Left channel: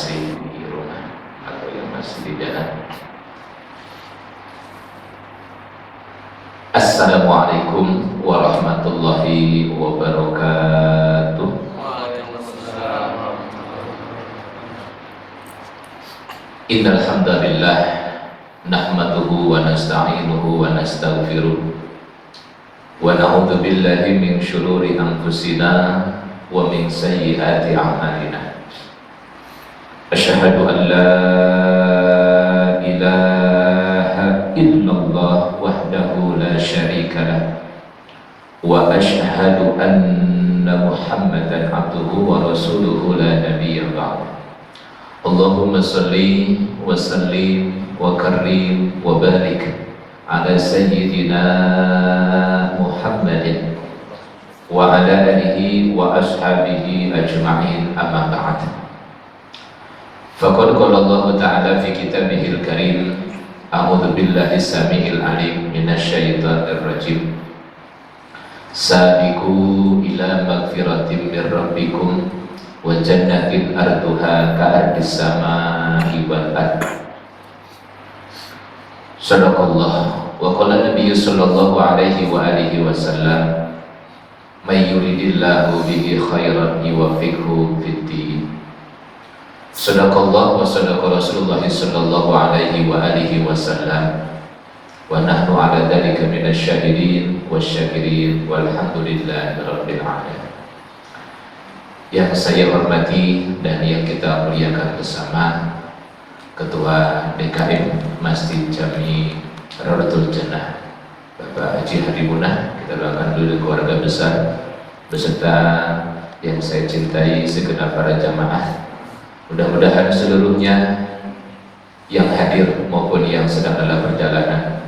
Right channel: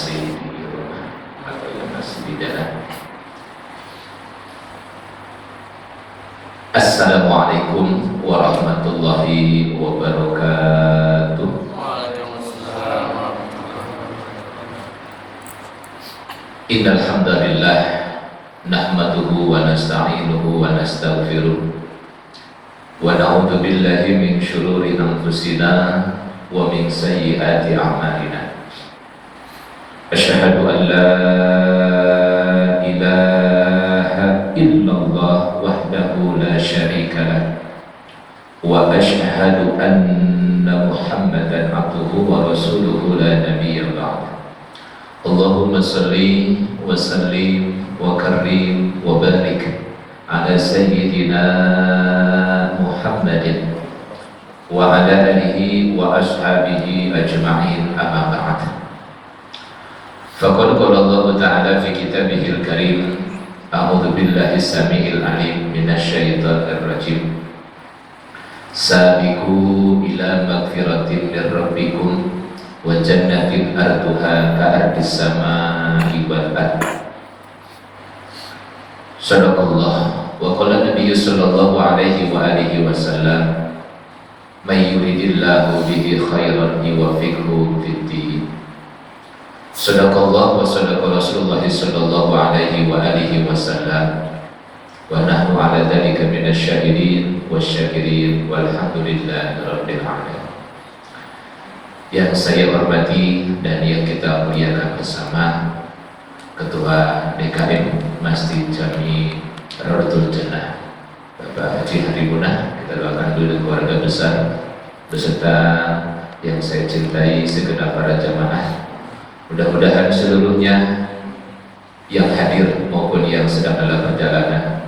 masih di rumah atau yang masih di jalan. Assalamualaikum warahmatullahi wabarakatuh. Waalaikumsalam warahmatullahi wabarakatuh. Innal hamdalillah nahmaduhu wa nasta'inuhu wa nastaghfiruh wa na'udzu billahi min syururi anfusina wa min sayyiati a'malina. Asyhadu an la ilaha illallah wahdahu la syarika lah wa asyhadu anna Muhammadan abduhu wa rasuluhu la nabiyya ba'd. Allahumma salli wa sallim wa karrim wa barik ala sayyidina Muhammadin wa ala alihi wa ashabihi ajma'in, amma ba'd. Faqad qala Allah Ta'ala fi kitabihil karim, a'udzu billahi samiil alim minasy syaithanir rajim. Sabiqu ila magfiratin min rabbikum wa jannatin arduha ka'ardis samaa'i wal ardh. Sadaqallah wa qala Nabi sallallahu alaihi wa alihi wasallam, may yuridillahu bihi khairan yuwaffiqhu fid-din. Sadaqallah wa sadaqa Rasulullah sallallahu alaihi wa alihi wasallam, wa nahnu ala dzalika minasy syahidin wasyakirin walhamdulillahi rabbil alamin. Yang saya hormati dan yang kita muliakan bersama Ketua DKM Masjid Jami Rawdatul Jannah Bapak Haji Harimunah, kita doakan dulu keluarga besar beserta yang saya cintai segenap para jamaah. Mudah-mudahan seluruhnya yang hadir maupun yang sedang dalam perjalanan,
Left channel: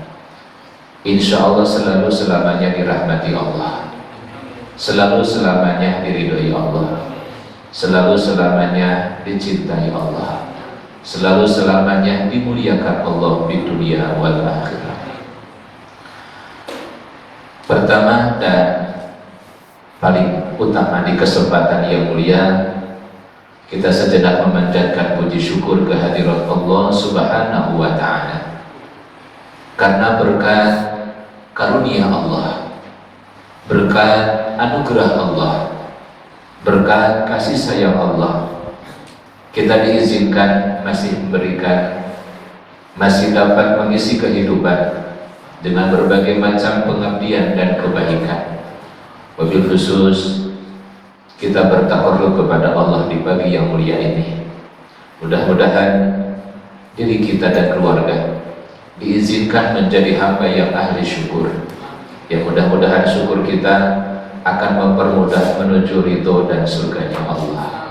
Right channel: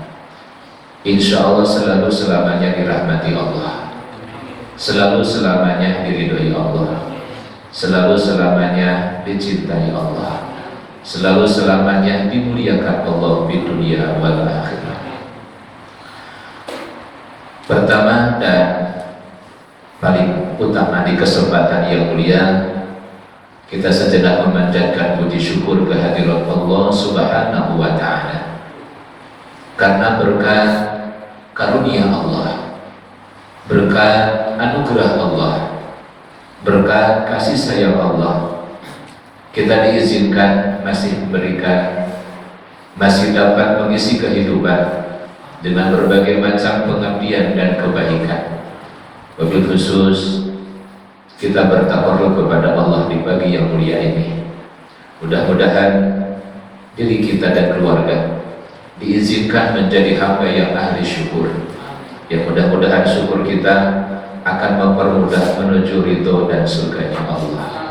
insya Allah selalu selamanya dirahmati Allah, selalu selamanya diridhoi Allah, selalu selamanya dicintai Allah, selalu selamanya dimuliakan Allah di dunia wal akhirah. Pertama dan paling utama di kesempatan yang mulia, kita sejenak memanjatkan puji syukur kehadirat Allah Subhanahu wa Ta'ala, karena berkat karunia Allah, berkat anugerah Allah, berkat kasih sayang Allah, kita diizinkan masih dapat mengisi kehidupan dengan berbagai macam pengabdian dan kebaikan. Wabil khusus kita bertakarrub kepada Allah di pagi yang mulia ini. Mudah-mudahan diri kita dan keluarga diizinkan menjadi hamba yang ahli syukur, yang mudah-mudahan syukur kita akan mempermudah menuju ridho dan surganya Allah.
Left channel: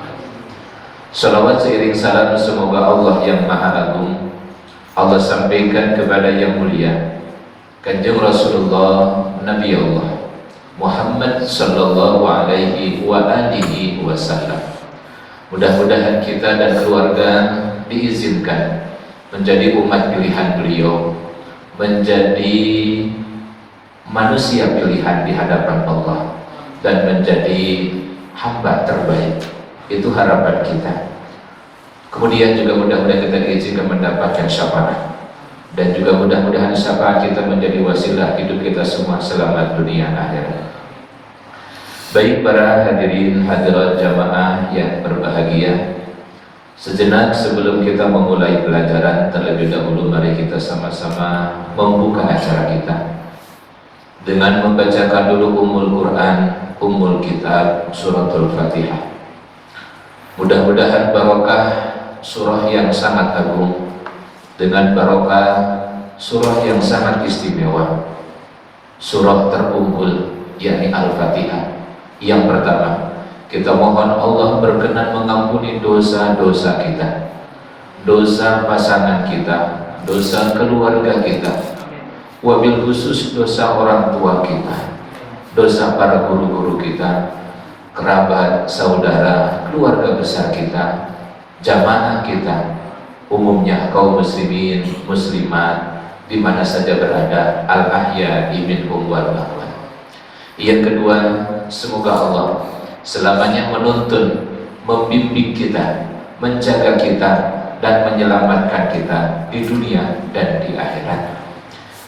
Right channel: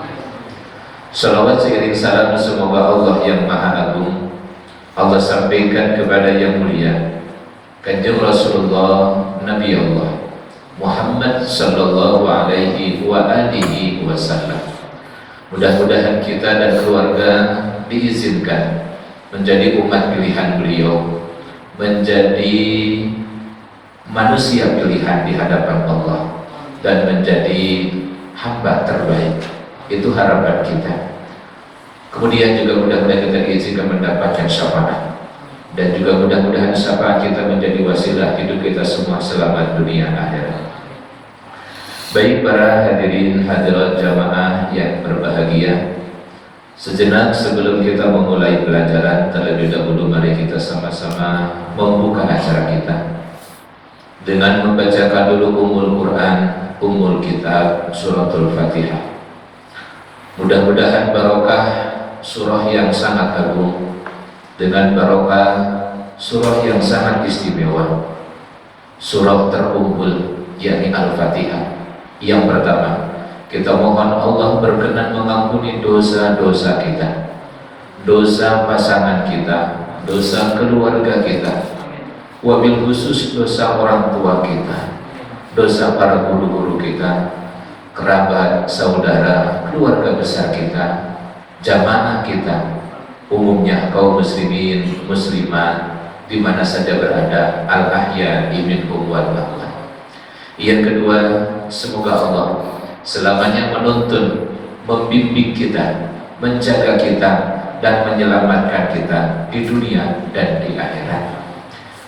Salawat seiring salam semoga Allah yang Maha Agung Allah sampaikan kepada yang mulia Kanjeng Rasulullah Nabi Allah Muhammad sallallahu alaihi wa alihi wasallam. Mudah-mudahan kita dan keluarga diizinkan menjadi umat pilihan beliau, menjadi manusia pilihan di hadapan Allah, dan menjadi hamba terbaik. Itu harapan kita. Kemudian juga mudah-mudahan kita diizinkan mendapatkan syafaat, dan juga mudah-mudahan syafaat kita menjadi wasilah hidup kita semua selamat dunia akhirat. Baik para hadirin hadirat jamaah yang berbahagia, sejenak sebelum kita memulai pelajaran, terlebih dahulu mari kita sama-sama membuka acara kita dengan membacakan dulu Ummul Quran, Ummul Kitab, Suratul Fatihah. Mudah-mudahan barokah surah yang sangat agung dengan barokah surah yang sangat istimewa, surah terunggul yakni Al-Fatihah. Yang pertama, kita mohon Allah berkenan mengampuni dosa-dosa kita, dosa pasangan kita, dosa keluarga kita, wabil khusus dosa orang tua kita, dosa para guru-guru kita, kerabat, saudara, keluarga besar kita, jamaah kita, umumnya kaum muslimin, muslimat di mana saja berada, al-ahya'i minhum wal amwat. Yang kedua, semoga Allah selamanya menuntun, membimbing kita menjaga kita dan menyelamatkan kita di dunia dan di akhirat.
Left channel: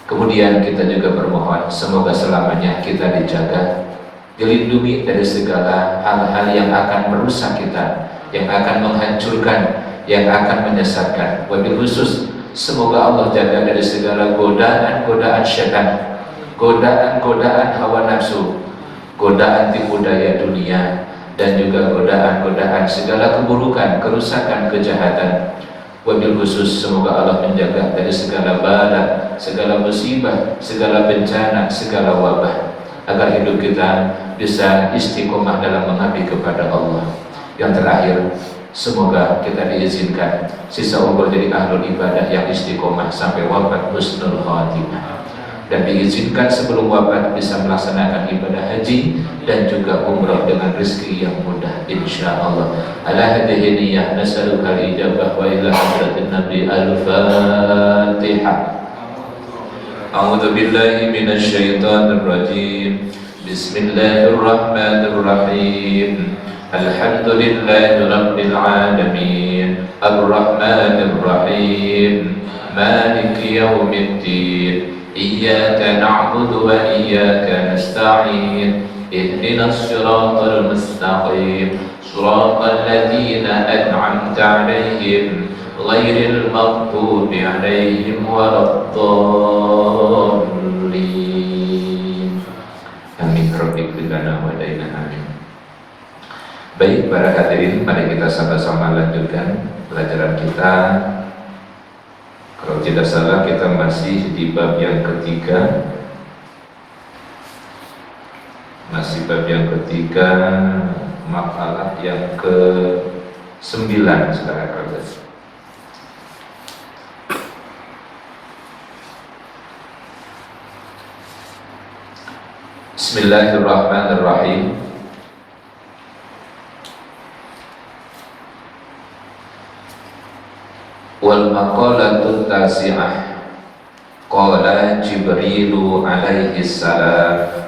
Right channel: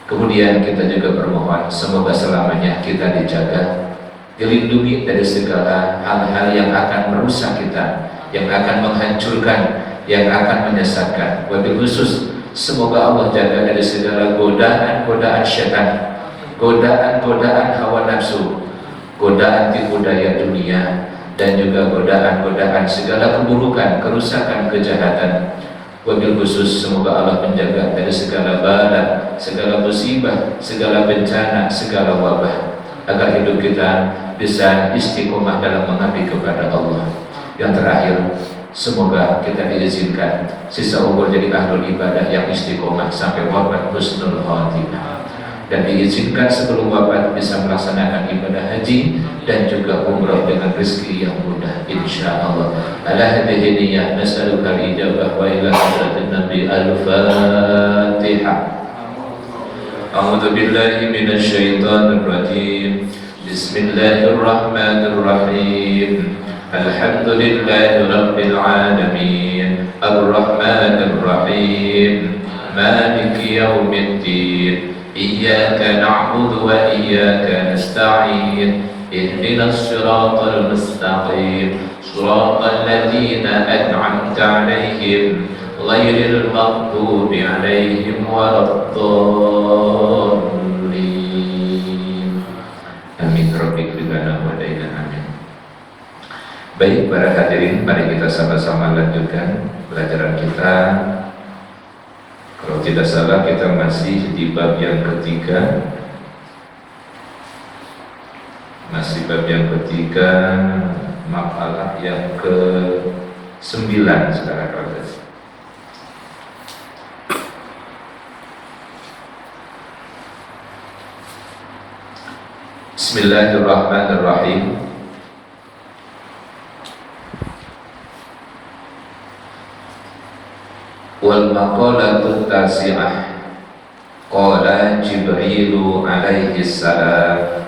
Kemudian kita juga bermohon semoga selamanya kita dijaga, dilindungi dari segala hal-hal yang akan merusak kita, yang akan menghancurkan, yang akan menyesatkan. Wabil khusus semoga Allah jaga dari segala godaan-godaan syaitan, godaan-godaan hawa nafsu, godaan tipu daya dunia, dan juga godaan-godaan segala keburukan, kerusakan, kejahatan. Wabil khusus semoga Allah menjaga dari segala bala, segala musibah, segala bencana, segala wabah, agar hidup kita bisa istiqomah dalam mengabdi kepada Allah. Yang terakhir, semoga kita diizinkan sisa umur jadi ahlul ibadah yang istiqomah sampai wafat husnul khatimah, dan diizinkan sebelum wafat bisa melaksanakan ibadah haji dan juga umrah dengan rezeki yang mudah insyaallah. Ala hadhihi niyyah nas'aluka al-ijabah wa ila hadratin nabi al-fatihah. A'udzu billahi minasy syaithanir rajim. Bismillahirrahmanirrahim. Alhamdulillahi rabbil alamin. Ar-rahmanir rahim. Maliki yaumiddin. Iyyaka na'budu wa iyyaka nasta'in. Ihdinas siratal mustaqim. Siratal ladzina an'amta 'alaihim ghairil maghdubi 'alaihim waladdallin. Amin. Rabbik bidana wa daina amin. Baik para hadirin, mari kita sama-sama lanjutkan pelajaran kita. Kalau tidak salah kita masih di bab yang ketiga. Masih bab yang ketiga, makalah yang ke-9 sekarang. Bismillahirrahmanirrahim. Wal maqalatut tasi'ah. Qala Jibrilu alaihi salam,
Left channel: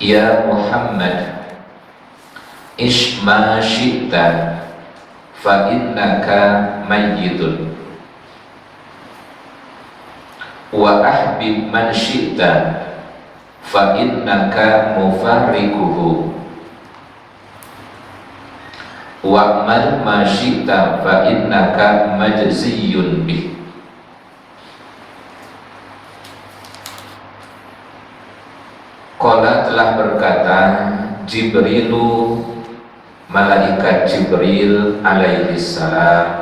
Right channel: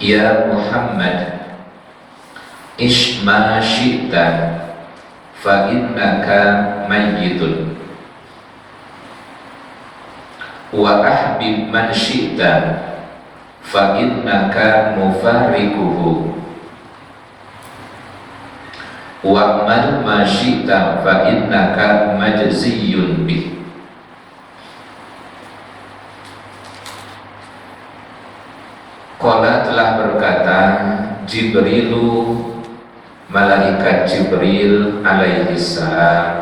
Ya Muhammad, ish ma syi'ta fa innaka mayyitun wa ahbib man syi'ta fa innaka mufarrikuhu wa amal ma syi'ta fa innaka majziyun bih. Qala telah berkata Jibrilu, malaikat Jibril alaihi salam,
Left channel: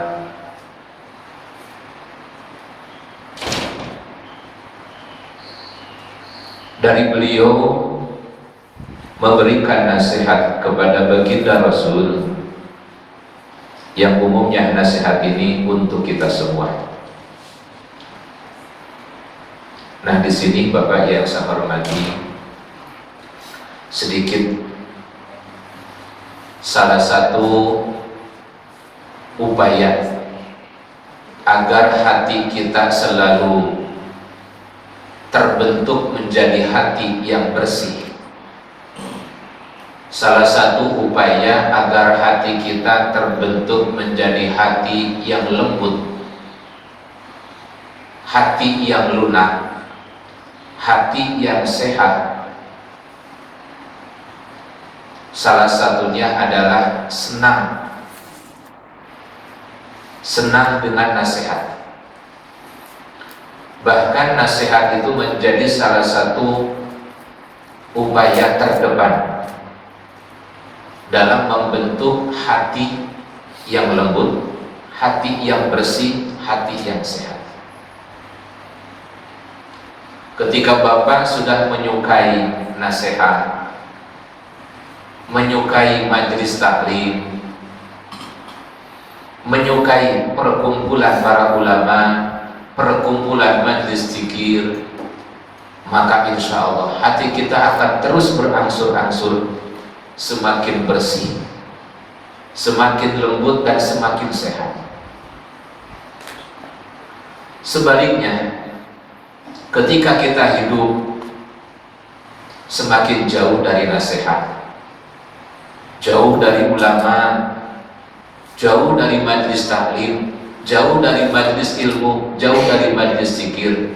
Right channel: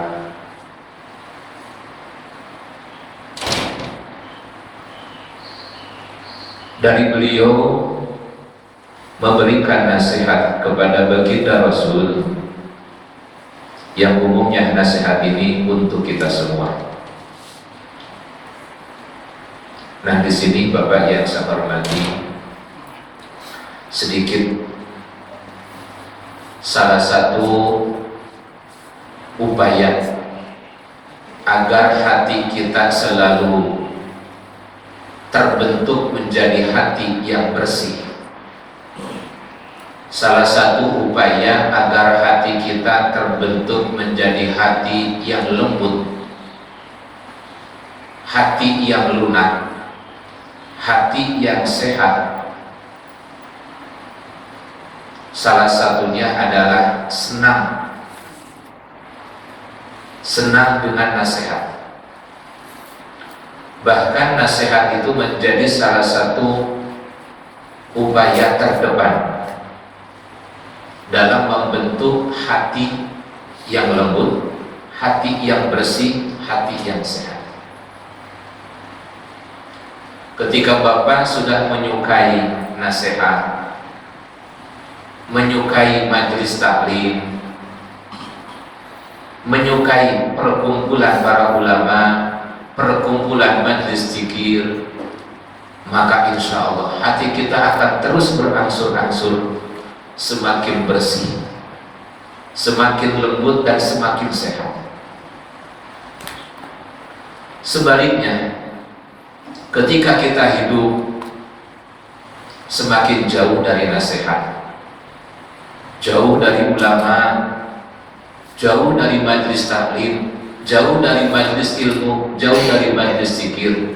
dari beliau memberikan nasihat kepada baginda Rasul, yang umumnya nasihat ini untuk kita semua. Nah, di sini Bapak yang saya hormati, sedikit salah satu upaya agar hati kita selalu terbentuk menjadi hati yang bersih. Salah satu upaya agar hati kita terbentuk menjadi hati yang lembut, hati yang lunak, hati yang sehat, salah satunya adalah senang dengan nasihat. Bahkan nasihat itu menjadi salah satu upaya terdepan dalam membentuk hati yang lembut, hati yang bersih, hati yang sehat. Ketika Bapak sudah menyukai nasihat, menyukai majelis taklim, menyukai perkumpulan para ulama, perkumpulan majelis zikir, maka insya Allah hati kita akan terus berangsur-angsur semakin bersih, semakin lembut dan semakin sehat. Sebaliknya, ketika kita hidup semakin jauh dari nasihat, jauh dari ulama, jauh dari majlis taklim, jauh dari majlis ilmu, jauh dari majlis zikir,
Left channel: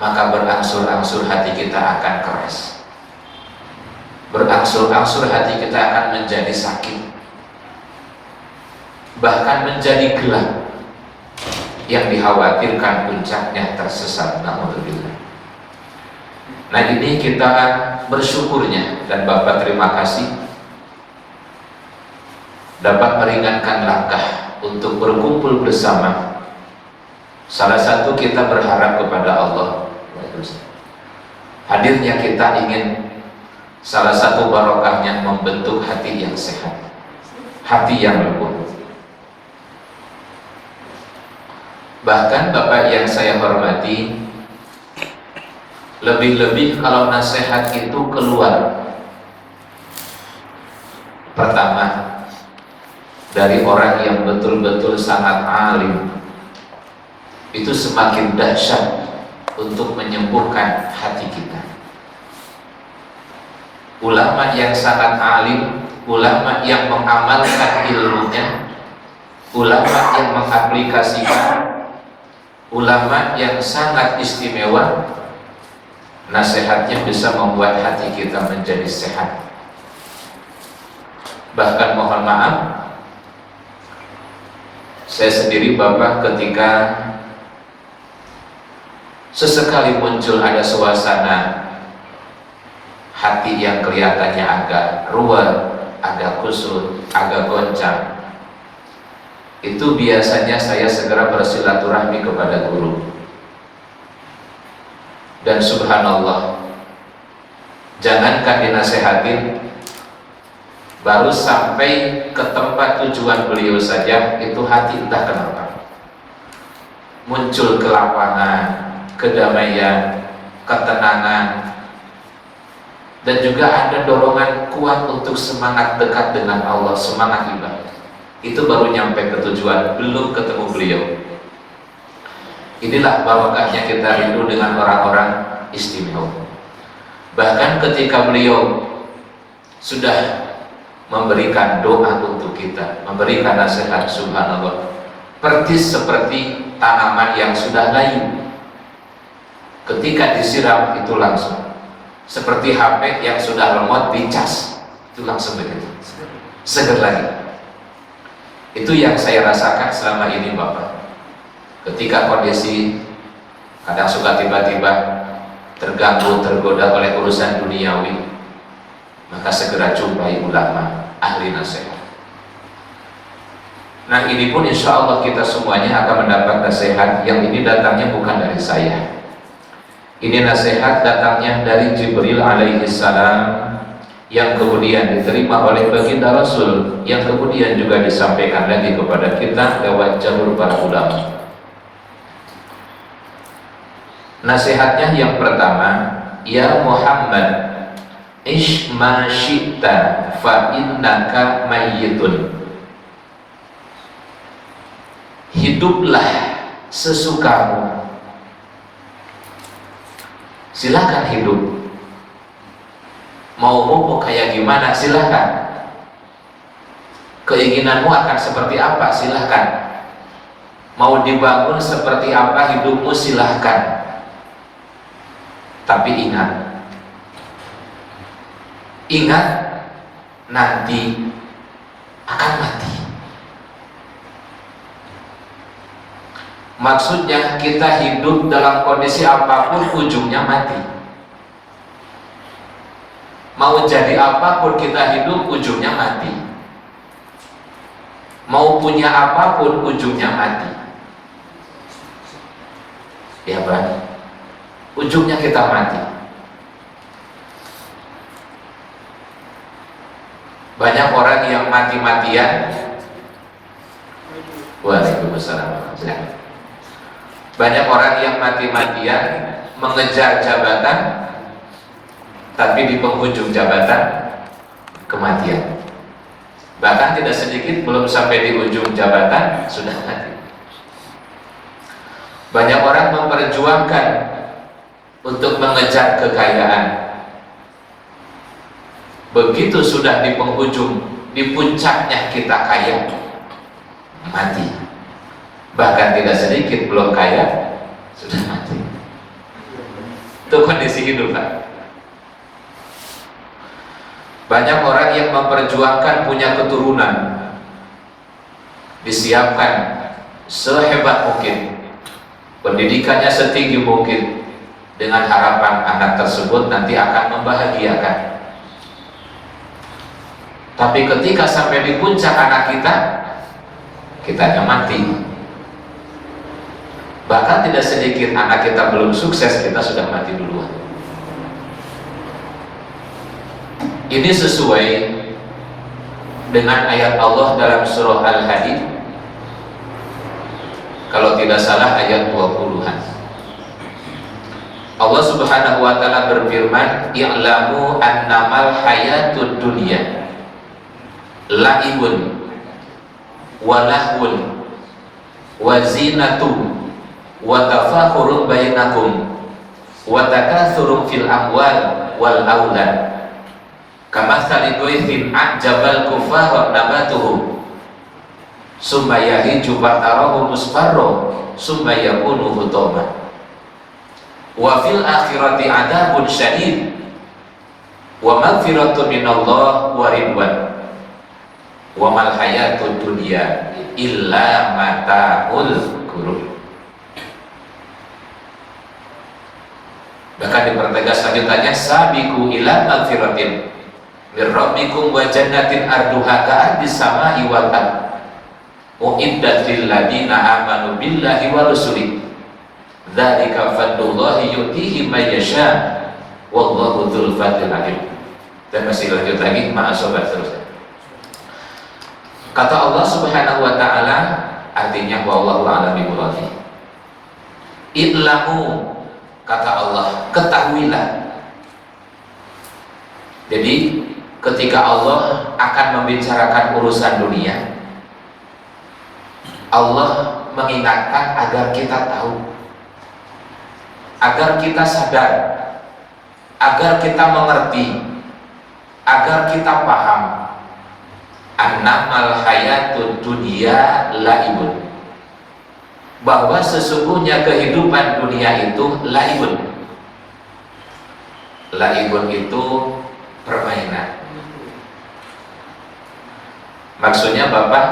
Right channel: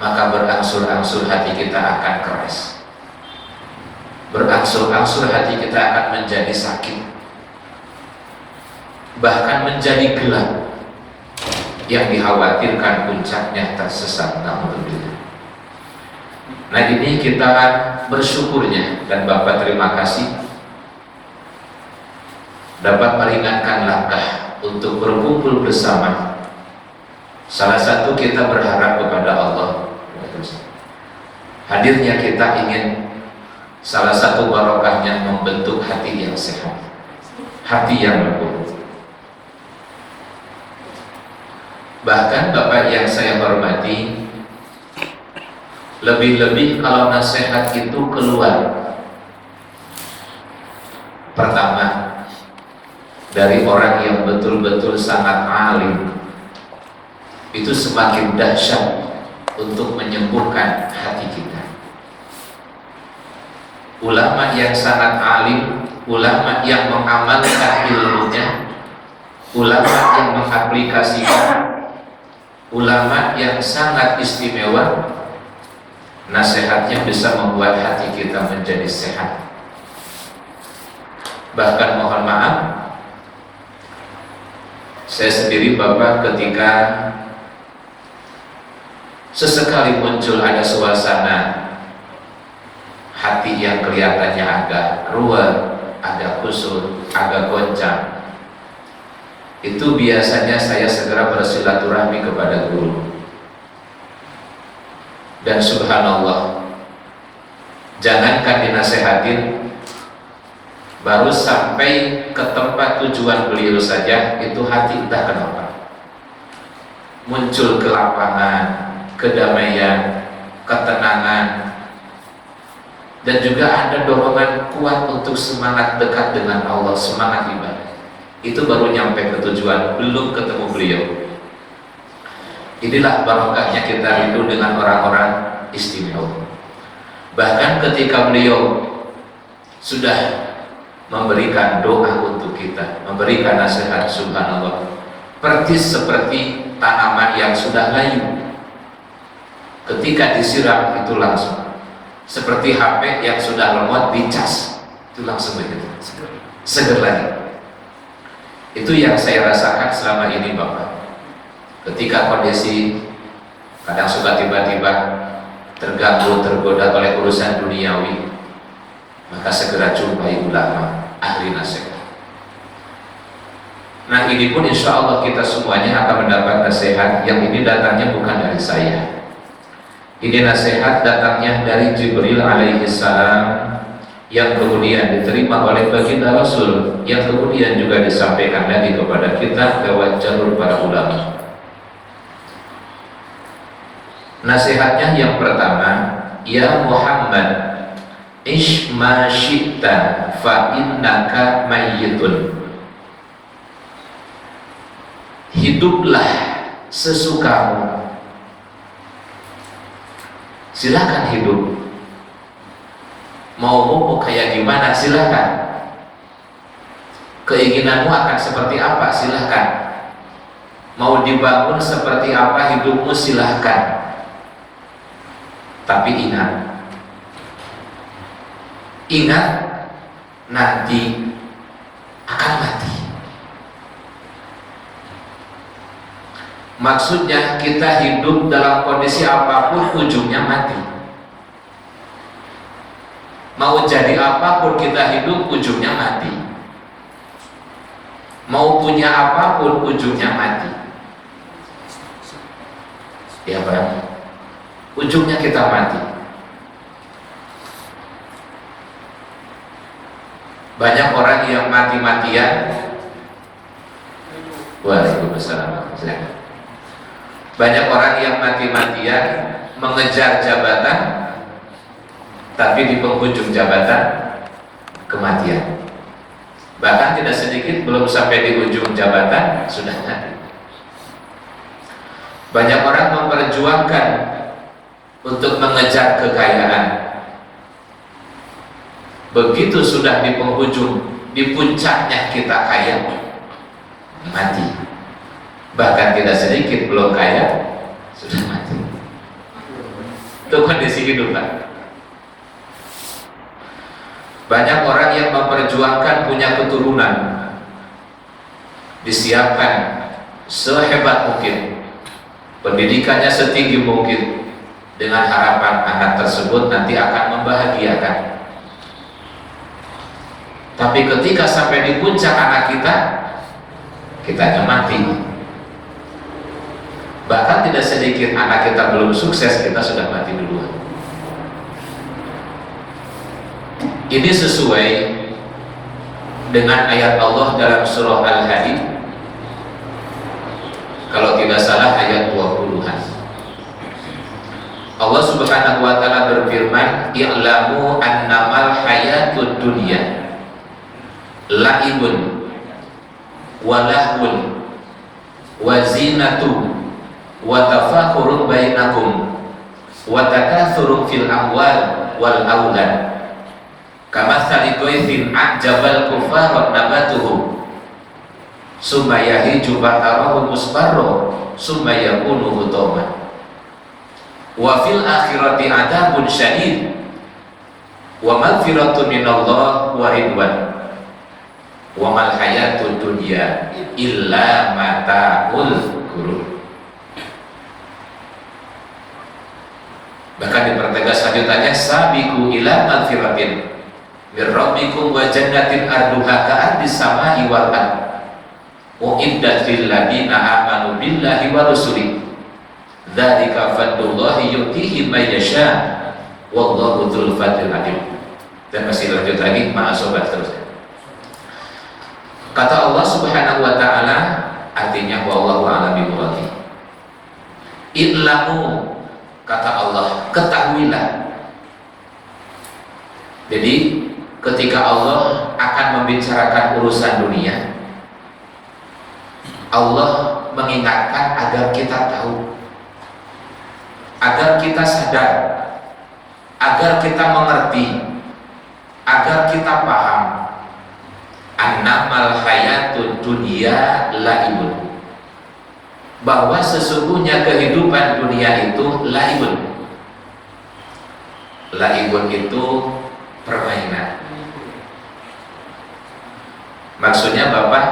maka berangsur-angsur hati kita akan keras. Berangsur-angsur hati kita akan menjadi sakit, bahkan menjadi gelap, yang dikhawatirkan puncaknya tersesat. Alhamdulillah. Nah, ini kita bersyukurnya, dan Bapak terima kasih dapat meringankan langkah untuk berkumpul bersama. Salah satu kita berharap kepada Allah, hadirnya kita ingin salah satu barokahnya membentuk hati yang sehat, hati yang lembut. Bahkan Bapak yang saya hormati, lebih-lebih kalau nasihat itu keluar pertama dari orang yang betul-betul sangat alim, itu semakin dahsyat untuk menyembuhkan hati kita. Ulama yang sangat alim, ulama yang mengamalkan ilmunya, ulama yang mengaplikasikan, ulama yang sangat istimewa, nasihatnya bisa membuat hati kita menjadi sehat. Bahkan mohon maaf, saya sendiri Bapak ketika sesekali muncul ada suasana hati yang kelihatannya agak ruwet, agak kusut, agak goncang, itu biasanya saya segera bersilaturahmi kepada guru. Dan subhanallah, jangankan dinasehatin, baru sampai ke tempat tujuan beliau saja, itu hati entah kenapa muncul kelapangan, kedamaian, ketenangan, dan juga ada dorongan kuat untuk semangat dekat dengan Allah, semangat ibadah. Itu baru nyampe ke tujuan, belum ketemu beliau. Inilah barokahnya kita rindu dengan orang-orang istimewa. Bahkan ketika beliau sudah memberikan doa untuk kita, memberikan nasihat, subhanallah, persis seperti tanaman yang sudah layu, ketika disiram itu langsung seperti HP yang sudah lemot dicas, itu langsung begitu, seger lagi. Itu yang saya rasakan selama ini Bapak. Ketika kondisi kadang suka tiba-tiba terganggu, tergoda oleh urusan duniawi, maka segera jumpai ulama, ahli nasihat. Nah, ini pun insya Allah kita semuanya akan mendapat nasihat. Yang ini datangnya bukan dari saya. Ini nasihat datangnya dari Jibril alaihi salam, yang kemudian diterima oleh baginda Rasul, yang kemudian juga disampaikan lagi kepada kita lewat jalur para ulama. Nasihatnya yang pertama, ya Muhammad, ish ma syi'ta fa innaka mayyitun. Hiduplah sesukamu, silakan hidup. Mau kayak gimana, silakan. Keinginanmu akan seperti apa, silakan. Mau dibangun seperti apa hidupmu, silakan. Tapi ingat nanti akan mati. Maksudnya kita hidup dalam kondisi apapun ujungnya mati. Mau jadi apapun kita hidup ujungnya mati. Mau punya apapun ujungnya mati. Ya Pak, ujungnya kita mati. Banyak orang yang mati-matian. Waalaikumsalam. Banyak orang yang mati-matian mengejar jabatan, tapi di penghujung jabatan kematian. Bahkan tidak sedikit belum sampai di ujung jabatan sudah mati. Banyak orang memperjuangkan untuk mengejar kekayaan. Begitu sudah di penghujung, di puncaknya kita kaya, mati. Bahkan tidak sedikit belum kaya sudah mati. Itu kondisi hidup kan. Banyak orang yang memperjuangkan punya keturunan, disiapkan sehebat mungkin, pendidikannya setinggi mungkin, dengan harapan anak tersebut nanti akan membahagiakan. Tapi ketika sampai di puncak anak kita mati. Bahkan tidak sedikit anak kita belum sukses, kita sudah mati duluan. Ini sesuai dengan ayat Allah dalam surah Al-Hadid, kalau tidak salah ayat 20-an. Allah Subhanahu wa taala berfirman, "I'lamu annamal hayatud dunya la'ibun wa lahwun wa zinatun wa tafakhurun bainakum wa takathurun fil amwal wal aulad kamatsali ghaythin a'jabal kuffara nabatuhu summa yahiju fatarahu musfarra summa yakunu hutama wa fil akhirati adzabun syadid wa maghfiratun minallah wa ridwan wa mal hayatud dunya illa mata'ul ghurur." Bahkan dipertegas lanjutannya, "Sabiqu ila maghfiratin mir rabbikum wa jannatin arduha ka'ardis samai wal ard uiddat lil ladina amanu billahi wa rusulihi dzalika fadlullahi yu'tihi may yasha wallahu dzul fadlil alim." Dan masih lanjut lagi, maaf sobat terusnya. Kata Allah Subhanahu wa taala, artinya wallahu a'lam bishawab. I'lamu, kata Allah, ketahuilah. Jadi ketika Allah akan membicarakan urusan dunia, Allah mengingatkan agar kita tahu, agar kita sadar, agar kita mengerti, agar kita paham, annamal hayatud dunya laibun, bahwa sesungguhnya kehidupan dunia itu laibun. Laibun itu permainan. Maksudnya Bapak,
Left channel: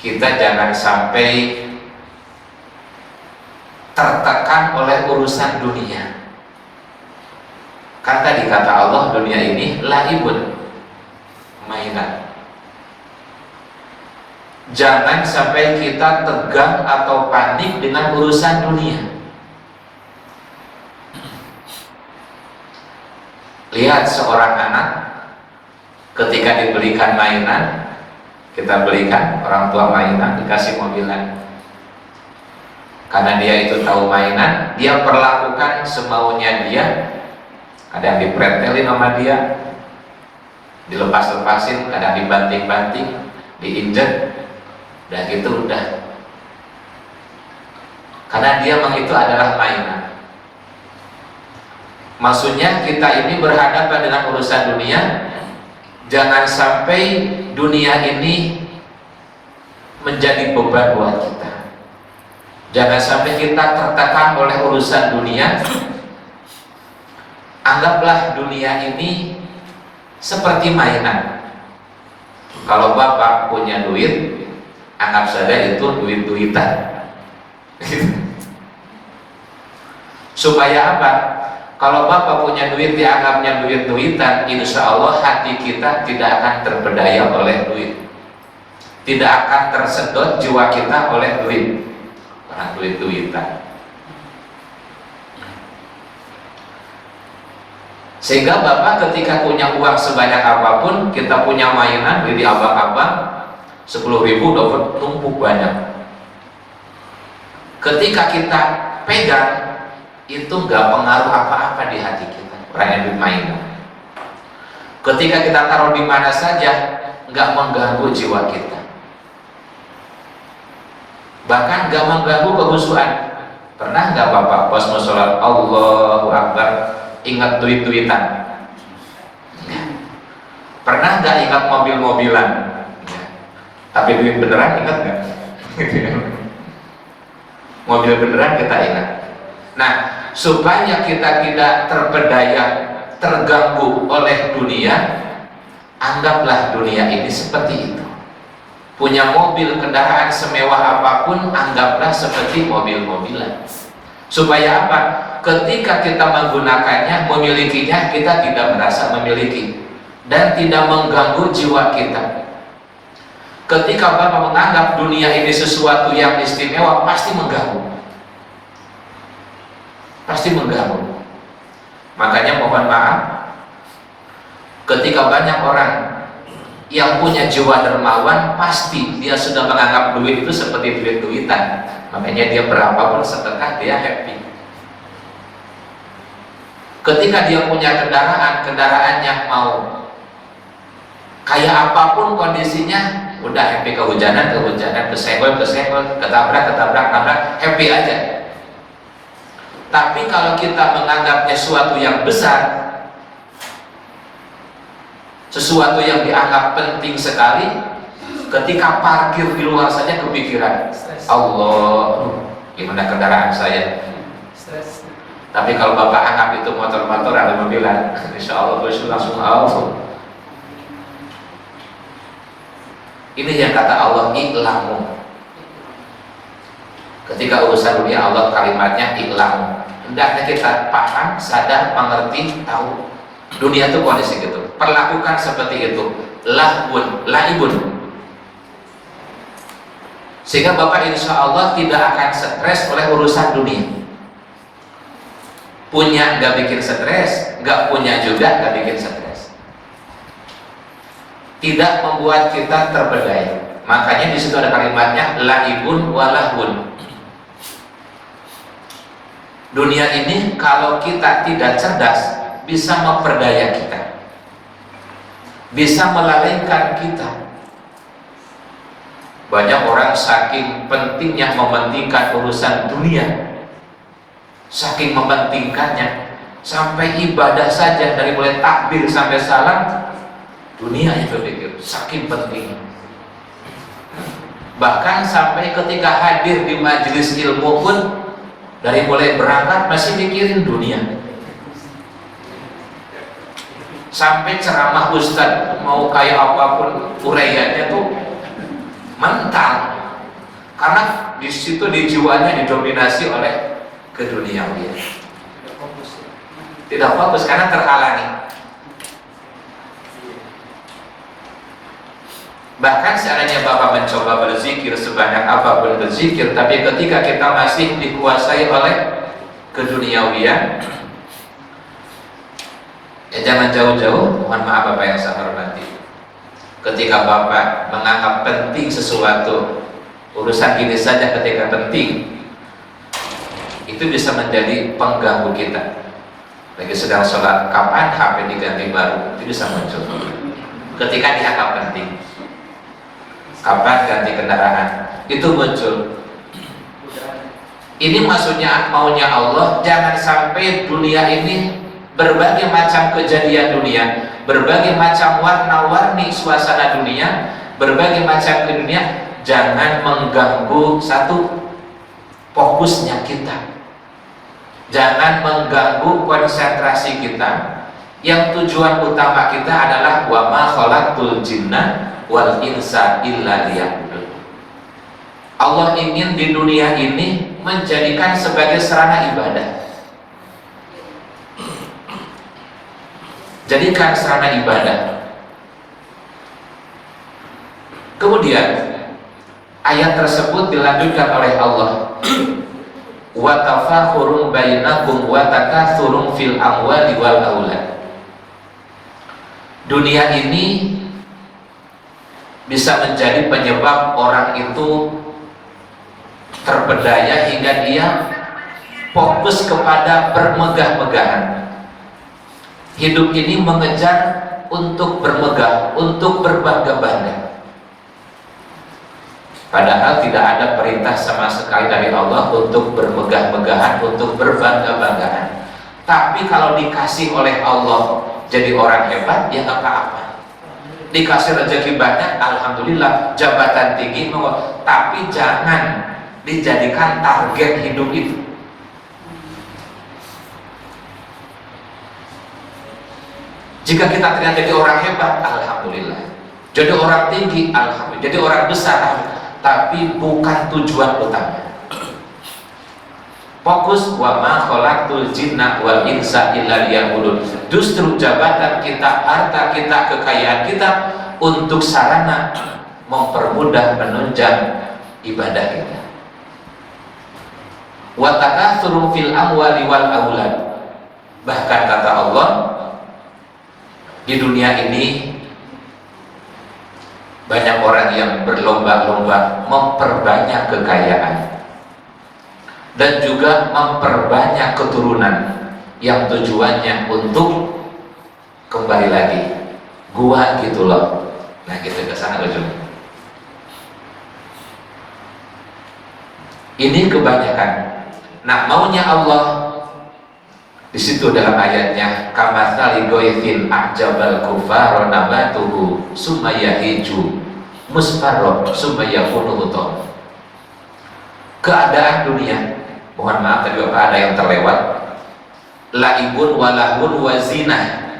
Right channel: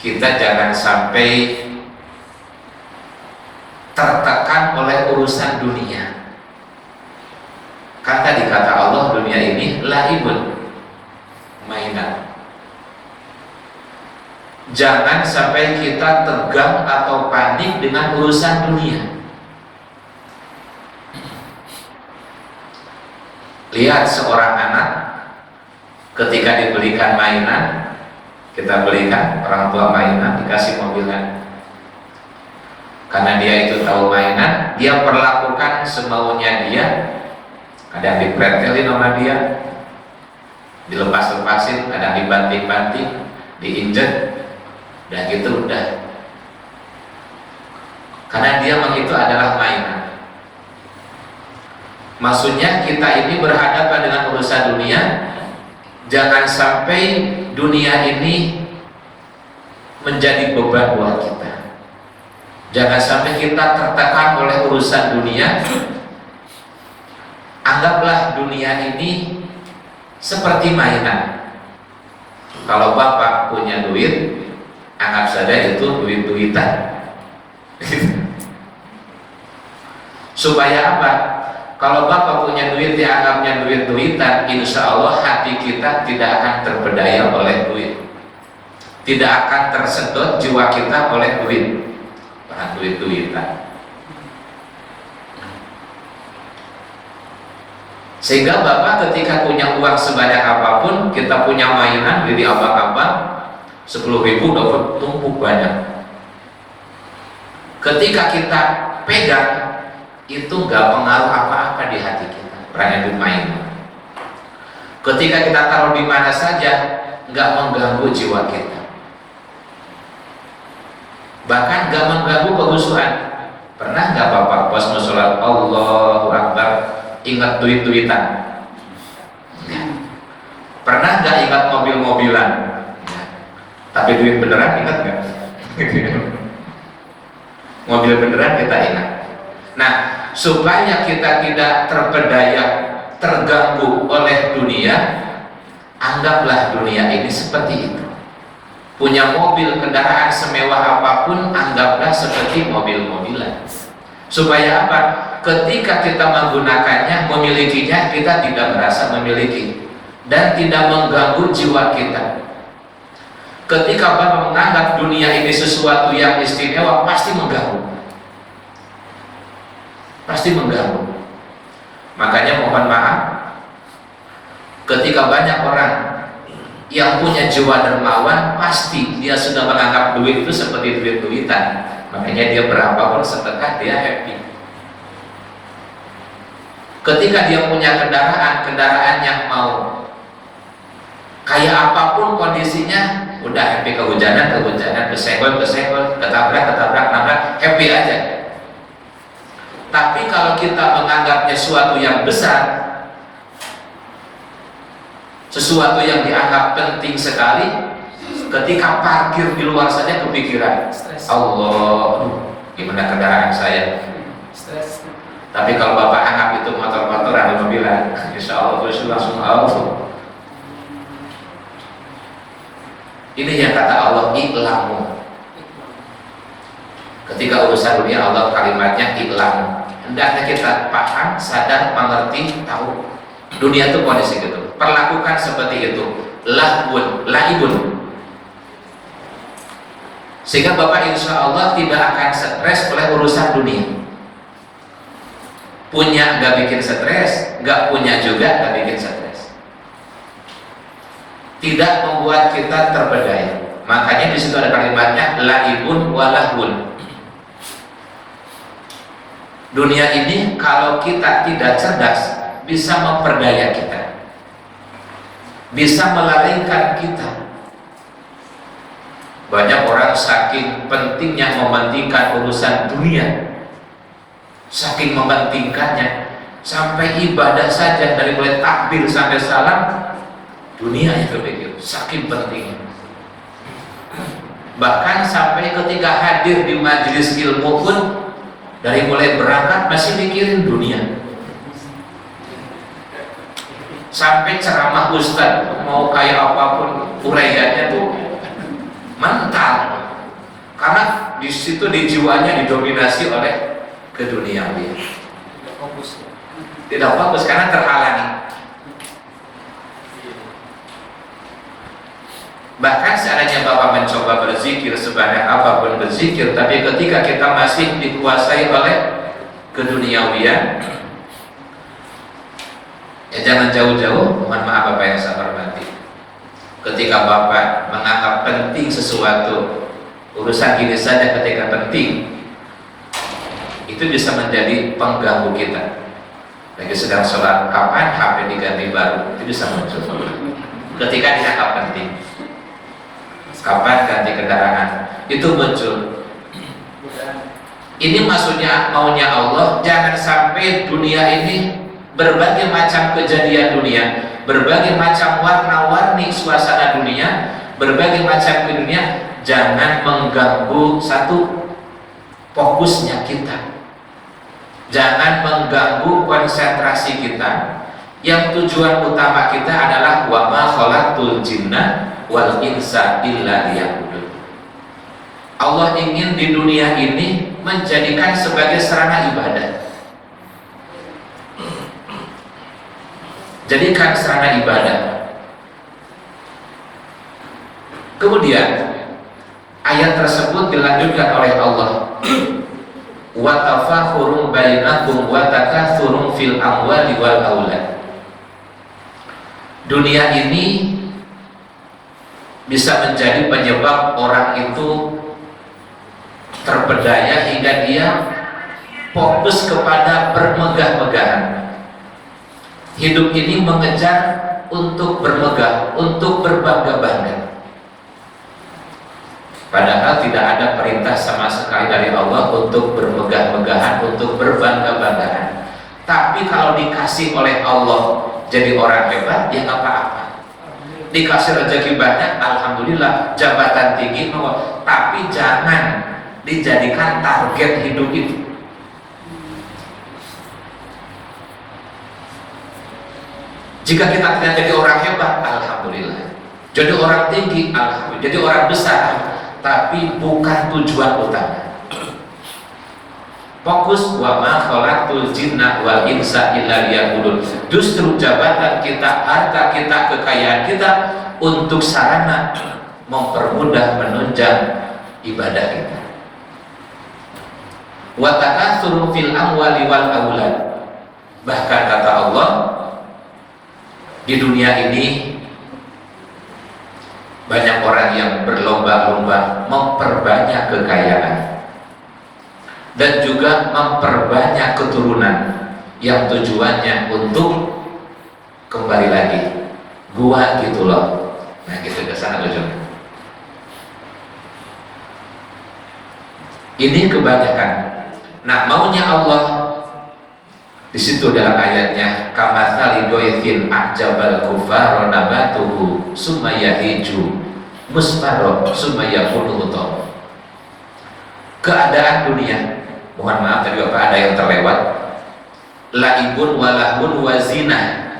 kita jangan sampai tertekan oleh urusan dunia. Kan tadi kata Allah, dunia ini laibun, mainan. Jangan sampai kita tegang atau panik dengan urusan dunia. Lihat seorang anak ketika dibelikan mainan, kita belikan orang tua mainan, dikasih mobilan. Karena dia itu tahu mainan, dia perlakukan semaunya dia. Ada yang dipretelin sama dia, dilepas-lepasin, ada yang dibanting-banting, diinjek. Dan gitu udah. Karena dia memang itu adalah mainan. Maksudnya kita ini berhadapan dengan urusan dunia, jangan sampai dunia ini menjadi beban buat kita. Jangan sampai kita tertekan oleh urusan dunia. Anggaplah dunia ini seperti mainan. Kalau Bapak punya duit, anggap saja itu duit-duitan. Supaya apa? Kalau Bapak punya duit, dianggapnya duit-duitan, insya Allah hati kita tidak akan terpedaya oleh duit, tidak akan tersedot jiwa kita oleh duit, bukan duit-duitan. Sehingga Bapak ketika punya uang sebanyak apapun, kita punya mainan beli abang-abang 10.000 dapat numpuk banyak. Ketika kita pegang, itu nggak pengaruh apa-apa di hati kita, karena itu mainan. Ketika kita taruh di mana saja, nggak mengganggu jiwa kita, bahkan nggak mengganggu kehusuan. Pernah nggak Bapak pas mau sholat Allahu Akbar ingat duit-duitan? Pernah nggak ingat mobil-mobilan? Tapi duit beneran ingat nggak? Mobil beneran kita ingat. Nah, supaya kita tidak terpedaya, terganggu oleh dunia, anggaplah dunia ini seperti itu. Punya mobil, kendaraan semewah apapun, anggaplah seperti mobil-mobilan. Supaya apa? Ketika kita menggunakannya, memilikinya, kita tidak merasa memiliki dan tidak mengganggu jiwa kita. Ketika Bapak menganggap dunia ini sesuatu yang istimewa, pasti mengganggu. Pasti mengganggu. Makanya mohon maaf, ketika banyak orang yang punya jiwa dermawan, pasti dia sudah menganggap duit itu seperti duit-duitan. Makanya dia berapapun sedekah, dia happy. Ketika dia punya kendaraan, kendaraannya mau kayak apapun kondisinya, udah happy. Kehujanan, kesenggol, ketabrak, happy aja. Tapi kalau kita menganggapnya sesuatu yang besar, sesuatu yang dianggap penting sekali, ketika parkir di luar saja kepikiran, Allah, gimana kendaraan saya. Tapi kalau Bapak anggap itu motor-motor ada mobilan, insya Allah terus langsung Allah. Ini yang kata Allah, iklamu. Ketika urusan dunia, Allah kalimatnya iklamu. Hendaknya kita paham, sadar, mengerti, tahu dunia itu kondisi gitu. Perlakukan seperti itu, lahun, laibun. Sehingga Bapak insya Allah tidak akan stres oleh urusan dunia. Punya nggak bikin stres, nggak punya juga nggak bikin stres. Tidak membuat kita terbedai. Makanya di situ ada kalimatnya laibun walahun. Dunia ini kalau kita tidak cerdas bisa memperdaya kita, bisa melalaikan kita. Banyak orang saking pentingnya mementingkan urusan dunia, saking mementingkannya, sampai ibadah saja dari mulai takbir sampai salam dunia yang berpikir, saking pentingnya. Bahkan sampai ketika hadir di majelis ilmu pun dari mulai berangkat masih mikirin dunia. Sampai ceramah ustaz mau kayak apapun uraiannya tuh mental, karena di situ di jiwanya didominasi oleh keduniawian. Tidak fokus karena terhalangi. Bahkan seandainya Bapak mencoba berzikir sebanyak apapun berzikir, tapi ketika kita masih dikuasai oleh keduniawian, ya jangan jauh-jauh. Mohon maaf Bapak yang saya hormati, ketika Bapak menganggap penting sesuatu, urusan ini saja ketika penting, itu bisa menjadi pengganggu kita. Lagi sedang sholat, kapan HP diganti baru, itu bisa muncul ketika dianggap penting. Kapan ganti kendaraan, itu muncul. Ini maksudnya maunya Allah, jangan sampai dunia ini berbagai macam kejadian dunia, berbagai macam warna-warni suasana dunia, berbagai macam dunia, jangan mengganggu satu fokusnya kita, jangan mengganggu konsentrasi kita. Yang tujuan utama kita adalah wa ma khalaqtul jinna wal insa illa liya'budun. Allah ingin di dunia ini menjadikan sebagai sarana ibadah. Jadikan sarana ibadah. Kemudian ayat tersebut dilanjutkan oleh Allah, wa tafakhurun bainakum wa takathurun fil amwali wal aulad. Dunia ini bisa menjadi penyebab orang itu terpedaya hingga dia fokus kepada bermegah-megahan. Hidup ini mengejar untuk bermegah, untuk berbangga-bangga. Padahal tidak ada perintah sama sekali dari Allah untuk bermegah-megahan, untuk berbangga-banggahan. Tapi kalau dikasih oleh Allah jadi orang hebat, ya nggak apa-apa. dikasih rezeki banyak, alhamdulillah, jabatan tinggi, tapi jangan dijadikan target hidup itu. Jika kita ternyata jadi orang hebat, alhamdulillah, jadi orang tinggi, alhamdulillah, jadi orang besar, tapi bukan tujuan utama. Fokus wa ma khalaqtul jinna wal insa illa liya'budun. Justru jabatan kita, harta kita, kekayaan kita untuk sarana mempermudah menunjang ibadah kita. Wa takatsuru fil amwali wal aulad. Bahkan kata Allah, di dunia ini banyak orang yang berlomba-lomba memperbanyak kekayaan dan juga memperbanyak keturunan yang tujuannya untuk kembali lagi gua gitu loh. Nah gitu ke sana ujung. Ini kebanyakan. Nah maunya Allah di situ dalam ayatnya, kamatsali ghaithin a'jabal kuffar nabatuhu summa yahiju musfarraq summa yakunu hutam. Keadaan dunia, mohon maaf tadi Bapak ada yang terlewat, laibun walahun wazinah.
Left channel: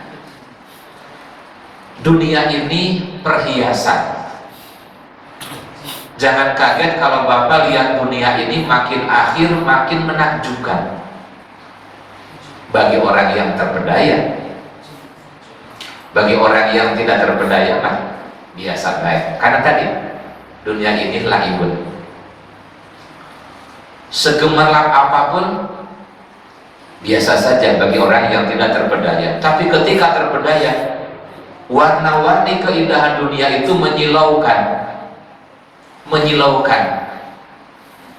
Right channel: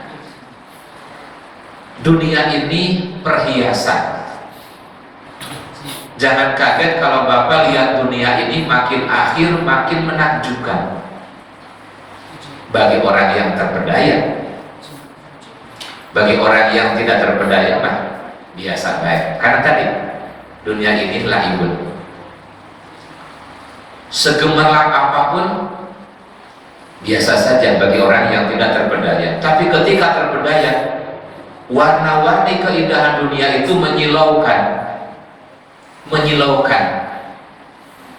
Dunia ini perhiasan. Jangan kaget kalau Bapak lihat dunia ini makin akhir makin menakjubkan. Bagi orang yang terpedaya, bagi orang yang tidak terpedaya mah biasa baik. Karena tadi dunia ini laibun. Segemerlap apapun biasa saja bagi orang yang tidak terpedaya. Tapi ketika terpedaya, warna-warni keindahan dunia itu menyilaukan,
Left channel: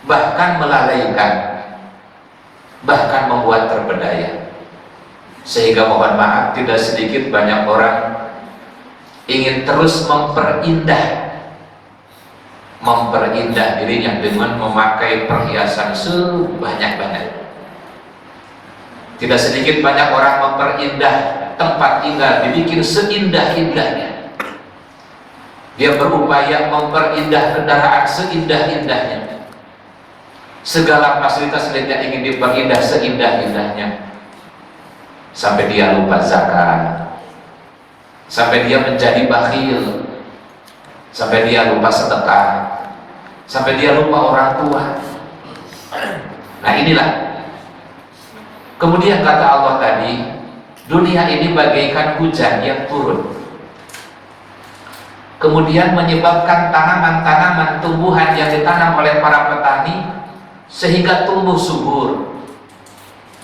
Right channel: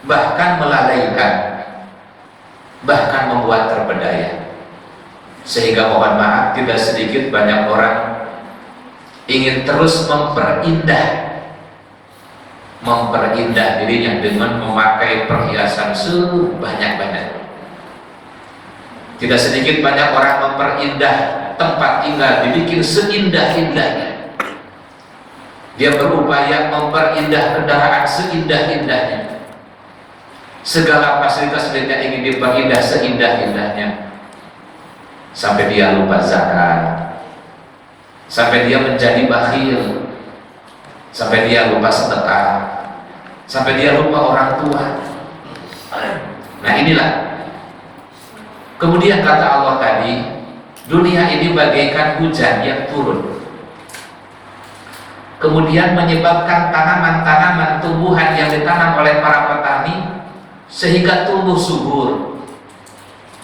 bahkan melalaikan, bahkan membuat terpedaya. Sehingga mohon maaf, tidak sedikit banyak orang ingin terus memperindah dirinya dengan memakai perhiasan sebanyak-banyak. Tidak sedikit banyak orang memperindah tempat tinggal, dibikin seindah-indahnya. Dia berupaya memperindah kendaraan seindah-indahnya. Segala fasilitas miliknya ingin diperindah seindah-indahnya. Sampai dia lupa zakat, sampai dia menjadi bakhil, sampai dia lupa sedekah, sampai dia lupa orang tua. Nah inilah. Kemudian kata Allah tadi, dunia ini bagaikan hujan yang turun, kemudian menyebabkan tanaman-tanaman tumbuhan yang ditanam oleh para petani sehingga tumbuh subur.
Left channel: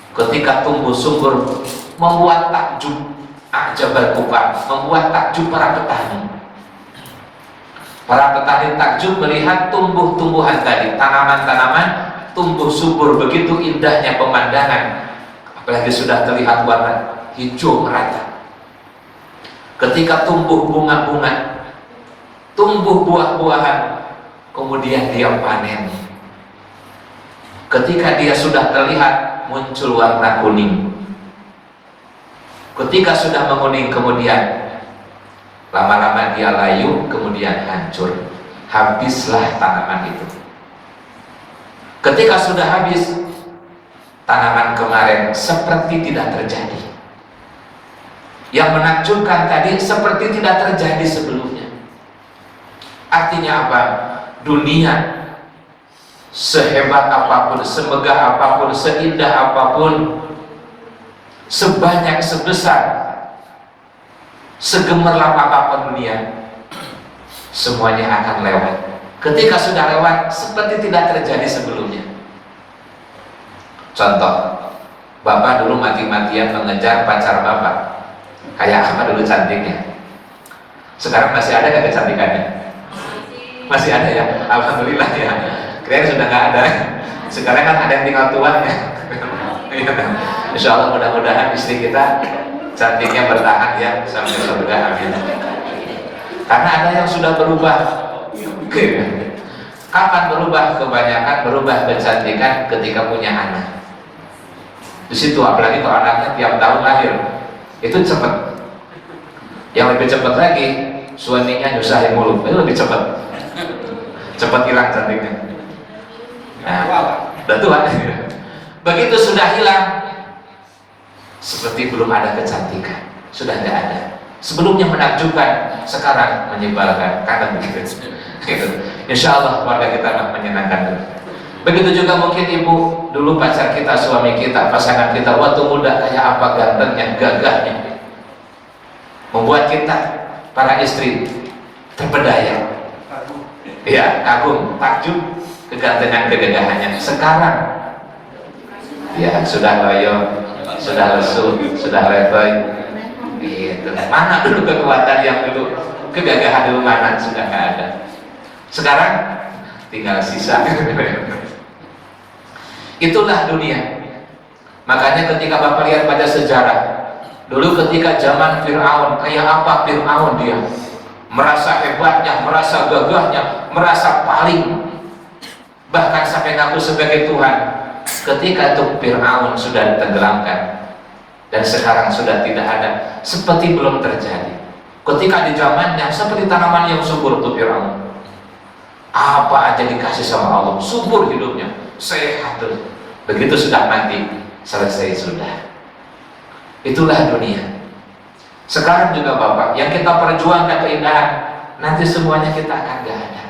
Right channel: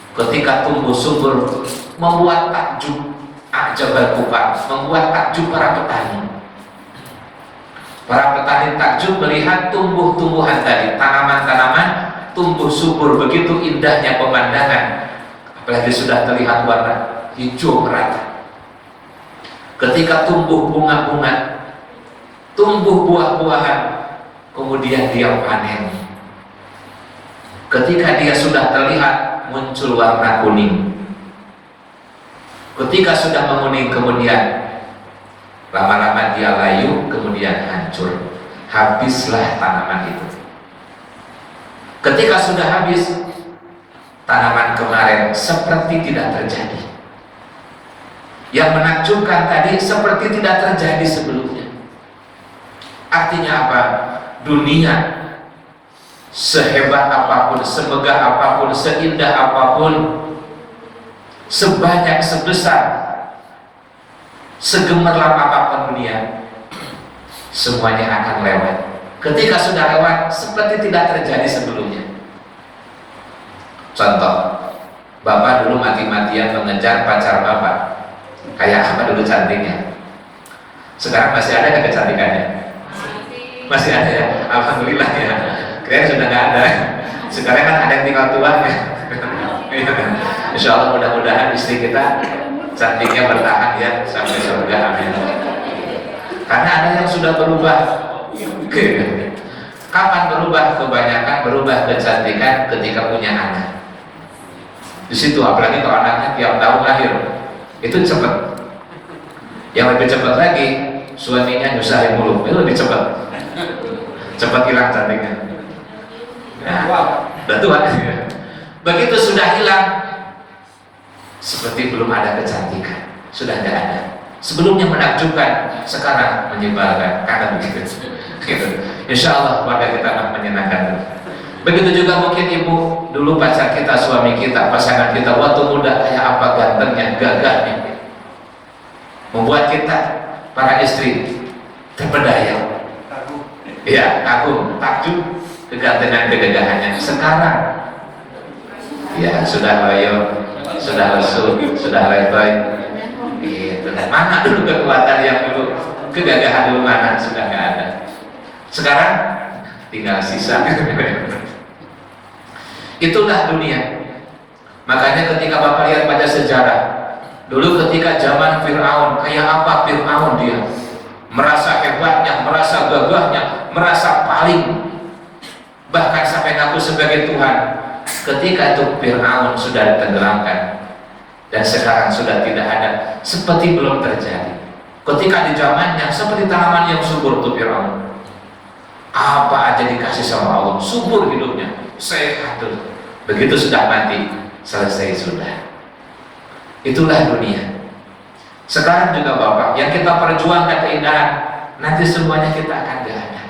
Ketika tumbuh subur membuat takjub ajabal kufar, membuat takjub para petani. Para petani takjub melihat tumbuh-tumbuhan tadi, tanaman-tanaman tumbuh subur, begitu indahnya pemandangan, apalagi sudah terlihat warna hijau merata. Ketika tumbuh bunga-bunga, tumbuh buah-buahan, kemudian dia panen. Ketika dia sudah terlihat muncul warna kuning, ketika sudah menguning, kemudian lama-lama dia layu, kemudian hancur, habislah tanaman itu. Ketika sudah habis, tanaman kemarin seperti tidak terjadi. Yang menakjubkan tadi seperti tidak terjadi sebelumnya. Artinya apa? Dunia sehebat apapun, semegah apapun, seindah apapun, sebanyak sebesar, segemerlap apapun dunia, semuanya akan lewat. Ketika sudah lewat, seperti tidak terjadi sebelumnya. Contoh, Bapak dulu mati-matian mengejar pacar Bapak, kayak apa dulu cantiknya? Sekarang masih ada nggak kecantikannya? Masih ada ya, alhamdulillah ya. Kalian sudah nggak ada. Sekarang kan ada yang tinggal tuanya. Insya Allah mudah-mudahan istri kita cantiknya bertahan ya sampai surga, amin. Karena ada yang sudah berubah. Kapan berubah? Kebanyakan berubah kecantikan ketika punya anak. Di situ apalagi kalau anaknya tiap tahun lahir, itu cepat. Yang lebih cepat lagi suaminya nyusahin mulu, itu lebih cepat hilang cantiknya. Nah, udah tua. Begitu sudah hilang, seperti belum ada kecantikan, sudah tidak ada. Sebelumnya menakjubkan, sekarang menyebalkan, kadang begitu. Insya Allah keluarga kita akan menyenangkan. Begitu juga mungkin ibu, dulu pacar kita, suami kita, pasangan kita waktu muda kayak apa gantengnya, gagahnya, membuat kita para istri terpedaya, ya kagum, takjub kegantengan kegagahannya. Sekarang ya sudah loyo, sudah lesu, sudah letoy, gitu. Mana dulu kekuatan yang dulu, kegagahan dulu mana, sudah nggak ada. Sekarang tinggal sisa. Itulah dunia. Makanya ketika Bapak lihat pada sejarah, dulu ketika zaman Fir'aun, kayak apa Fir'aun dia, merasa hebatnya, merasa gagahnya, merasa paling, bahkan sampai ngaku sebagai Tuhan. Ketika itu Fir'aun sudah ditenggelamkan dan sekarang sudah tidak ada, seperti belum terjadi. Ketika di zamannya seperti tanaman yang subur tuh Fir'aun, apa aja dikasih sama Allah, subur hidupnya, sehat tuh. Begitu sudah mati, selesai sudah. Itulah dunia. Sekarang juga Bapak, yang kita perjuangkan keindahan, nanti semuanya kita akan gak ada.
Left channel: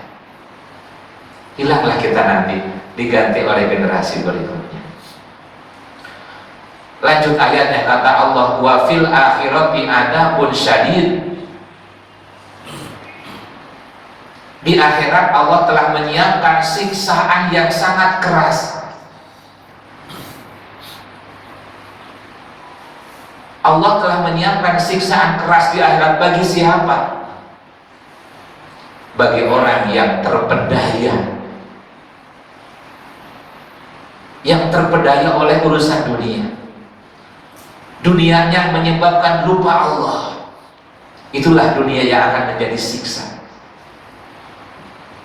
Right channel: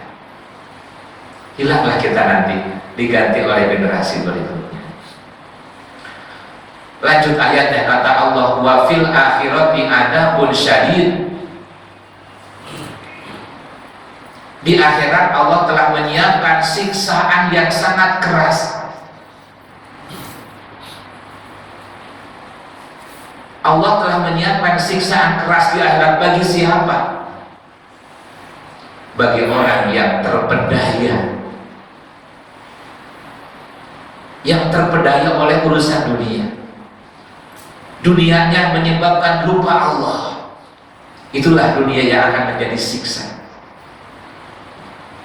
Hilanglah kita nanti, diganti oleh generasi berikutnya. Lanjut ayatnya, kata Allah, wa fil akhirati adabun syadid. Di akhirat Allah telah menyiapkan siksaan yang sangat keras. Allah telah menyiapkan siksaan keras di akhirat bagi siapa? Bagi orang yang terpedaya, yang terpedaya oleh urusan dunia. Dunianya menyebabkan lupa Allah. Itulah dunia yang akan menjadi siksa.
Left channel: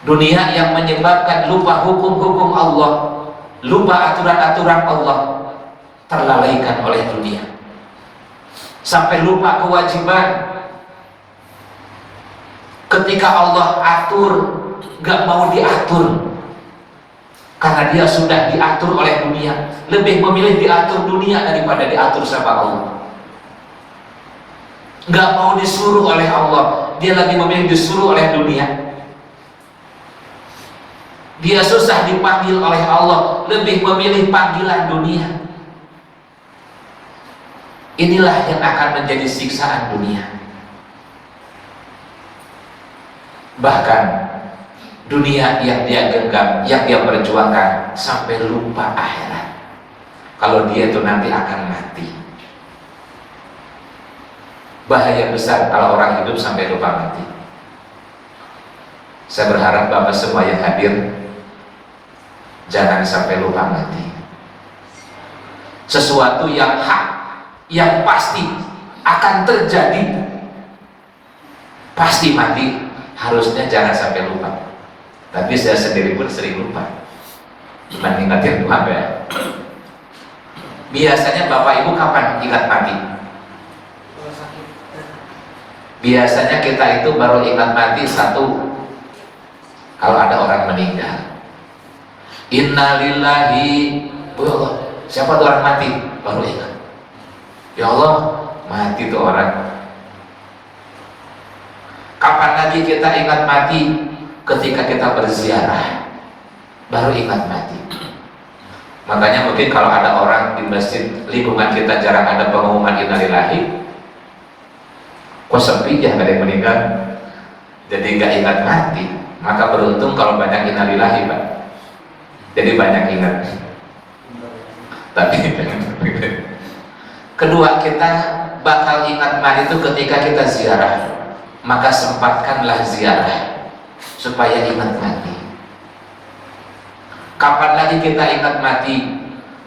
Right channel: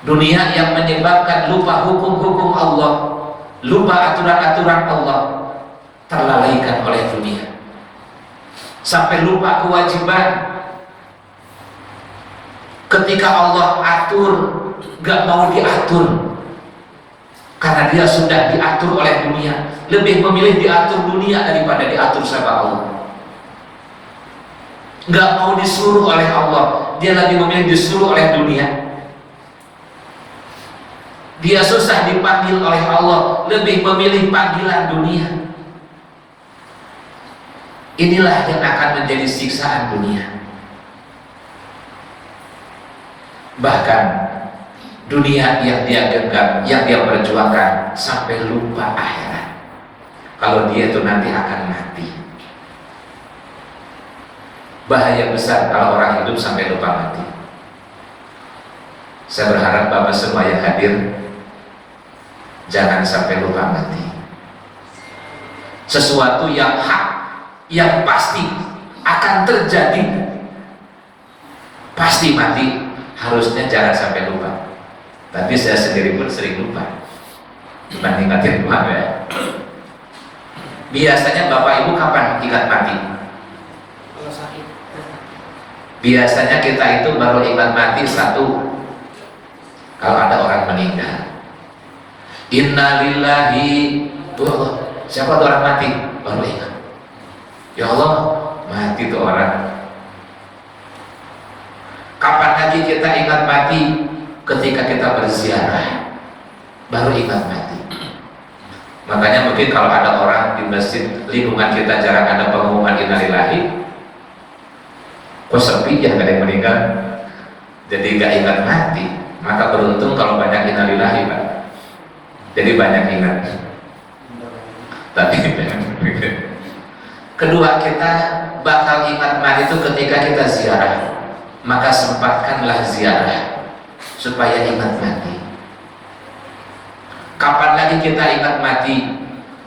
Dunia yang menyebabkan lupa hukum-hukum Allah, lupa aturan-aturan Allah, terlalaikan oleh dunia. Sampai lupa kewajiban. Ketika Allah atur, gak mau diatur, karena dia sudah diatur oleh dunia. Lebih memilih diatur dunia daripada diatur sama Allah. Gak mau disuruh oleh Allah, dia lagi memilih disuruh oleh dunia. Dia susah dipanggil oleh Allah, lebih memilih panggilan dunia. Inilah yang akan menjadi siksaan dunia. Bahkan dunia yang dia genggam, yang dia perjuangkan, sampai lupa akhirat. Kalau dia itu nanti akan mati. Bahaya besar kalau orang hidup sampai lupa mati. Saya berharap Bapak semua yang hadir jangan sampai lupa mati. Sesuatu yang hak, yang pasti akan terjadi, pasti mati, harusnya jangan sampai lupa. Tapi saya sendiri pun sering lupa. Cuma ingatin Tuhan ya. Biasanya Bapak Ibu kapan ingat mati? Biasanya kita itu baru ingat mati satu, kalau ada orang meninggal. Innalillahi, Allah, siapa tuh orang mati? Baru ingat. Ya Allah, mati tuh orang. Kapan lagi kita ingat mati? Ketika kita berziarah, baru ingat mati. Makanya mungkin kalau ada orang di masjid lingkungan kita jarang ada pengumuman innalillahi, kok sepi ya, nggak ada yang meninggal, jadi nggak ingat mati. Maka beruntung kalau banyak innalillahi Pak, jadi banyak ingat. Tapi kedua, kita bakal ingat mati itu ketika kita ziarah. Maka sempatkanlah ziarah supaya ingat mati. Kapan lagi kita ingat mati?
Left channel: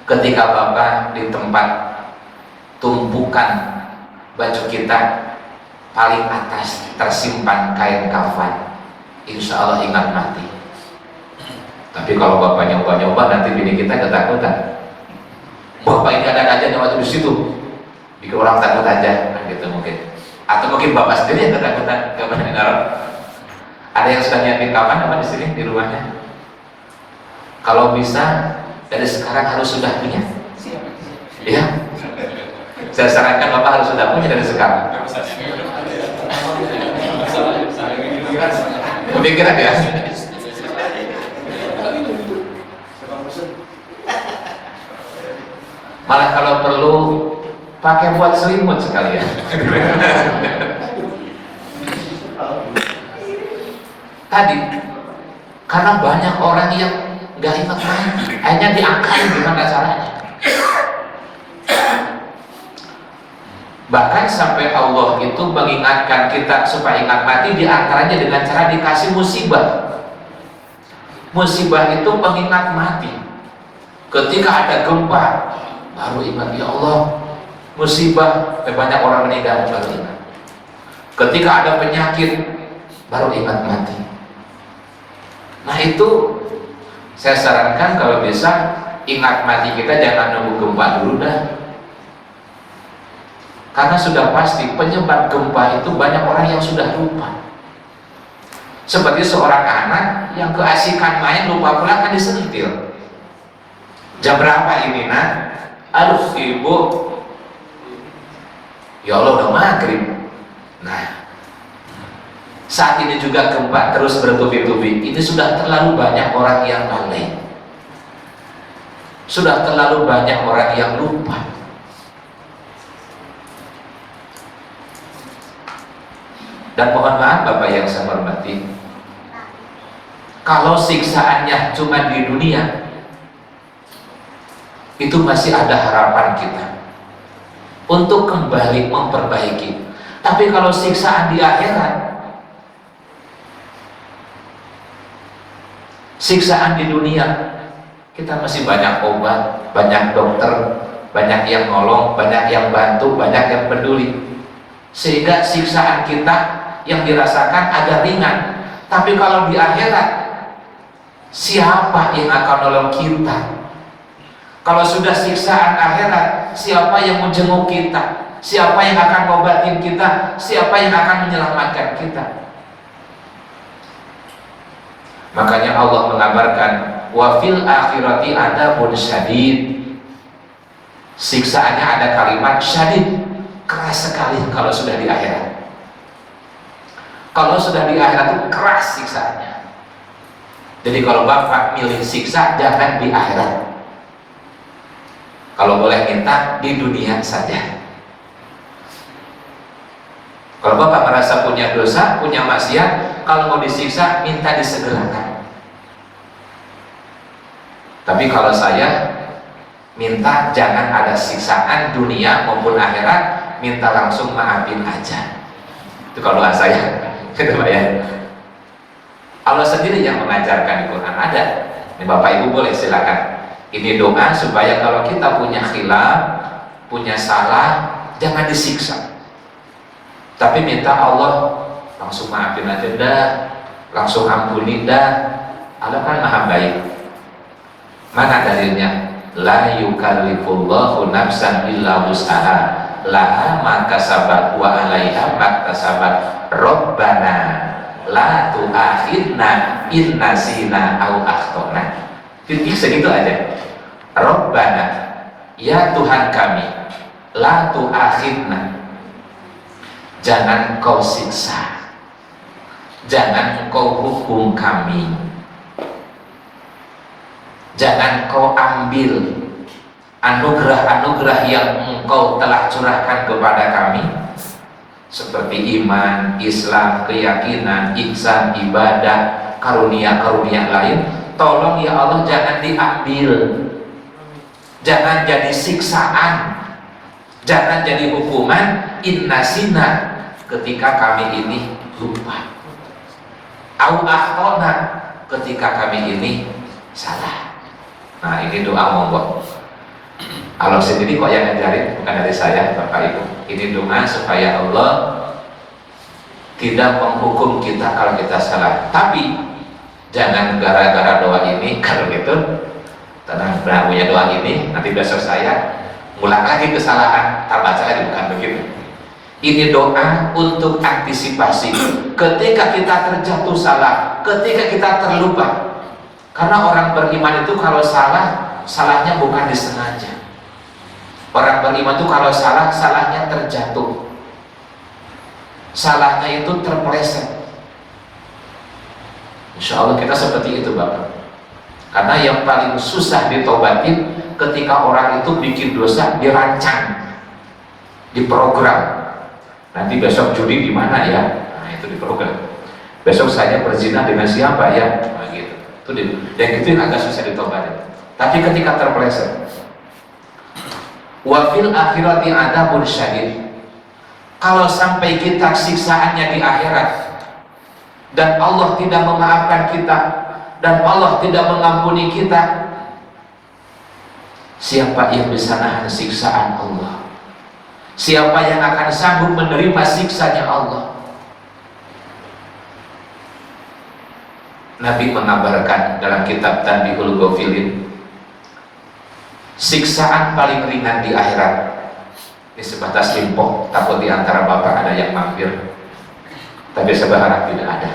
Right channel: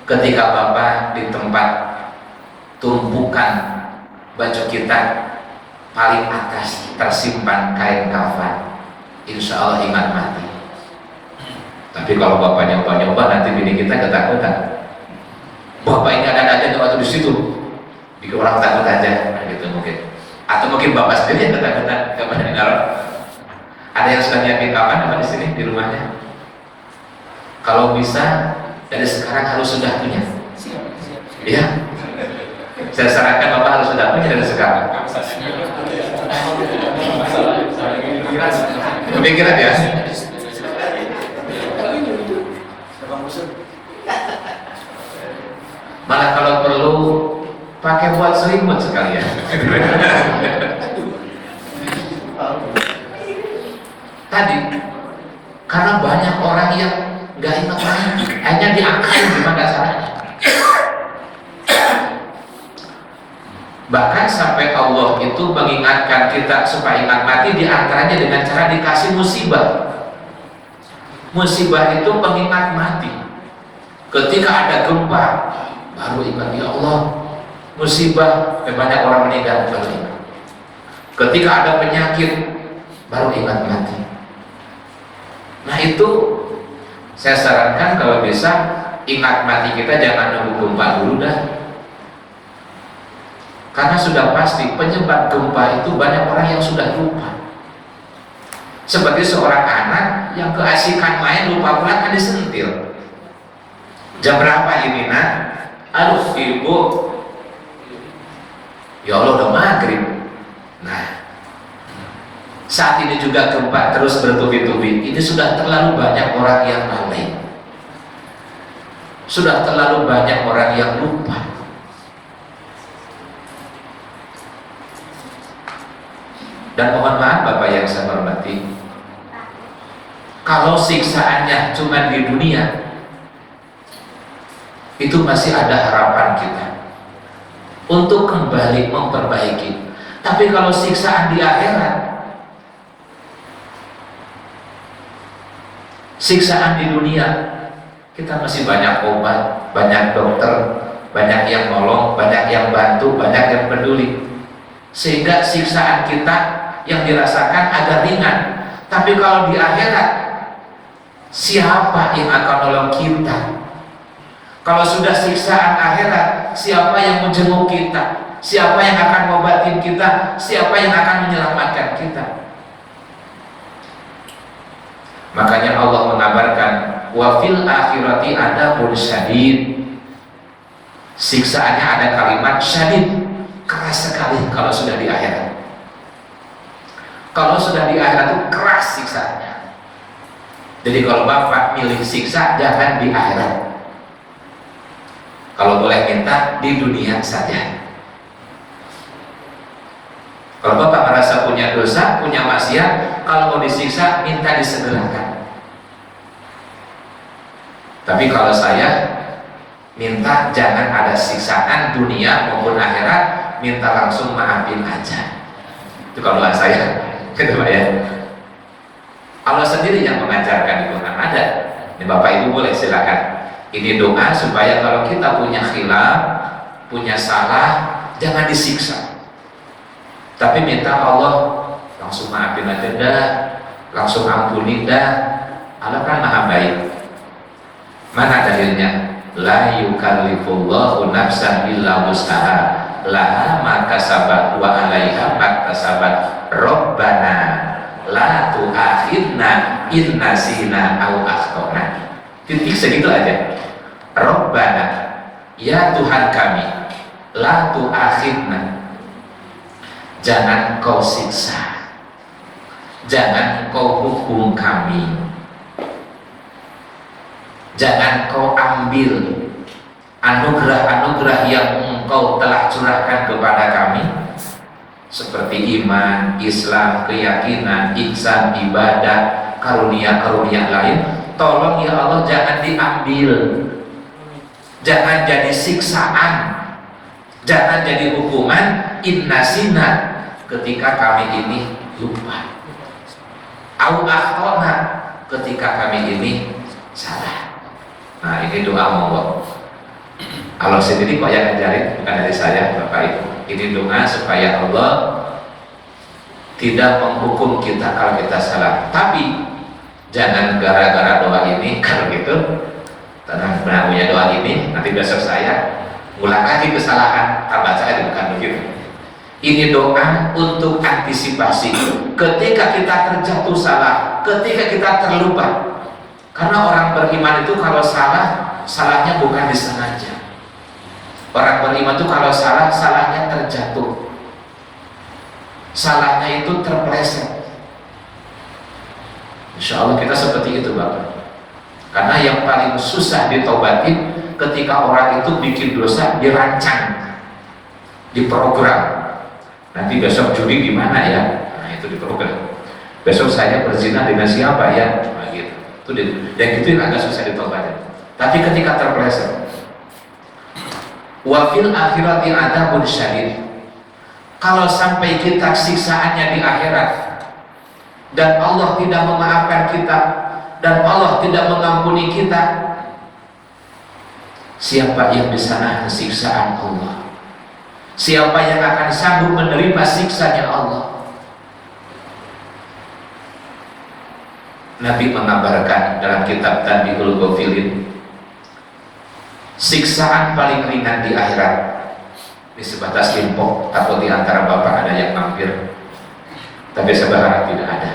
Ketika Bapak di tempat tumpukan baju kita paling atas tersimpan kain kafan, insya Allah ingat mati. Tapi kalau Bapak nyoba-nyoba, nanti bini kita ketakutan. Bapak ini ada aja waktu di situ, bikin orang takut aja, nah gitu mungkin. Atau mungkin bapak sendiri yang ketakutan kapan di neraka? Ada yang sudah nyiapin kapan apa di sini di rumahnya? Kalau bisa dari sekarang harus sudah punya. Ya, saya sarankan bapak harus sudah punya dari sekarang. Pemikiran ya. Malah kalau perlu pakai buat selimut sekalian. Tadi karena banyak orang yang nggak ingat lagi, hanya diangkatin gimana caranya. Bahkan sampai Allah itu mengingatkan kita supaya ingat mati, diantaranya dengan cara dikasih musibah. Musibah itu pengingat mati. Ketika ada gempa, baru ingat, ya Allah, musibah, banyak orang meninggal, baru ingat. Ketika ada penyakit, baru ingat mati. Nah itu saya sarankan kalau bisa ingat mati kita jangan nunggu gempa dulu dah. Karena sudah pasti penyebab gempa itu banyak orang yang sudah lupa. Seperti seorang anak yang keasikan main lupa pulang kan disentil. Jam berapa ini nak? Aduh ibu, ya Allah udah maghrib. Nah, saat ini juga gempa terus bertubi-tubi. Ini sudah terlalu banyak orang yang lalai. Sudah terlalu banyak orang yang lupa. Dan mohon maaf Bapak yang saya hormati, kalau siksaannya cuma di dunia, itu masih ada harapan kita untuk kembali memperbaiki. Tapi kalau siksaan di akhirat, siksaan di dunia, kita masih banyak obat, banyak dokter, banyak yang nolong, banyak yang bantu, banyak yang peduli, sehingga siksaan kita yang dirasakan agak ringan. Tapi kalau di akhirat, siapa yang akan nolong kita? Kalau sudah siksaan akhirat, siapa yang menjenguk kita? Siapa yang akan ngobatin kita? Siapa yang akan menyelamatkan kita? Makanya Allah mengabarkan, wa fil akhirati adabun syadid. Siksaannya ada kalimat syadid, keras sekali kalau sudah di akhirat. Kalau sudah di akhirat itu keras siksanya. Jadi kalau Bapak milih siksa, jangan di akhirat. Kalau boleh minta di dunia saja. Kalau Bapak merasa punya dosa, punya maksiat, kalau mau disiksa, minta disegerakan. Tapi kalau saya minta jangan ada siksaan dunia maupun akhirat, minta langsung maafin aja. Itu kalau doa saya. Gitu Pak ya. Allah sendiri yang mengajarkan di Quran ada. Ini Bapak Ibu boleh silakan. Ini doa supaya kalau kita punya khilaf, punya salah, jangan disiksa. Tapi minta Allah langsung maafin aja dah, langsung ampuni dah. Allah kan maha baik. Mana dalilnya? La yukallifullahu nafsan illa wus'aha, laha ma kasabat wa 'alaiha ma kasabat. Rabbana la tu'akhidna in nasina au akhtana. Titik segitu aja. Rabbana, ya Tuhan kami, la tu'akhidna, jangan kau siksa, jangan kau hukum kami, jangan kau ambil anugerah-anugerah yang engkau telah curahkan kepada kami, seperti iman, Islam, keyakinan, ihsan, ibadah, karunia-karunia lain. Tolong ya Allah jangan diambil, jangan jadi siksaan, jangan jadi hukuman innasina ketika kami ini lupa, au akhtona ketika kami ini salah. Nah ini doa monggo. Allah sendiri kok yang ngajarin, bukan dari saya Bapak Ibu. Ini doa supaya Allah tidak menghukum kita kalau kita salah. Tapi jangan gara-gara doa ini, kalau gitu karena punya doa ini nanti besok saya ngulang lagi kesalahan, baca aja bukan begitu. Ini doa untuk antisipasi ketika kita terjatuh salah, ketika kita terlupa. Karena orang beriman itu kalau salah, salahnya bukan disengaja. Orang beriman itu kalau salah, salahnya terjatuh, salahnya itu terpeleset. Insya Allah kita seperti itu Bapak. Karena yang paling susah ditobatin ketika orang itu bikin dosa dirancang, diprogram. Nanti besok judi di mana ya? Nah itu diprogram. Besok saya berzina dengan siapa ya? Nah, gitu. Itu yang itu yang agak susah ditobatin. Tapi ketika terpeleset, wa fil akhirati adzabun syadid. Kalau sampai kita siksaannya di akhirat dan Allah tidak memaafkan kita dan Allah tidak mengampuni kita, siapa yang bisa nahan siksaan Allah? Siapa yang akan sanggup menerima siksanya Allah? Nabi mengabarkan dalam kitab Tanbihul Ghafilin, siksaan paling ringan di akhirat. Ini sebatas info, takut di antara Bapak ada yang mampir, tapi saya berharap tidak ada.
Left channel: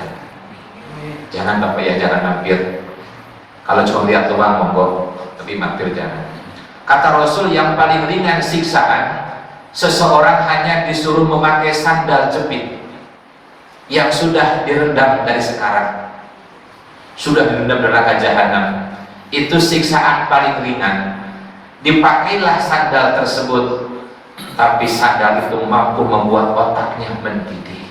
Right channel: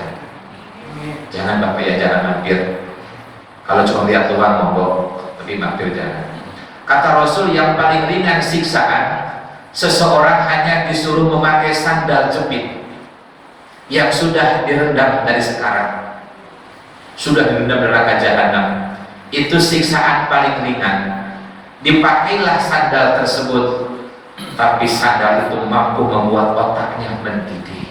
Jangan Bapak ya, jangan mampir. Kalau cuma lihat doang monggo, tapi mampir jangan. Kata Rasul, yang paling ringan siksaan, seseorang hanya disuruh memakai sandal jepit yang sudah direndam dari sekarang, sudah direndam neraka jahanam. Itu siksaan paling ringan. Dipakailah sandal tersebut, tapi sandal itu mampu membuat otaknya mendidih.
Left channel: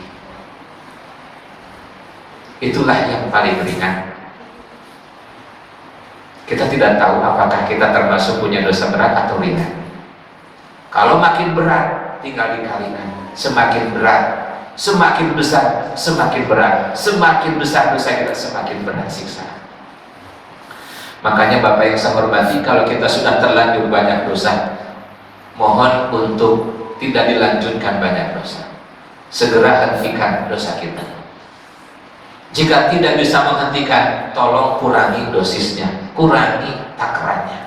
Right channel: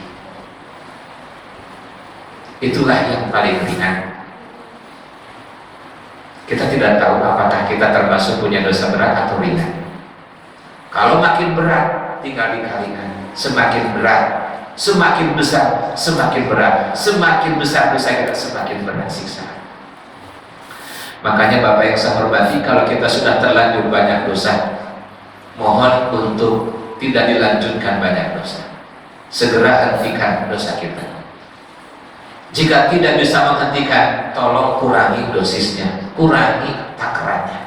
Itulah yang paling ringan. Kita tidak tahu apakah kita termasuk punya dosa berat atau ringan. Kalau makin berat, tinggal dikalikan. Semakin berat, semakin besar, semakin berat. Semakin besar dosa kita, semakin berat siksa. Makanya Bapak yang saya hormati, kalau kita sudah terlanjur banyak dosa, mohon untuk tidak dilanjutkan banyak dosa. Segera hentikan dosa kita. Jika tidak bisa menghentikan, tolong kurangi dosisnya, kurangi takarannya,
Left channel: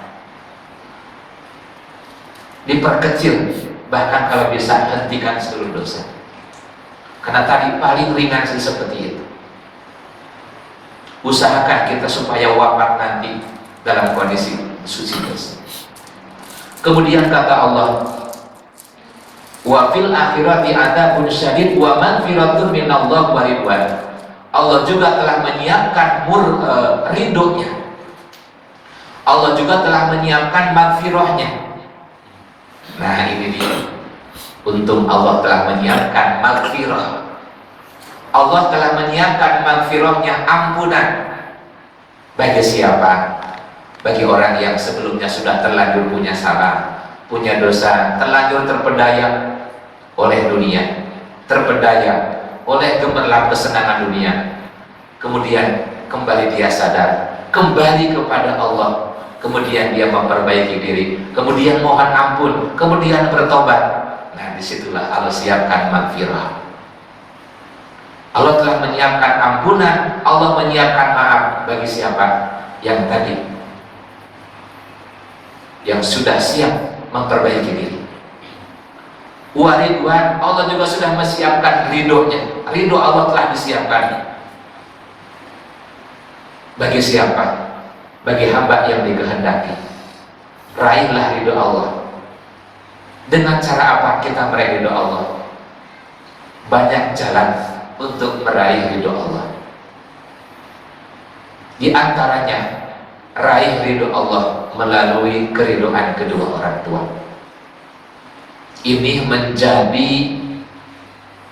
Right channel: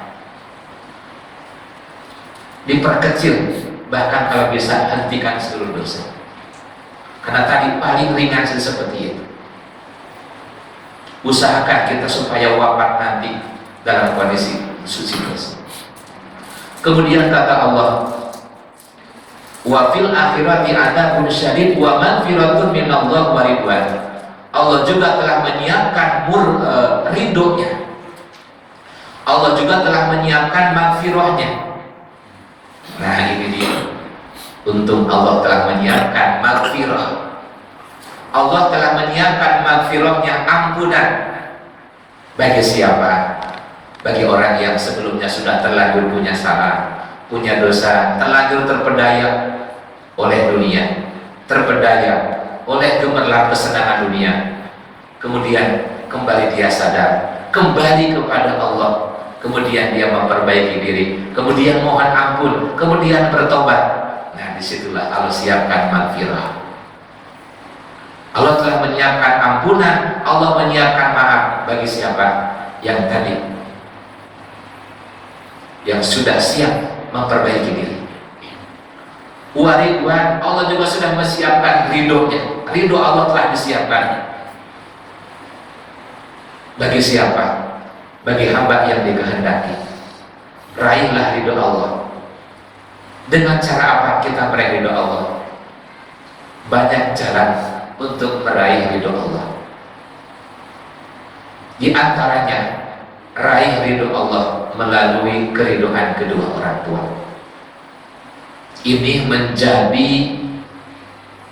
diperkecil, bahkan kalau bisa hentikan seluruh dosa. Karena tadi paling ringan seperti itu. Usahakan kita supaya wafat nanti dalam kondisi suci dosa. Kemudian kata Allah, wa fil akhirati adzabun syadid wa maghfiratun minallah wa ridwan. Allah juga telah menyiapkan ridhonya. Allah juga telah menyiapkan maghfirahnya. Nah ini dia. Untung Allah telah menyiapkan maghfirah. Allah telah menyiapkan maghfirahnya, ampunan. Bagi siapa? Bagi orang yang sebelumnya sudah terlanjur punya salah, punya dosa, terlanjur terpedaya oleh dunia, terpedaya oleh gemerlap kesenangan dunia. Kemudian kembali dia sadar, kembali kepada Allah. Kemudian dia memperbaiki diri, kemudian mohon ampun, kemudian bertobat. Nah disitulah Allah siapkan maghfirah. Allah telah menyiapkan ampunan, Allah menyiapkan maaf bagi siapa? Yang tadi, yang sudah siap memperbaiki diri. Waridwan, Allah juga sudah menyiapkan ridhonya. Ridho Allah telah disiapkan. Bagi siapa? Bagi hamba yang dikehendaki. Raihlah ridho Allah. Dengan cara apa kita meraih ridho Allah? Banyak jalan untuk meraih ridho Allah. Di antaranya, raih ridho Allah melalui keridhaan kedua orang tua. Ini menjadi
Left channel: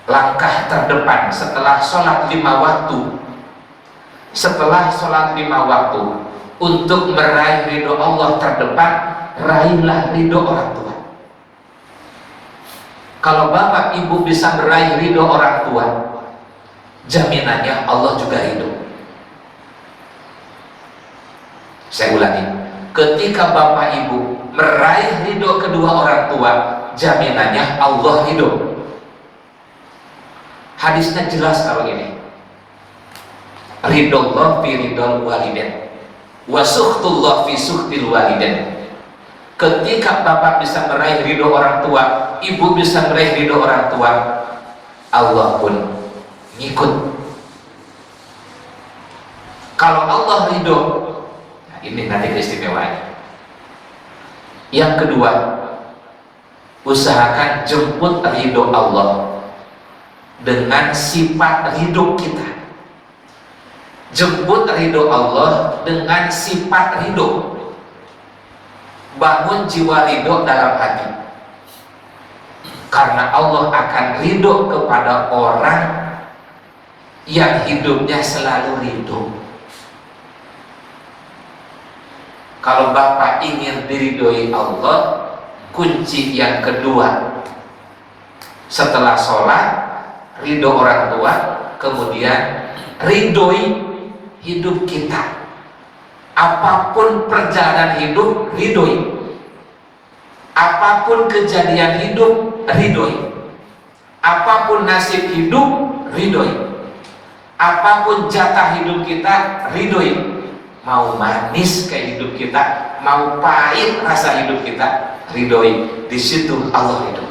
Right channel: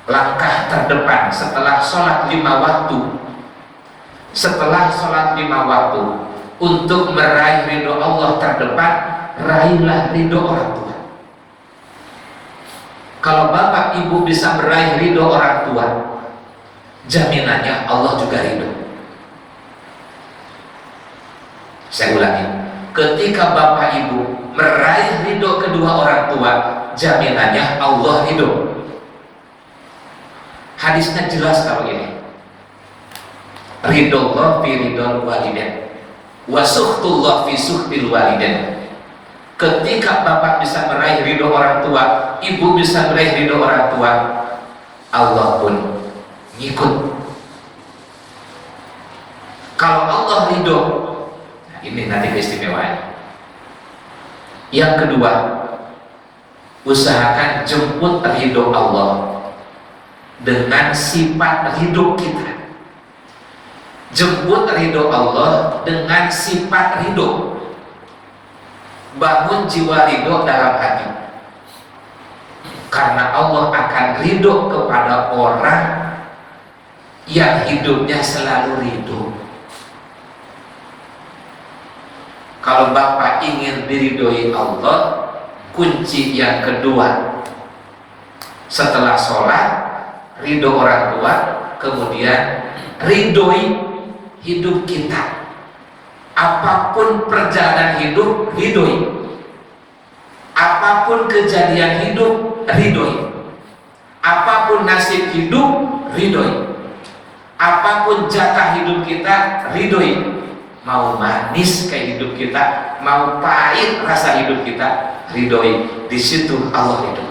langkah terdepan setelah sholat 5 waktu. Setelah sholat 5 waktu, untuk meraih ridho Allah terdepan, raihlah ridho orang tua. Kalau bapak ibu bisa meraih ridho orang tua, jaminannya Allah juga ridho. Saya ulangi, ketika bapak ibu meraih ridho kedua orang tua, jaminannya Allah ridho. Hadisnya jelas kalau ini. Ridho Allah fi ridhol walidain, wa sukhtullah fi sukhtil walidain. Ketika bapak bisa meraih ridho orang tua, ibu bisa meraih ridho orang tua, Allah pun ngikut. Kalau Allah ridho, nah ini nanti keistimewaan. Yang kedua, usahakan jemput ridho Allah dengan sifat ridho kita. Jemput ridho Allah dengan sifat ridho. Bangun jiwa ridho dalam hati, karena Allah akan ridho kepada orang yang hidupnya selalu ridho. Kalau bapak ingin diridhoi Allah, kunci yang kedua setelah sholat, ridho orang tua, kemudian ridhoi hidup kita. Apapun perjalanan hidup, ridhoi. Apapun kejadian hidup, ridhoi. Apapun nasib hidup, ridhoi. Apapun jatah hidup kita, ridhoi. Mau manis kayak hidup kita, mau pahit rasa hidup kita, ridhoi. Di situ Allah ridho.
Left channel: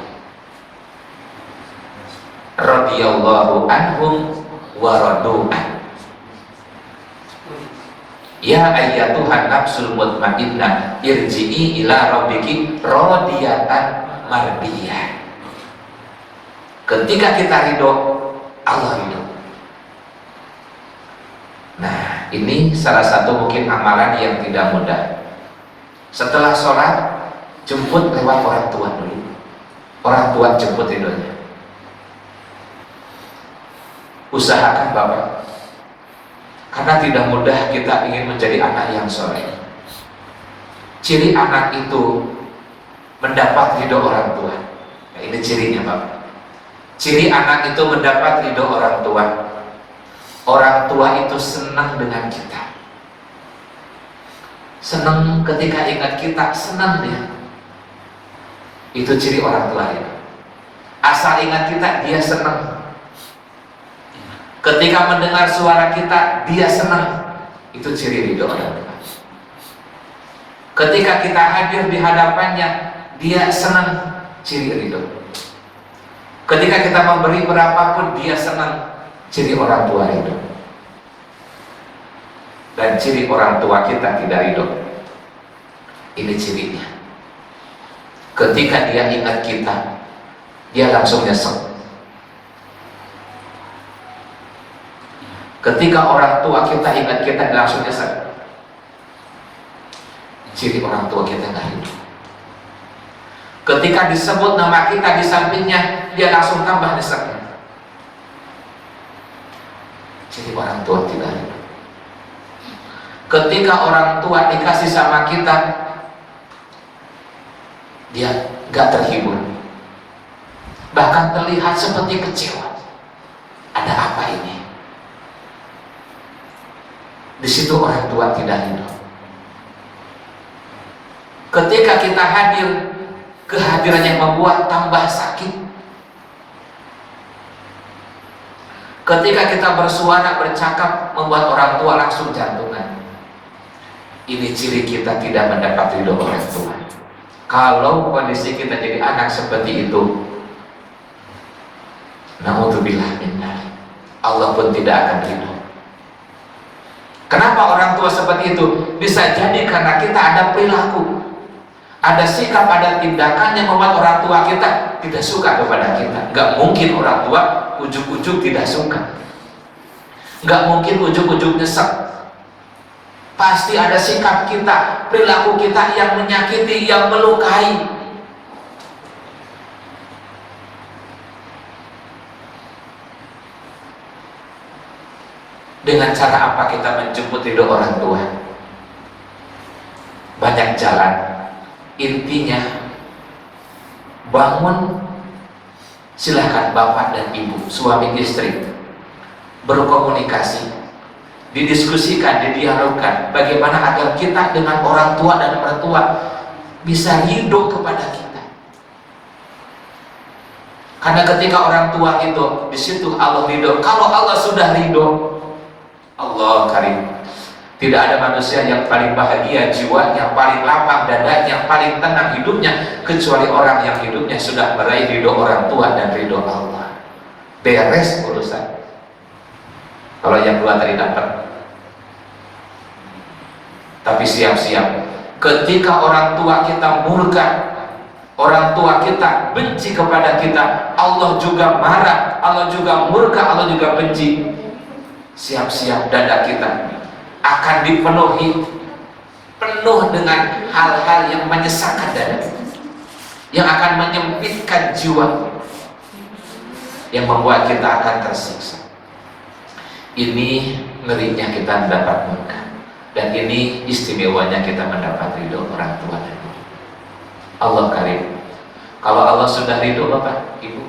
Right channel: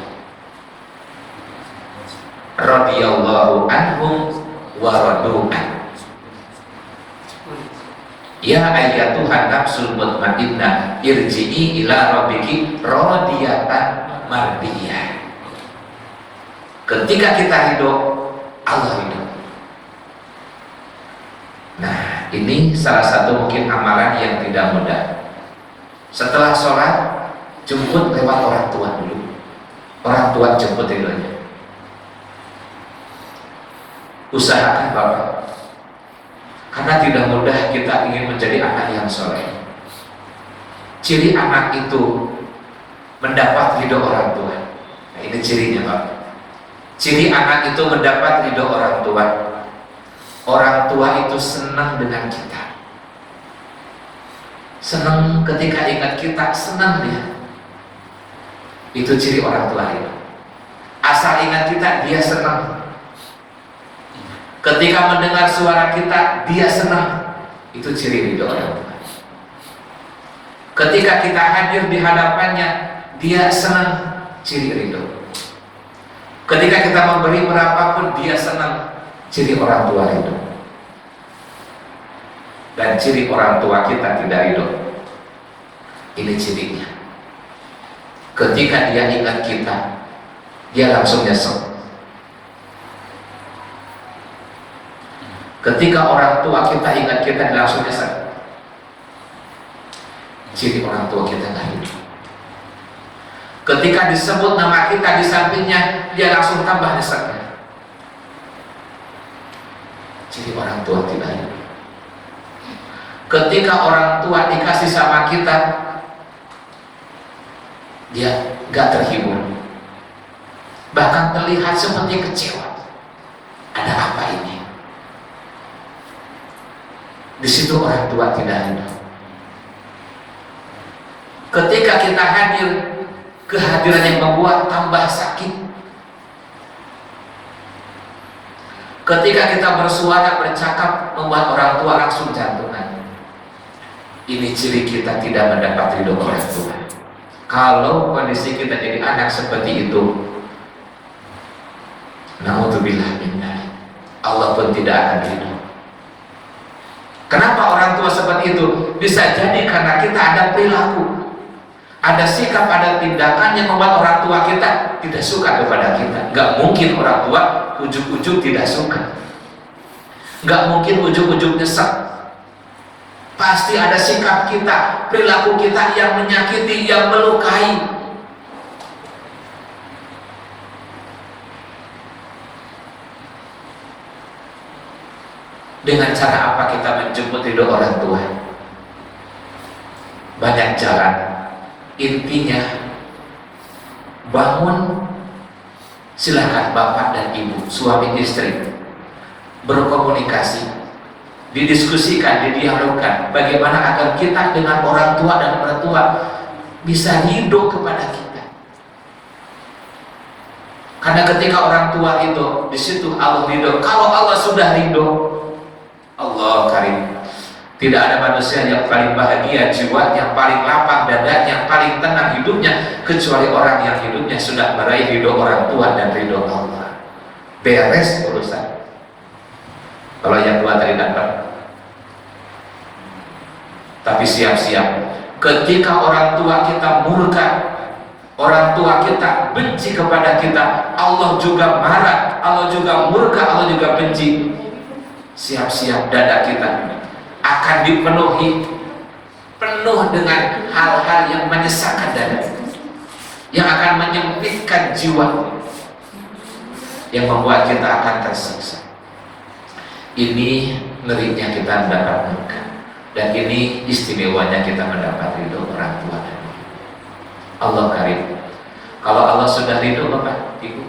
Radhiyallahu anhum wa radu an. Ya ayyatuhan nafsul mutmainnah irji'i ila rabbiki radiyatan mardiyah. Ketika kita ridho, Allah ridho. Nah, ini salah satu mungkin amalan yang tidak mudah. Setelah sholat, jemput lewat orang tua dulu. Orang tua jemput ridhonya. Usahakan bapak, karena tidak mudah kita ingin menjadi anak yang soleh. Ciri anak itu mendapat ridho orang tua. Nah, ini cirinya Pak. Ciri anak itu mendapat ridho orang tua. Orang tua itu senang dengan kita. Senang ketika ingat kita, senang dia. Itu ciri orang tua itu. Asal ingat kita, dia senang. Ketika mendengar suara kita, dia senang. Itu ciri ridho orang tua. Ketika kita hadir di hadapannya, dia senang. Ciri ridho. Ketika kita memberi berapapun, dia senang. Ciri orang tua ridho. Dan ciri orang tua kita tidak ridho. Ini cirinya. Ketika dia ingat kita, dia langsung nyesek. Ketika orang tua kita ingat kita, langsung nyesek. Ciri orang tua kita nggak ridho. Ketika disebut nama kita di sampingnya, dia langsung tambah nyesek. Ciri orang tua tidak ridho. Ketika orang tua dikasih sama kita, dia nggak terhibur, bahkan terlihat seperti kecewa. Ada apa ini? Di situ orang tua tidak ridho. Ketika kita hadir, kehadiran yang membuat tambah sakit. Ketika kita bersuara, bercakap, membuat orang tua langsung jantungan. Ini ciri kita tidak mendapat ridho orang tua. Kalau kondisi kita jadi anak seperti itu, naudzubillah min dzalik, Allah pun tidak akan ridho. Kenapa orang tua seperti itu? Bisa jadi karena kita ada perilaku, ada sikap, ada tindakan yang membuat orang tua kita tidak suka kepada kita. Gak mungkin orang tua ujuk-ujuk tidak suka. Gak mungkin ujuk-ujuk nyesek. Pasti ada sikap kita, perilaku kita yang menyakiti, yang melukai. Dengan cara apa kita menjemput ridho orang tua? Banyak jalan. Intinya, bangun. Silahkan bapak dan ibu, suami istri, berkomunikasi, didiskusikan, didialogkan bagaimana agar kita dengan orang tua dan orang tua bisa ridho kepada kita. Karena ketika orang tua ridho, di situ Allah ridho. Kalau Allah sudah ridho, Allah karim, Tidak ada manusia yang paling bahagia jiwa, yang paling lapang dadanya, yang paling tenang hidupnya, kecuali orang yang hidupnya sudah meraih ridho orang tua dan ridho Allah. Beres urusan. Kalau yang dua tadi dapat. Tapi siap-siap, ketika orang tua kita murka, orang tua kita benci kepada kita, Allah juga marah, Allah juga murka, Allah juga benci. Siap-siap dada kita akan dipenuhi penuh dengan hal-hal yang menyesakkan dada, yang akan menyempitkan jiwa, yang membuat kita akan tersiksa. Ini ngerinya kita mendapat murka, dan ini istimewanya kita mendapat ridho orang tua dan ibu. Allah karim. Kalau Allah sudah ridho Bapak Ibu,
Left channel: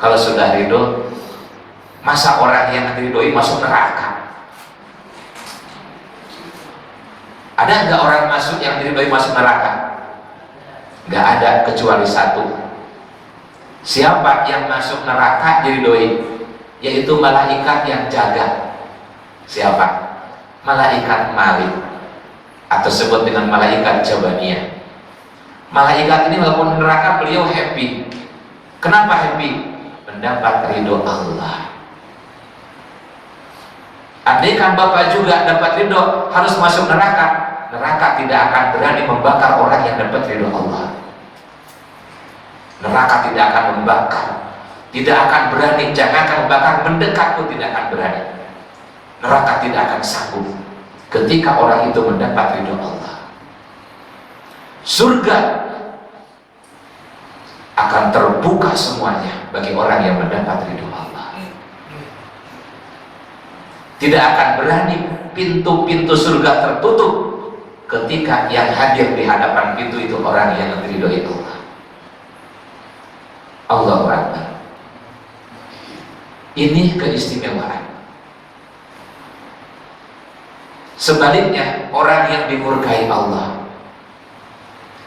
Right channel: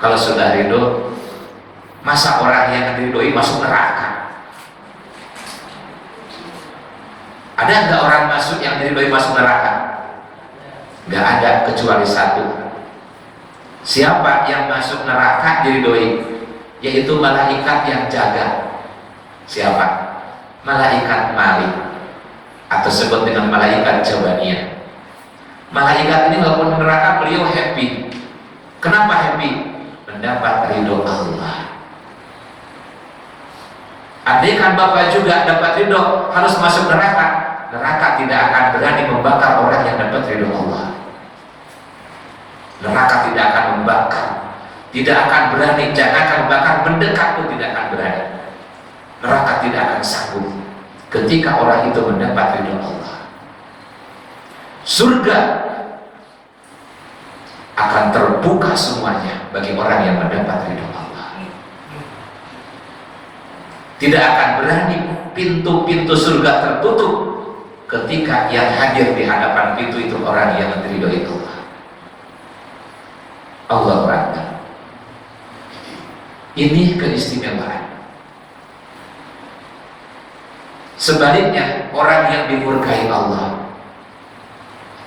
kalau sudah ridho, masa orang yang diridhoi masuk neraka? Ada nggak orang masuk yang diridhoi masuk neraka? Nggak ada, kecuali satu. Siapa yang masuk neraka diridhoi? Yaitu malaikat yang jaga. Siapa? Malaikat Malik, atau sebut dengan malaikat Jabaniyah. Malaikat ini walaupun neraka beliau happy. Kenapa happy? Mendapat ridho Allah. Andaikan Bapak juga dapat ridho harus masuk neraka, neraka tidak akan berani membakar orang yang dapat ridho Allah. Neraka tidak akan membakar, tidak akan berani, jangankan membakar, mendekat pun tidak akan berani. Neraka tidak akan sanggup ketika orang itu mendapat ridho Allah. Surga akan terbuka semuanya bagi orang yang mendapat ridho Allah. Tidak akan berani pintu-pintu surga tertutup ketika yang hadir di hadapan pintu itu orang yang diridhoi Allah. Allahu Akbar. Ini keistimewaan. Sebaliknya, orang yang dimurkai Allah,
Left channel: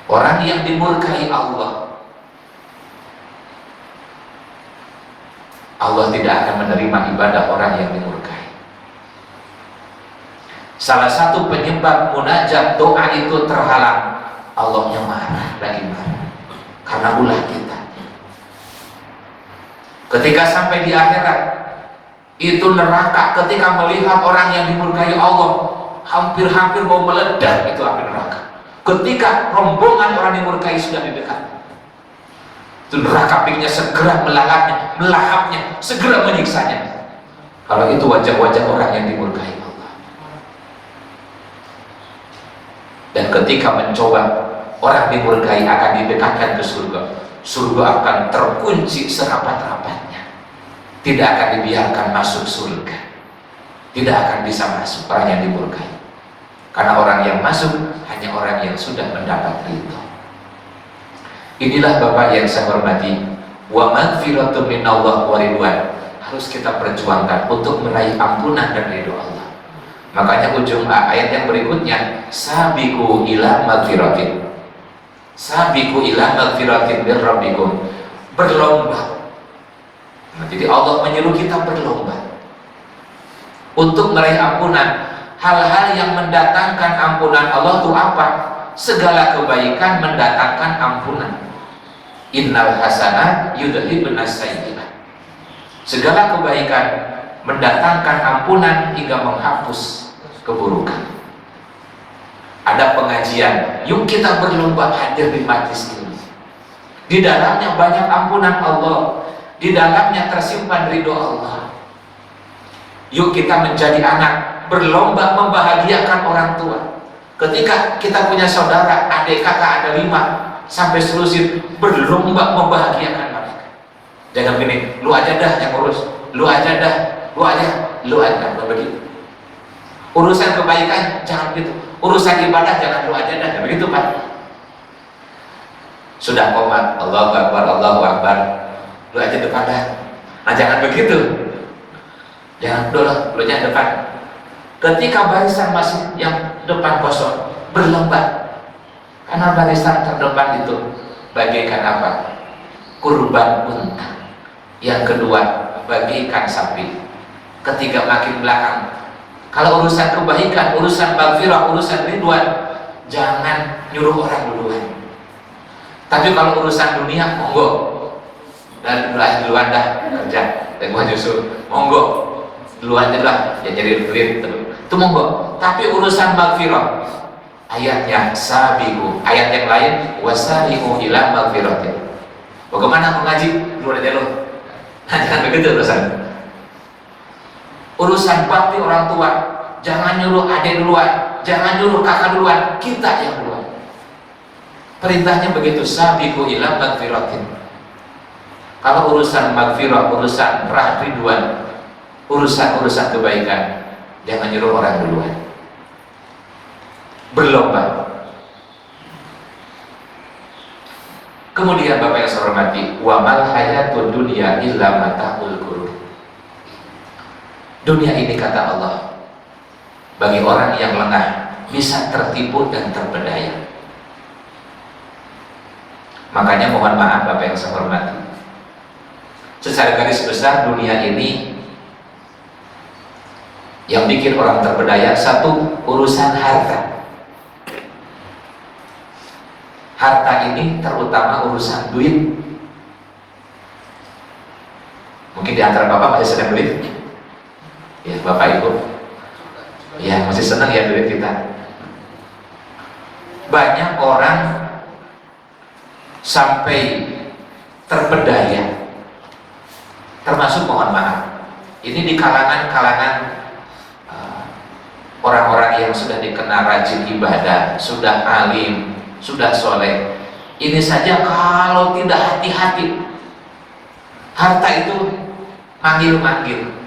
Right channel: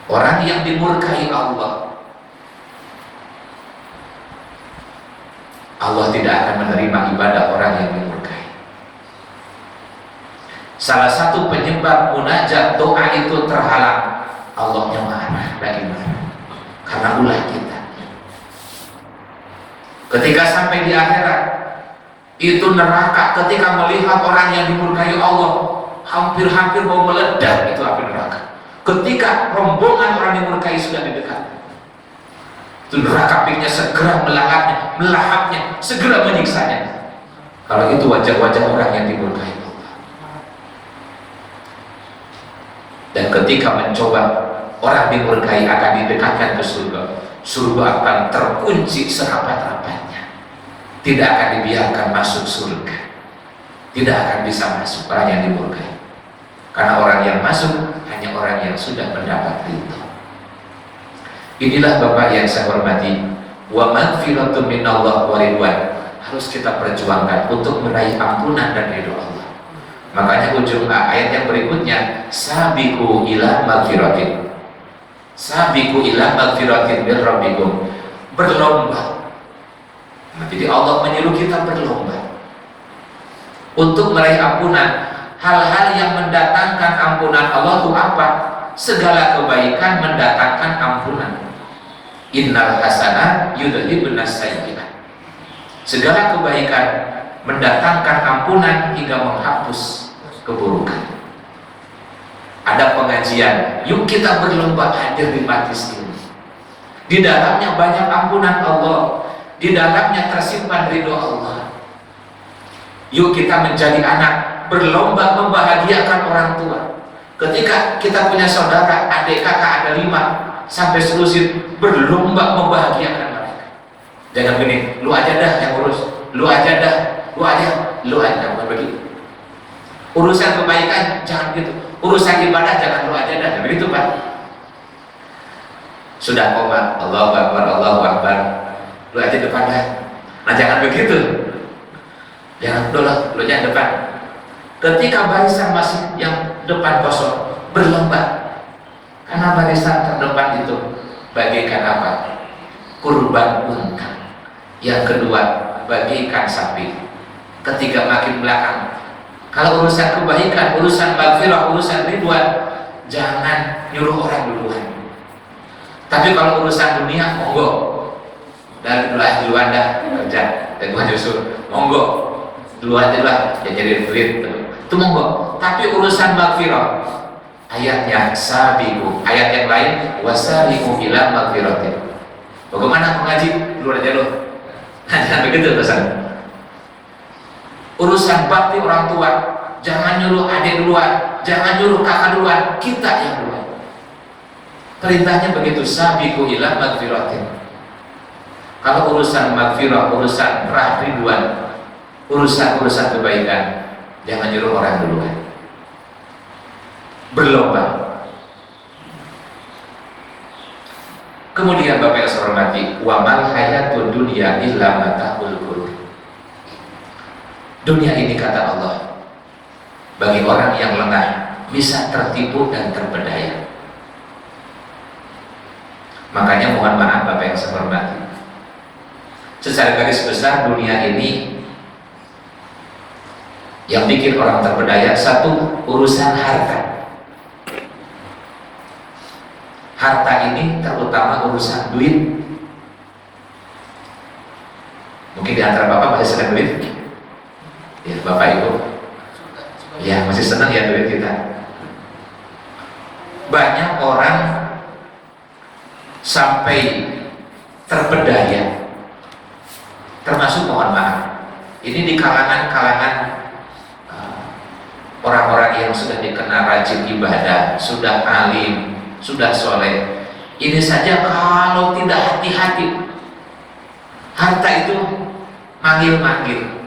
orang yang dimurkai Allah, Allah tidak akan menerima ibadah orang yang dimurkai. Salah satu penyebab munajat doa itu terhalang, Allahnya marah, lagi marah karena ulah kita. Ketika sampai di akhirat, itu neraka. Ketika melihat orang yang dimurkai Allah, hampir-hampir mau meledak itu api neraka. Ketika rombongan orang yang dimurkai sudah di dekat, itu neraka apinya segera melahapnya, segera menyiksanya. Kalau itu wajah-wajah orang yang dimurkai Allah. Dan ketika mencoba orang dimurkai akan didekatkan ke surga, surga akan terkunci serapat-rapatnya, tidak akan dibiarkan masuk surga, tidak akan bisa masuk orang yang dimurkai, karena orang yang masuk hanya orang yang sudah mendapat ridho. Inilah Bapak yang saya hormati, wa maghfiratun minallah wa ridwan, harus kita perjuangkan untuk meraih ampunan dan ridho Allah. Makanya ujung ayat yang berikutnya, sabiqu ila maghfiratin, sabiqu ila maghfiratin min rabbikum, berlomba. Nah, jadi Allah menyuruh kita berlomba untuk meraih ampunan. Hal-hal yang mendatangkan ampunan Allah itu apa? Segala kebaikan mendatangkan ampunan. Innal hasanat yudhibun as-sayyi'at. Segala kebaikan mendatangkan ampunan hingga menghapus keburukan. Ada pengajian, yuk kita berlomba hadir di majlis ini. Di dalamnya banyak ampunan Allah, di dalamnya tersimpan ridho Allah. Yuk kita menjadi anak, berlomba membahagiakan orang tua. Ketika kita punya saudara, adik kakak ada 5 sampai selusin, berlomba membahagiakan mereka. Jangan gini, lu aja dah yang urus, lu aja dah, lu aja, bukan begitu. Urusan kebaikan jangan begitu, urusan ibadah jangan lu aja dah, begitu Pak. Sudah komat, Allahu Akbar, Allahu Akbar, lu aja depan dah. Nah jangan begitu, jangan dulu, lu aja depan. Ketika barisan masih yang depan kosong, berlomba, karena barisan terdepan itu bagaikan apa? Kurban unta. Yang kedua bagaikan sapi. Ketiga makin belakang Kalau urusan kebaikan, urusan maghfirah, urusan ridwan, jangan nyuruh orang duluan. Tapi kalau urusan dunia, monggo. Dan duluan dah kerja, dan gua nyusul, monggo. Duluan aja lah, ya jadi duit itu monggo. Tapi urusan maghfirah, ayatnya sabiqu, ayat yang lain wasari'u ila maghfiratin. Bagaimana mengaji? Duluan aja lo. Nah, jangan begitu urusan. Urusan bakti orang tua, jangan nyuruh adik duluan, jangan nyuruh kakak duluan, kita yang duluan. Perintahnya begitu, sabiqu ila maghfiratin. Kalau urusan maghfirah, urusan ridwan, urusan kebaikan, jangan nyuruh orang duluan. Berlomba. Kemudian Bapak yang saya hormati, wa mal hayatud dunya illa mata'ul ghurur. Dunia ini kata Allah, bagi orang yang lengah bisa tertipu dan terpedaya. Makanya mohon maaf Bapak yang saya hormati, secara garis besar dunia ini yang bikin orang terpedaya, satu, urusan harta. Harta ini terutama urusan duit. Mungkin di antara Bapak masih senang duit? Ya, Bapak Ibu ya masih senang ya duit kita. Banyak orang sampai terpedaya, termasuk mohon maaf, ini di kalangan orang-orang yang sudah dikenal rajin ibadah, sudah alim, sudah soleh. Ini saja kalau tidak hati-hati, harta itu manggil-manggil.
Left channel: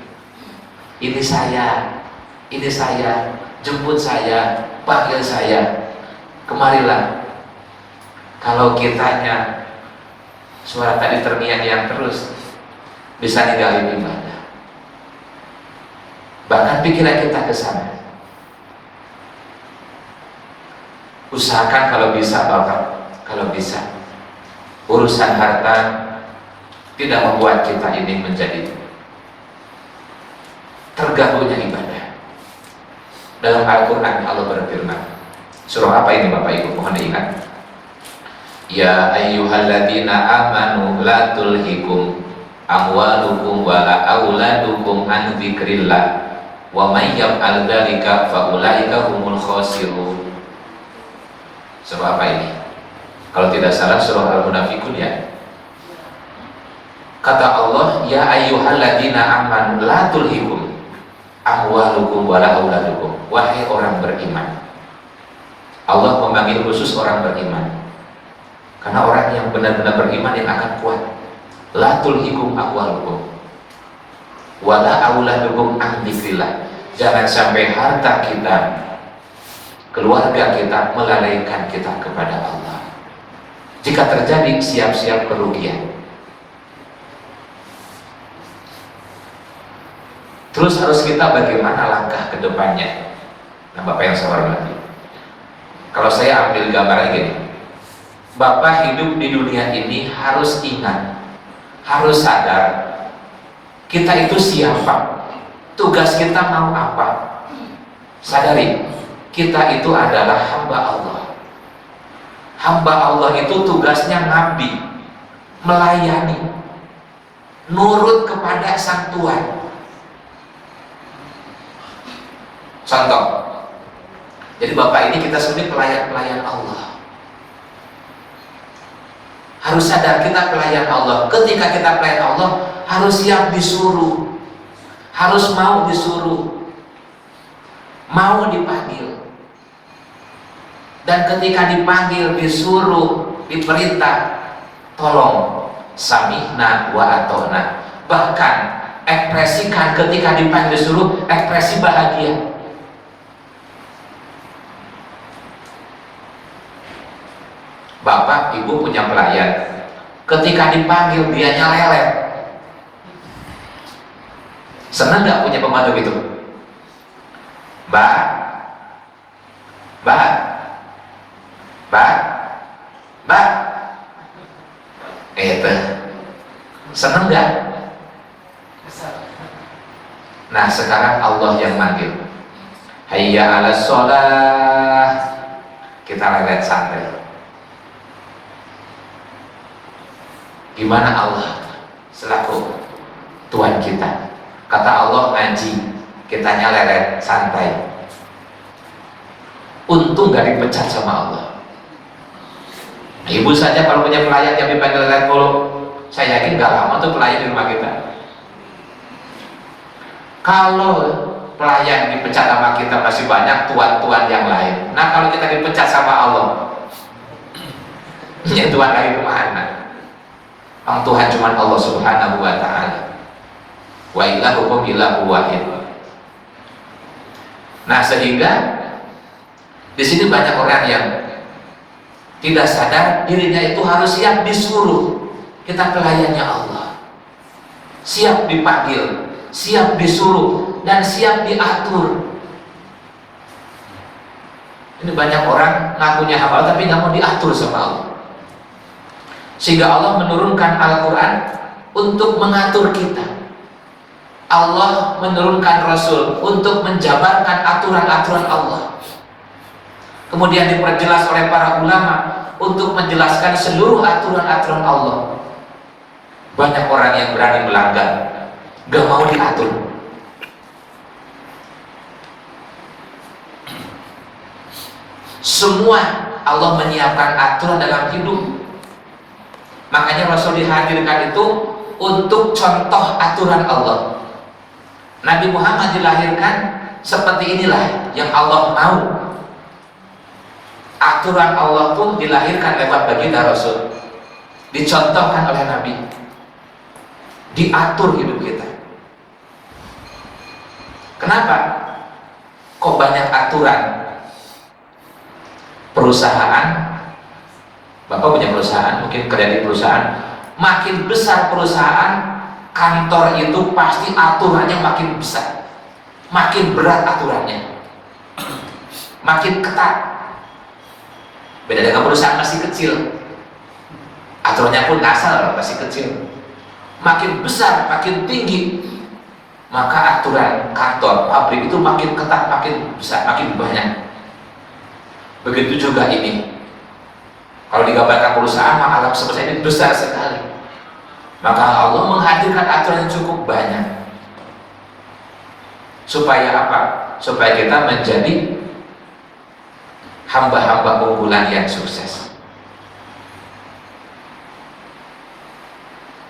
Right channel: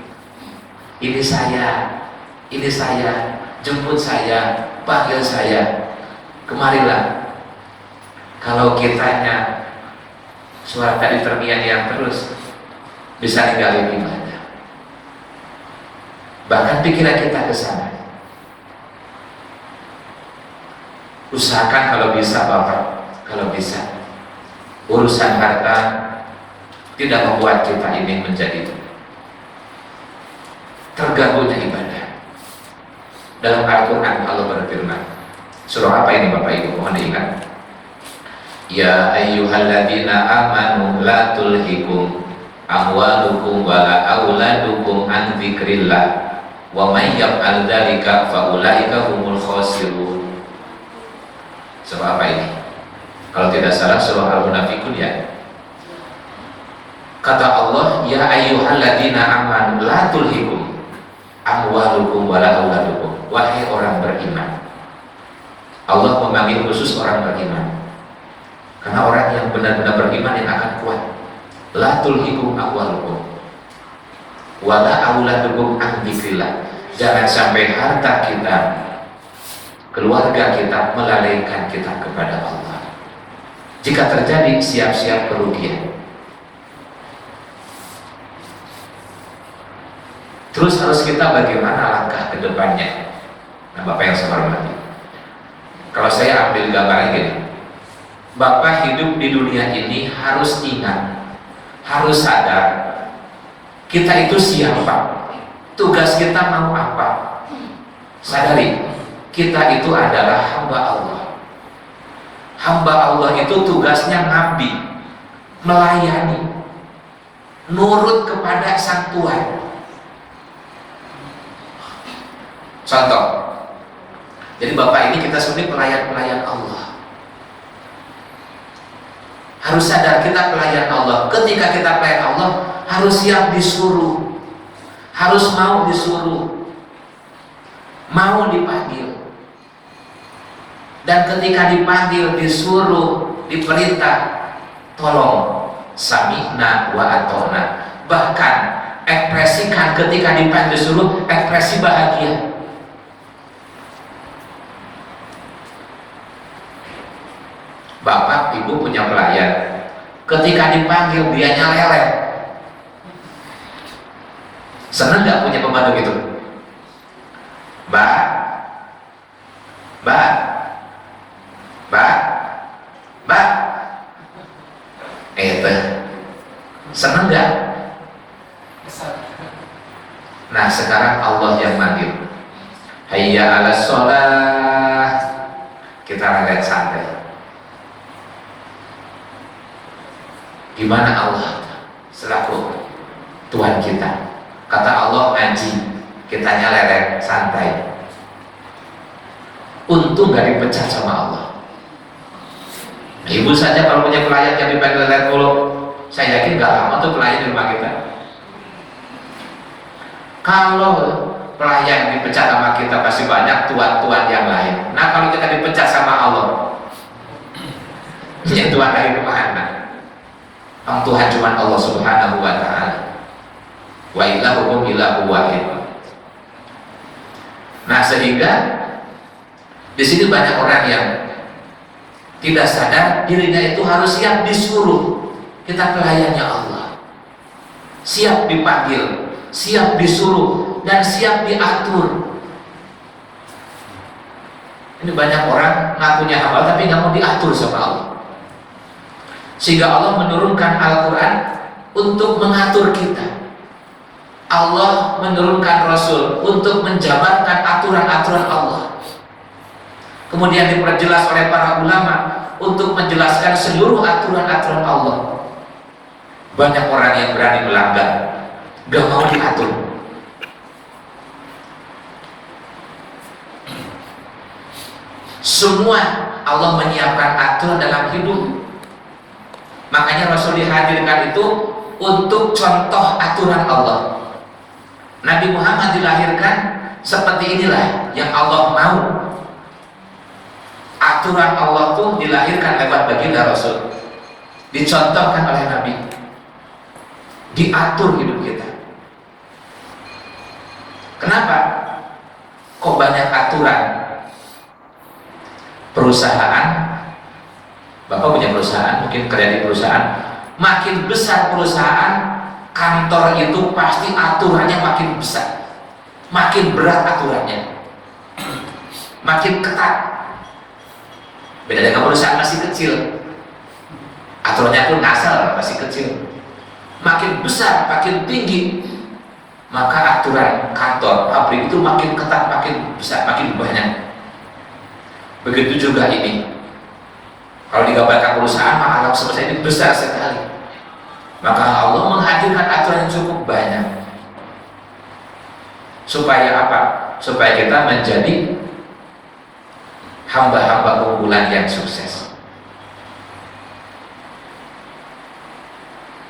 Ini saya, jemput saya, panggil saya, kemarilah. Kalau kitanya suara tadi terniang-niang terus, bisa ninggalin ibadah. Bahkan pikiran kita ke sana. Usahakan kalau bisa Bapak, kalau bisa urusan harta tidak membuat kita ini menjadi terganggunya ibadah. Dalam Al-Quran Allah berfirman, surah apa ini Bapak Ibu mohon diingat, ya ayyuhalladzina amanu la tulhikum amwalukum wa auladukum an dzikrillah wa may yaf'al dzalika fa ulaika humul khasirun. Surah apa ini? Kalau tidak salah surah Al-Munafiqun ya. Kata Allah, ya ayyuhalladzina amanu la tulhikum amwalukum wala auladukum. Wahai orang beriman. Allah memanggil khusus orang beriman, karena orang yang benar-benar beriman yang akan kuat. La tulhikum amwalukum wala auladukum an dzikrillah. Jangan sampai harta kita, keluarga kita melalaikan kita kepada Allah. Jika terjadi, siap-siap kerugian. Terus harus kita bagaimana langkah ke depannya. Nah Bapak yang saya hormati, kalau saya ambil gambaran gini, Bapak hidup di dunia ini harus ingat, harus sadar, kita itu siapa, tugas kita mau apa. Sadari, kita itu adalah hamba Allah. Hamba Allah itu tugasnya ngabdi, melayani, nurut kepada sang Tuhan. Contoh, jadi Bapak ini kita sebenarnya pelayan-pelayan Allah. Harus sadar kita pelayan Allah. Ketika kita pelayan Allah, harus siap disuruh, harus mau disuruh, mau dipanggil. Dan ketika dipanggil, disuruh, diperintah, tolong samihna wa atona. Bahkan ekspresikan ketika dipanggil disuruh, ekspresi bahagia. Bapak, Ibu punya pelayan, ketika dipanggil dianya lelet. Senang nggak punya pembantu gitu? Mbak, Mbak, Mbak, Mbak, senang nggak? Nah sekarang Allah yang manggil, hayya 'alas sholah, kita relax santai. Gimana Allah selaku Tuhan kita? Kata Allah ngaji, kitanya lelek santai. Untung gak dipecat sama Allah. Ibu saja kalau punya pelayan yang dipanggil lelek mulu, saya yakin gak lama tuh pelayan di rumah kita. Kalau pelayan dipecat sama kita masih banyak tuan-tuan yang lain. Nah kalau kita dipecat sama Allah, ya Tuhan dari kemana? Tuhan cuma Allah Subhanahu wa Ta'ala. Wa ilahukum ilahu wahid. Nah sehingga di sini banyak orang yang tidak sadar dirinya itu harus siap disuruh. Kita pelayannya Allah, siap dipanggil, siap disuruh, dan siap diatur. Ini banyak orang ngakunya hafal tapi nggak mau diatur sama Allah. Sehingga Allah menurunkan Al-Quran untuk mengatur kita. Allah menurunkan Rasul untuk menjabarkan aturan-aturan Allah. Kemudian diperjelas oleh para ulama untuk menjelaskan seluruh aturan-aturan Allah. Banyak orang yang berani melanggar, gak mau diatur. Semua Allah menyiapkan aturan dalam hidup. Makanya Rasul dihadirkan itu untuk contoh aturan Allah. Nabi Muhammad dilahirkan seperti inilah yang Allah mau. Aturan Allah pun dilahirkan lewat baginda Rasul, dicontohkan oleh Nabi, diatur hidup kita. Kenapa? Kok banyak aturan? Perusahaan, Bapak punya perusahaan, mungkin kerja di perusahaan, makin besar perusahaan, kantor itu pasti aturannya makin besar, makin berat aturannya, makin ketat. Beda dengan perusahaan masih kecil, aturannya pun asal masih kecil. Makin besar, makin tinggi, maka aturan kantor, pabrik itu makin ketat, makin besar, makin banyak. Begitu juga ini. Kalau digambarkan perusahaan, maka alam semesta ini besar sekali. Maka Allah menghadirkan aturan yang cukup banyak. Supaya apa? Supaya kita menjadi hamba-hamba unggulan yang sukses.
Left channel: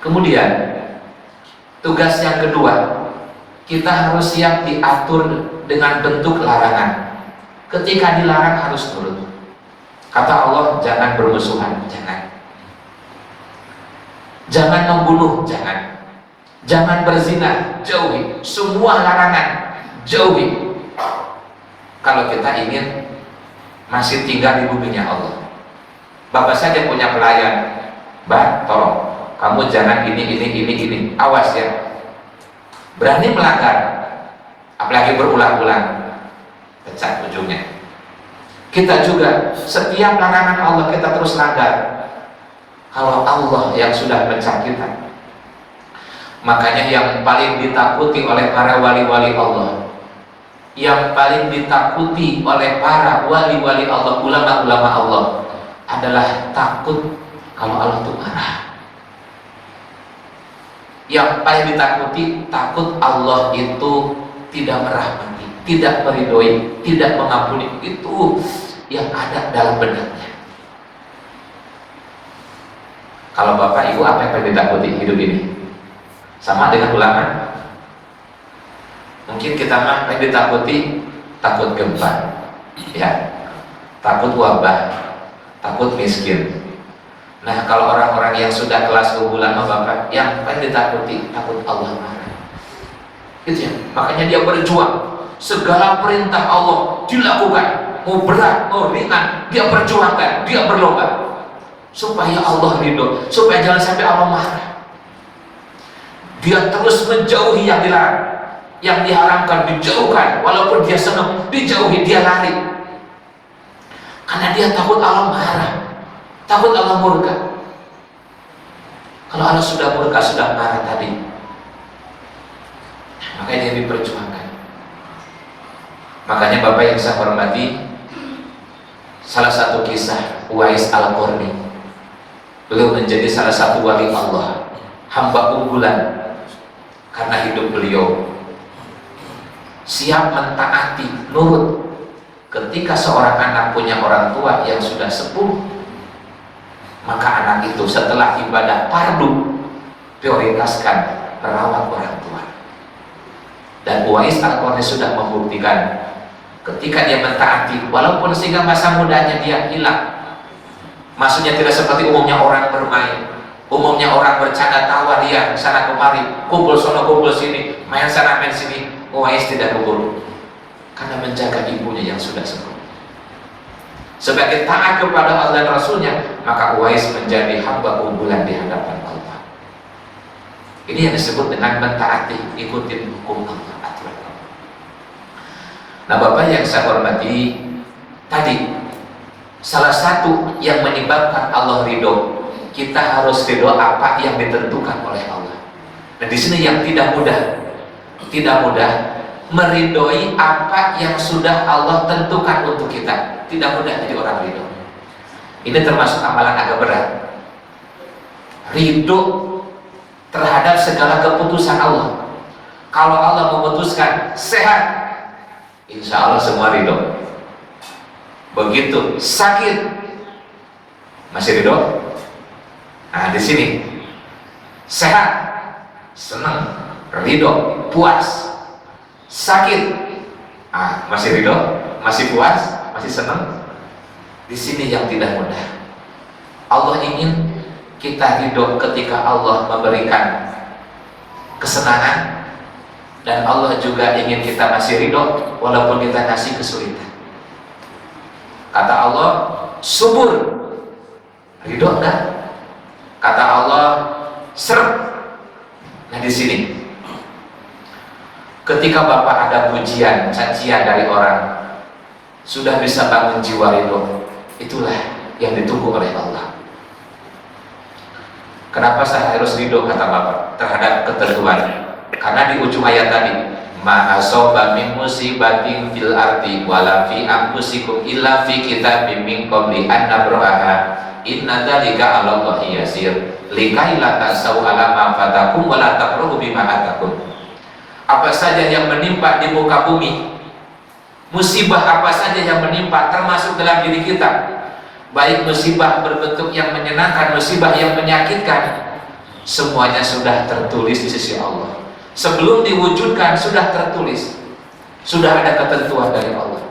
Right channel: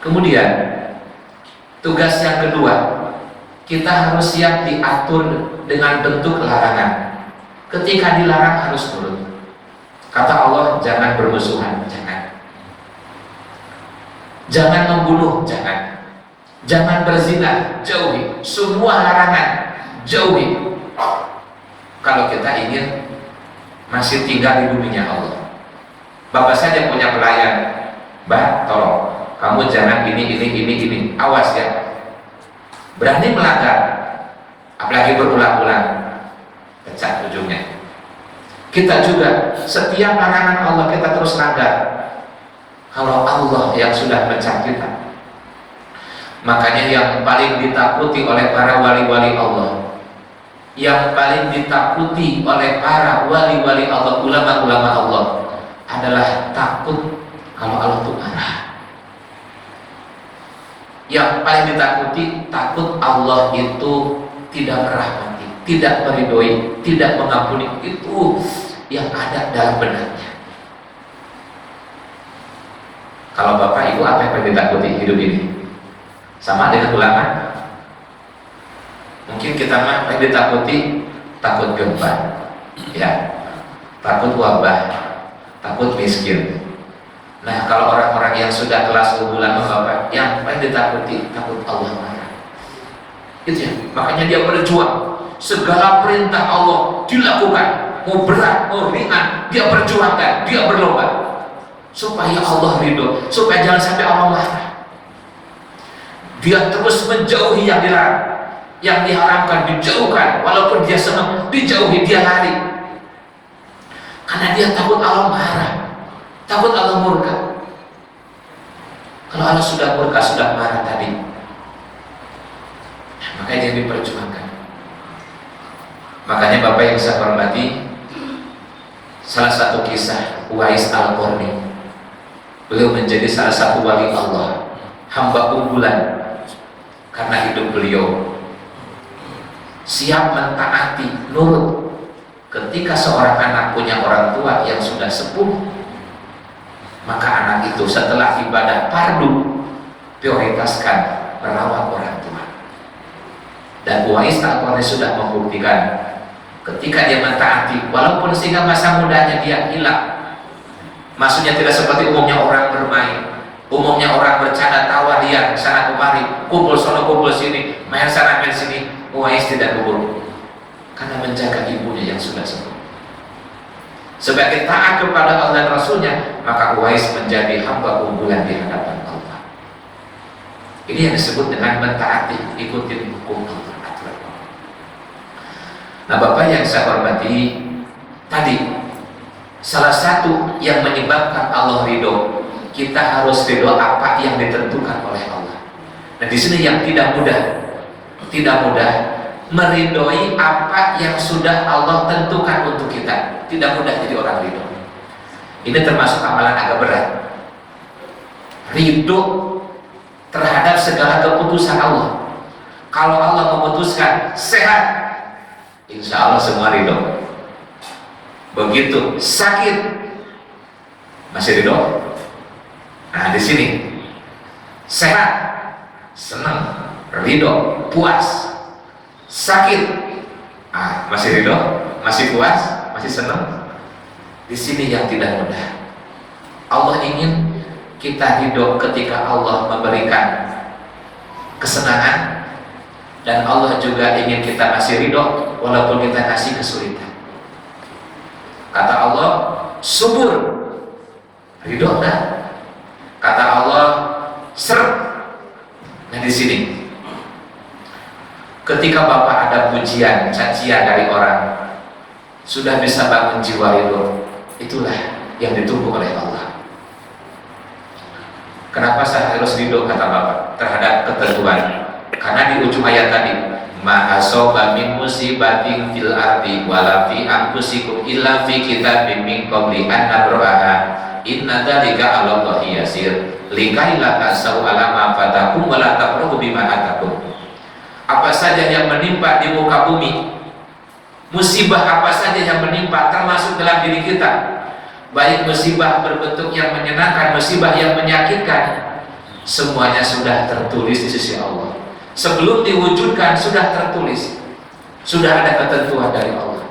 Kemudian tugas yang kedua, kita harus siap diatur dengan bentuk larangan. Ketika dilarang harus nurut. Kata Allah, jangan bermusuhan, jangan. Jangan membunuh, jangan. Jangan berzina, jauhi. Semua larangan, jauhi. Kalau kita ingin masih tinggal di buminya Allah. Bapak saja punya pelayan, Mbak, tolong, kamu jangan ini. Awas ya. Berani melanggar, apalagi berulang-ulang, pecat ujungnya. Kita juga setiap larangan Allah kita terus sadar kalau Allah yang sudah pecat kita. Makanya yang paling ditakuti oleh para wali-wali Allah, yang paling ditakuti oleh para wali-wali Allah, ulama-ulama Allah, adalah takut kalau Allah itu marah. Yang paling ditakuti, takut Allah itu tidak merahmati, tidak meridhoi, tidak mengampuni. Itu yang ada dalam benaknya. Kalau Bapak Ibu, apa yang paling ditakuti hidup ini? Sama dengan ulama? Mungkin kita mah yang ditakuti takut gempa, ya, takut wabah, takut miskin. Nah, kalau orang-orang yang sudah kelas unggulan Bapak, yang paling ditakuti takut Allah marah. Itu ya. Makanya dia berjuang. Segala perintah Allah dilakukan, mau berat, mau ringan, dia perjuangkan, dia berlomba supaya Allah ridho, supaya jangan sampai Allah marah. Dia terus menjauhi yang dilarang, yang diharamkan dijauhkan, walaupun dia senang dijauhi, dia lari karena dia takut Allah marah, takut Allah murka. Kalau Allah sudah murka, sudah marah tadi, makanya dia diperjuangkan. Makanya Bapak yang saya hormati, salah satu kisah Uwais Al-Qarni, beliau menjadi salah satu wali Allah, hamba unggulan, karena hidup beliau siap mentaati, nurut. Ketika seorang anak punya orang tua yang sudah sepuh, maka anak itu setelah ibadah fardu prioritaskan merawat orang tua. Dan Uwais Al-Qarni sudah membuktikan ketika dia mentaati, walaupun sehingga masa mudanya dia hilang. Maksudnya tidak seperti umumnya orang bermain, umumnya orang bercanda tawa riang sana kemari, kumpul sono kumpul sini, main sana main sini. Uwais tidak kubur, karena menjaga ibunya yang sudah sepuh. Sebagai taat kepada Allah dan Rasulnya, maka Uwais menjadi hamba unggulan di hadapan Allah. Ini yang disebut dengan mentaati, ikutin hukum Allah, aturan Allah. Nah Bapak yang saya hormati, tadi salah satu yang menyebabkan Allah ridho, kita harus ridho apa yang ditentukan oleh Allah. Nah di sini yang tidak mudah meridhoi apa yang sudah Allah tentukan untuk kita. Tidak mudah jadi orang ridho. Ini termasuk amalan agak berat. Ridho terhadap segala keputusan Allah. Kalau Allah memutuskan sehat, insya Allah semua ridho. Begitu sakit, masih ridho. Nah di sini sehat, senang, ridho, puas. Sakit, masih ridho, masih puas, masih senang. Di sini yang tidak mudah. Allah ingin kita ridho ketika Allah memberikan kesenangan, dan Allah juga ingin kita masih ridho walaupun kita kasih kesulitan. Kata Allah, subur, ridho enggak? Kata Allah, ser. Nah di sini, ketika Bapak ada pujian, cacian dari orang, sudah bisa bangun jiwa ridho, itulah yang ditunggu oleh Allah. Kenapa saya harus ridho, kata Bapak, terhadap ketentuan? Karena di ujung ayat tadi, ma asoba min musibatin fil ardi wala fi anfusikum illa fi kitabim min qabli an nabraha inna dzalika 'ala Allahi yasir likai la ta'sau 'ala ma fatakum wa la tafrahu bima atakum. Apa saja yang menimpa di muka bumi, musibah apa saja yang menimpa termasuk dalam diri kita, baik musibah berbentuk yang menyenangkan, musibah yang menyakitkan, semuanya sudah tertulis di sisi Allah. Sebelum diwujudkan sudah tertulis, sudah ada ketentuan dari Allah.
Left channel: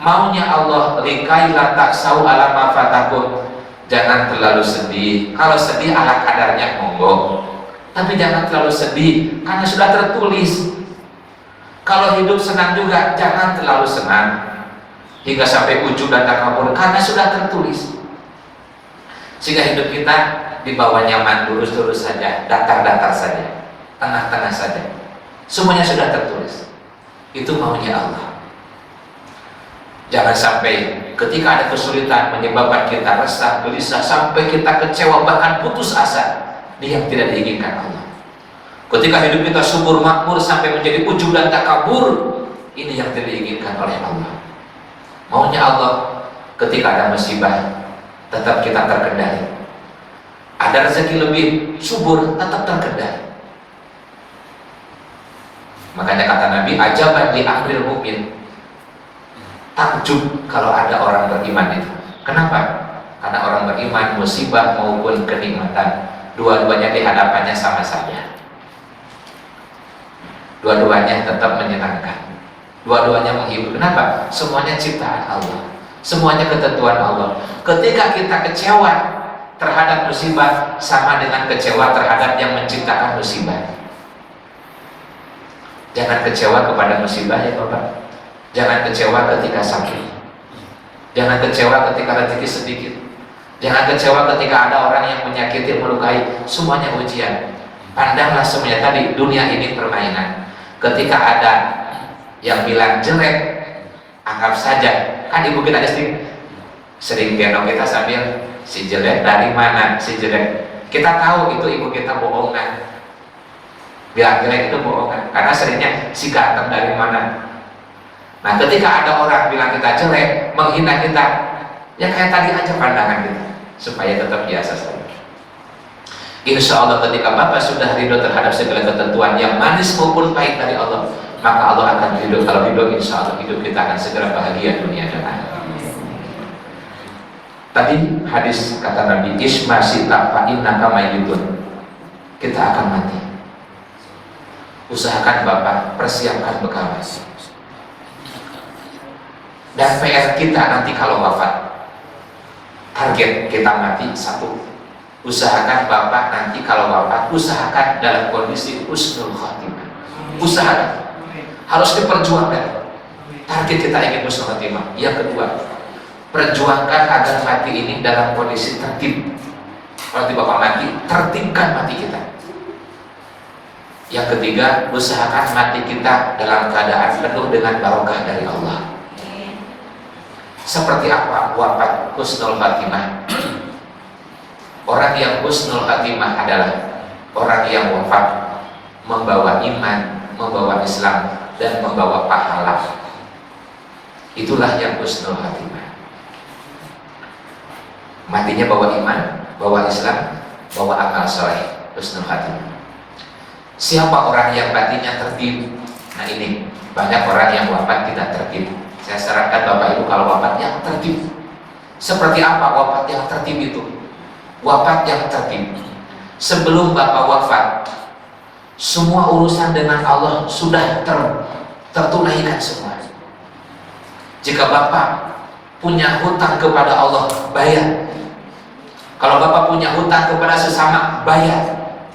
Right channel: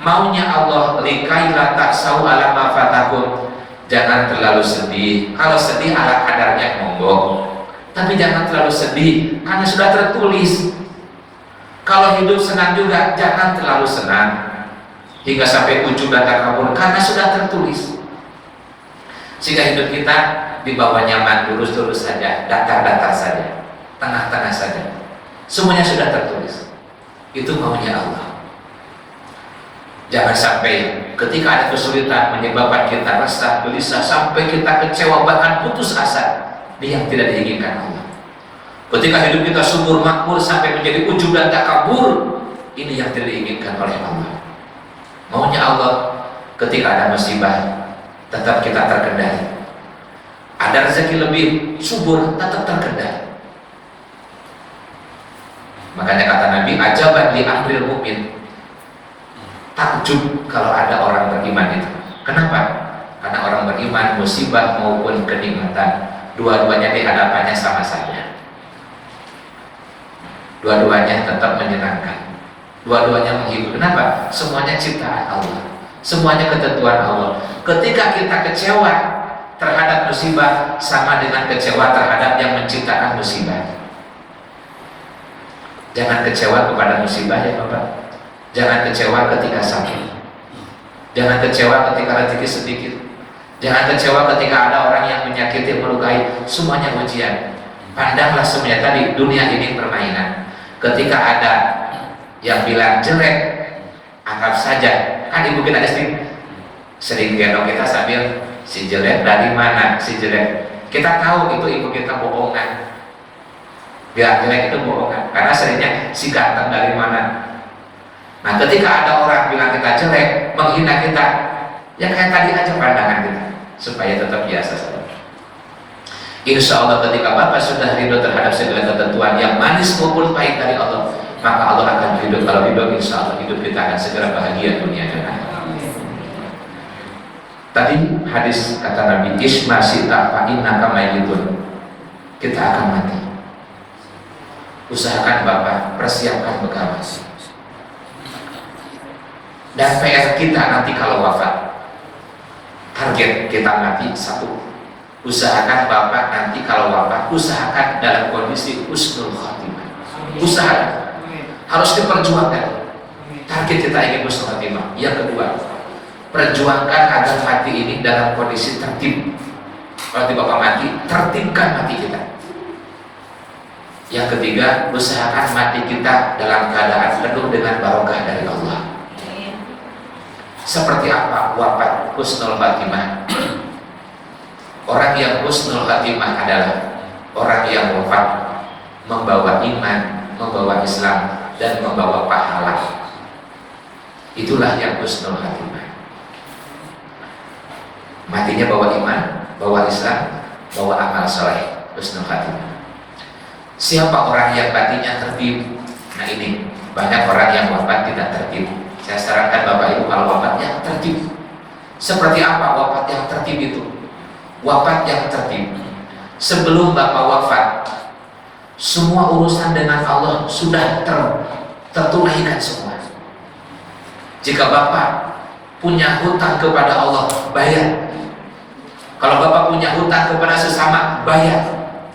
Maunya Allah, likai la ta'sau 'ala ma fatakum, jangan terlalu sedih. Kalau sedih ala kadarnya monggo, tapi jangan terlalu sedih karena sudah tertulis. Kalau hidup senang juga jangan terlalu senang hingga sampai ujub dan takabur, karena sudah tertulis. Sehingga hidup kita dibawa nyaman, lurus-lurus saja, datar-datar saja, tengah-tengah saja. Semuanya sudah tertulis. Itu maunya Allah. Jangan sampai ketika ada kesulitan menyebabkan kita resah, gelisah, sampai kita kecewa, bahkan putus asa. Ini yang tidak diinginkan Allah. Ketika hidup kita subur makmur sampai menjadi ujub dan takabur, ini yang tidak diinginkan oleh Allah. Maunya Allah, ketika ada musibah tetap kita terkendali. Ada rezeki lebih subur, tetap terkendali. Makanya kata Nabi, ajaban li amril mukmin. Takjub kalau ada orang beriman itu. Kenapa? Karena orang beriman, musibah maupun kenikmatan, dua-duanya di hadapannya sama saja. Dua-duanya tetap menyenangkan, dua-duanya menghibur. Kenapa? Semuanya ciptaan Allah, semuanya ketentuan Allah. Ketika kita kecewa terhadap musibah, sama dengan kecewa terhadap yang menciptakan musibah. Jangan kecewa kepada musibah ya Bapak. Jangan kecewa ketika sakit. Jangan kecewa ketika rezeki sedikit. Jangan kecewa ketika ada orang yang menyakiti, melukai. Semuanya ujian. Pandanglah semuanya tadi, dunia ini permainan. Ketika ada yang bilang jelek, anggap saja. Kan ibu kita sering gendong kita sambil, si jelek dari mana? Si jelek. Kita tahu itu ibu kita bohongan. Dia jelek itu bohongan. Karena seringnya si ganteng dari mana? Nah, ketika ada orang bilang kita jelek, menghina kita, ya kayak tadi aja pandangan kita, supaya tetap biasa saja. Insya Allah ketika Bapak sudah ridho terhadap segala ketentuan yang manis maupun pahit dari Allah, maka Allah akan ridho. Kalau ridho, insya Allah hidup kita akan segera bahagia dunia dan akhirat. Tadi hadis kata Nabi, Isma sita fa innaka mayyitun. Kita akan mati. Usahakan Bapak persiapkan bekal. Dan PR kita nanti kalau wafat, target kita mati satu. Usahakan Bapak nanti kalau wafat, usahakan dalam kondisi husnul khotimah. Usahakan, harus diperjuangkan. Target kita ingin husnul khotimah. Yang kedua, perjuangkan agar mati ini dalam kondisi tertib. Kalau Bapak mati, tertibkan mati kita. Yang ketiga, usahakan mati kita dalam keadaan penuh dengan barokah dari Allah. Seperti apa wafat husnul khatimah? Orang yang husnul khatimah adalah orang yang wafat membawa iman, membawa Islam, dan membawa pahala. Itulah yang husnul khatimah. Matinya bawa iman, bawa Islam, bawa amal soleh, husnul khatimah. Siapa orang yang matinya tertib? Nah ini, banyak orang yang wafat tidak tertib. Saya sarankan Bapak Ibu kalau wafat yang tertib. Seperti apa wafat yang tertib itu? Wafat yang tertib, sebelum Bapak wafat, semua urusan dengan Allah sudah tertunaikan semua. Jika Bapak punya hutang kepada Allah, bayar. Kalau Bapak punya hutang kepada sesama, bayar.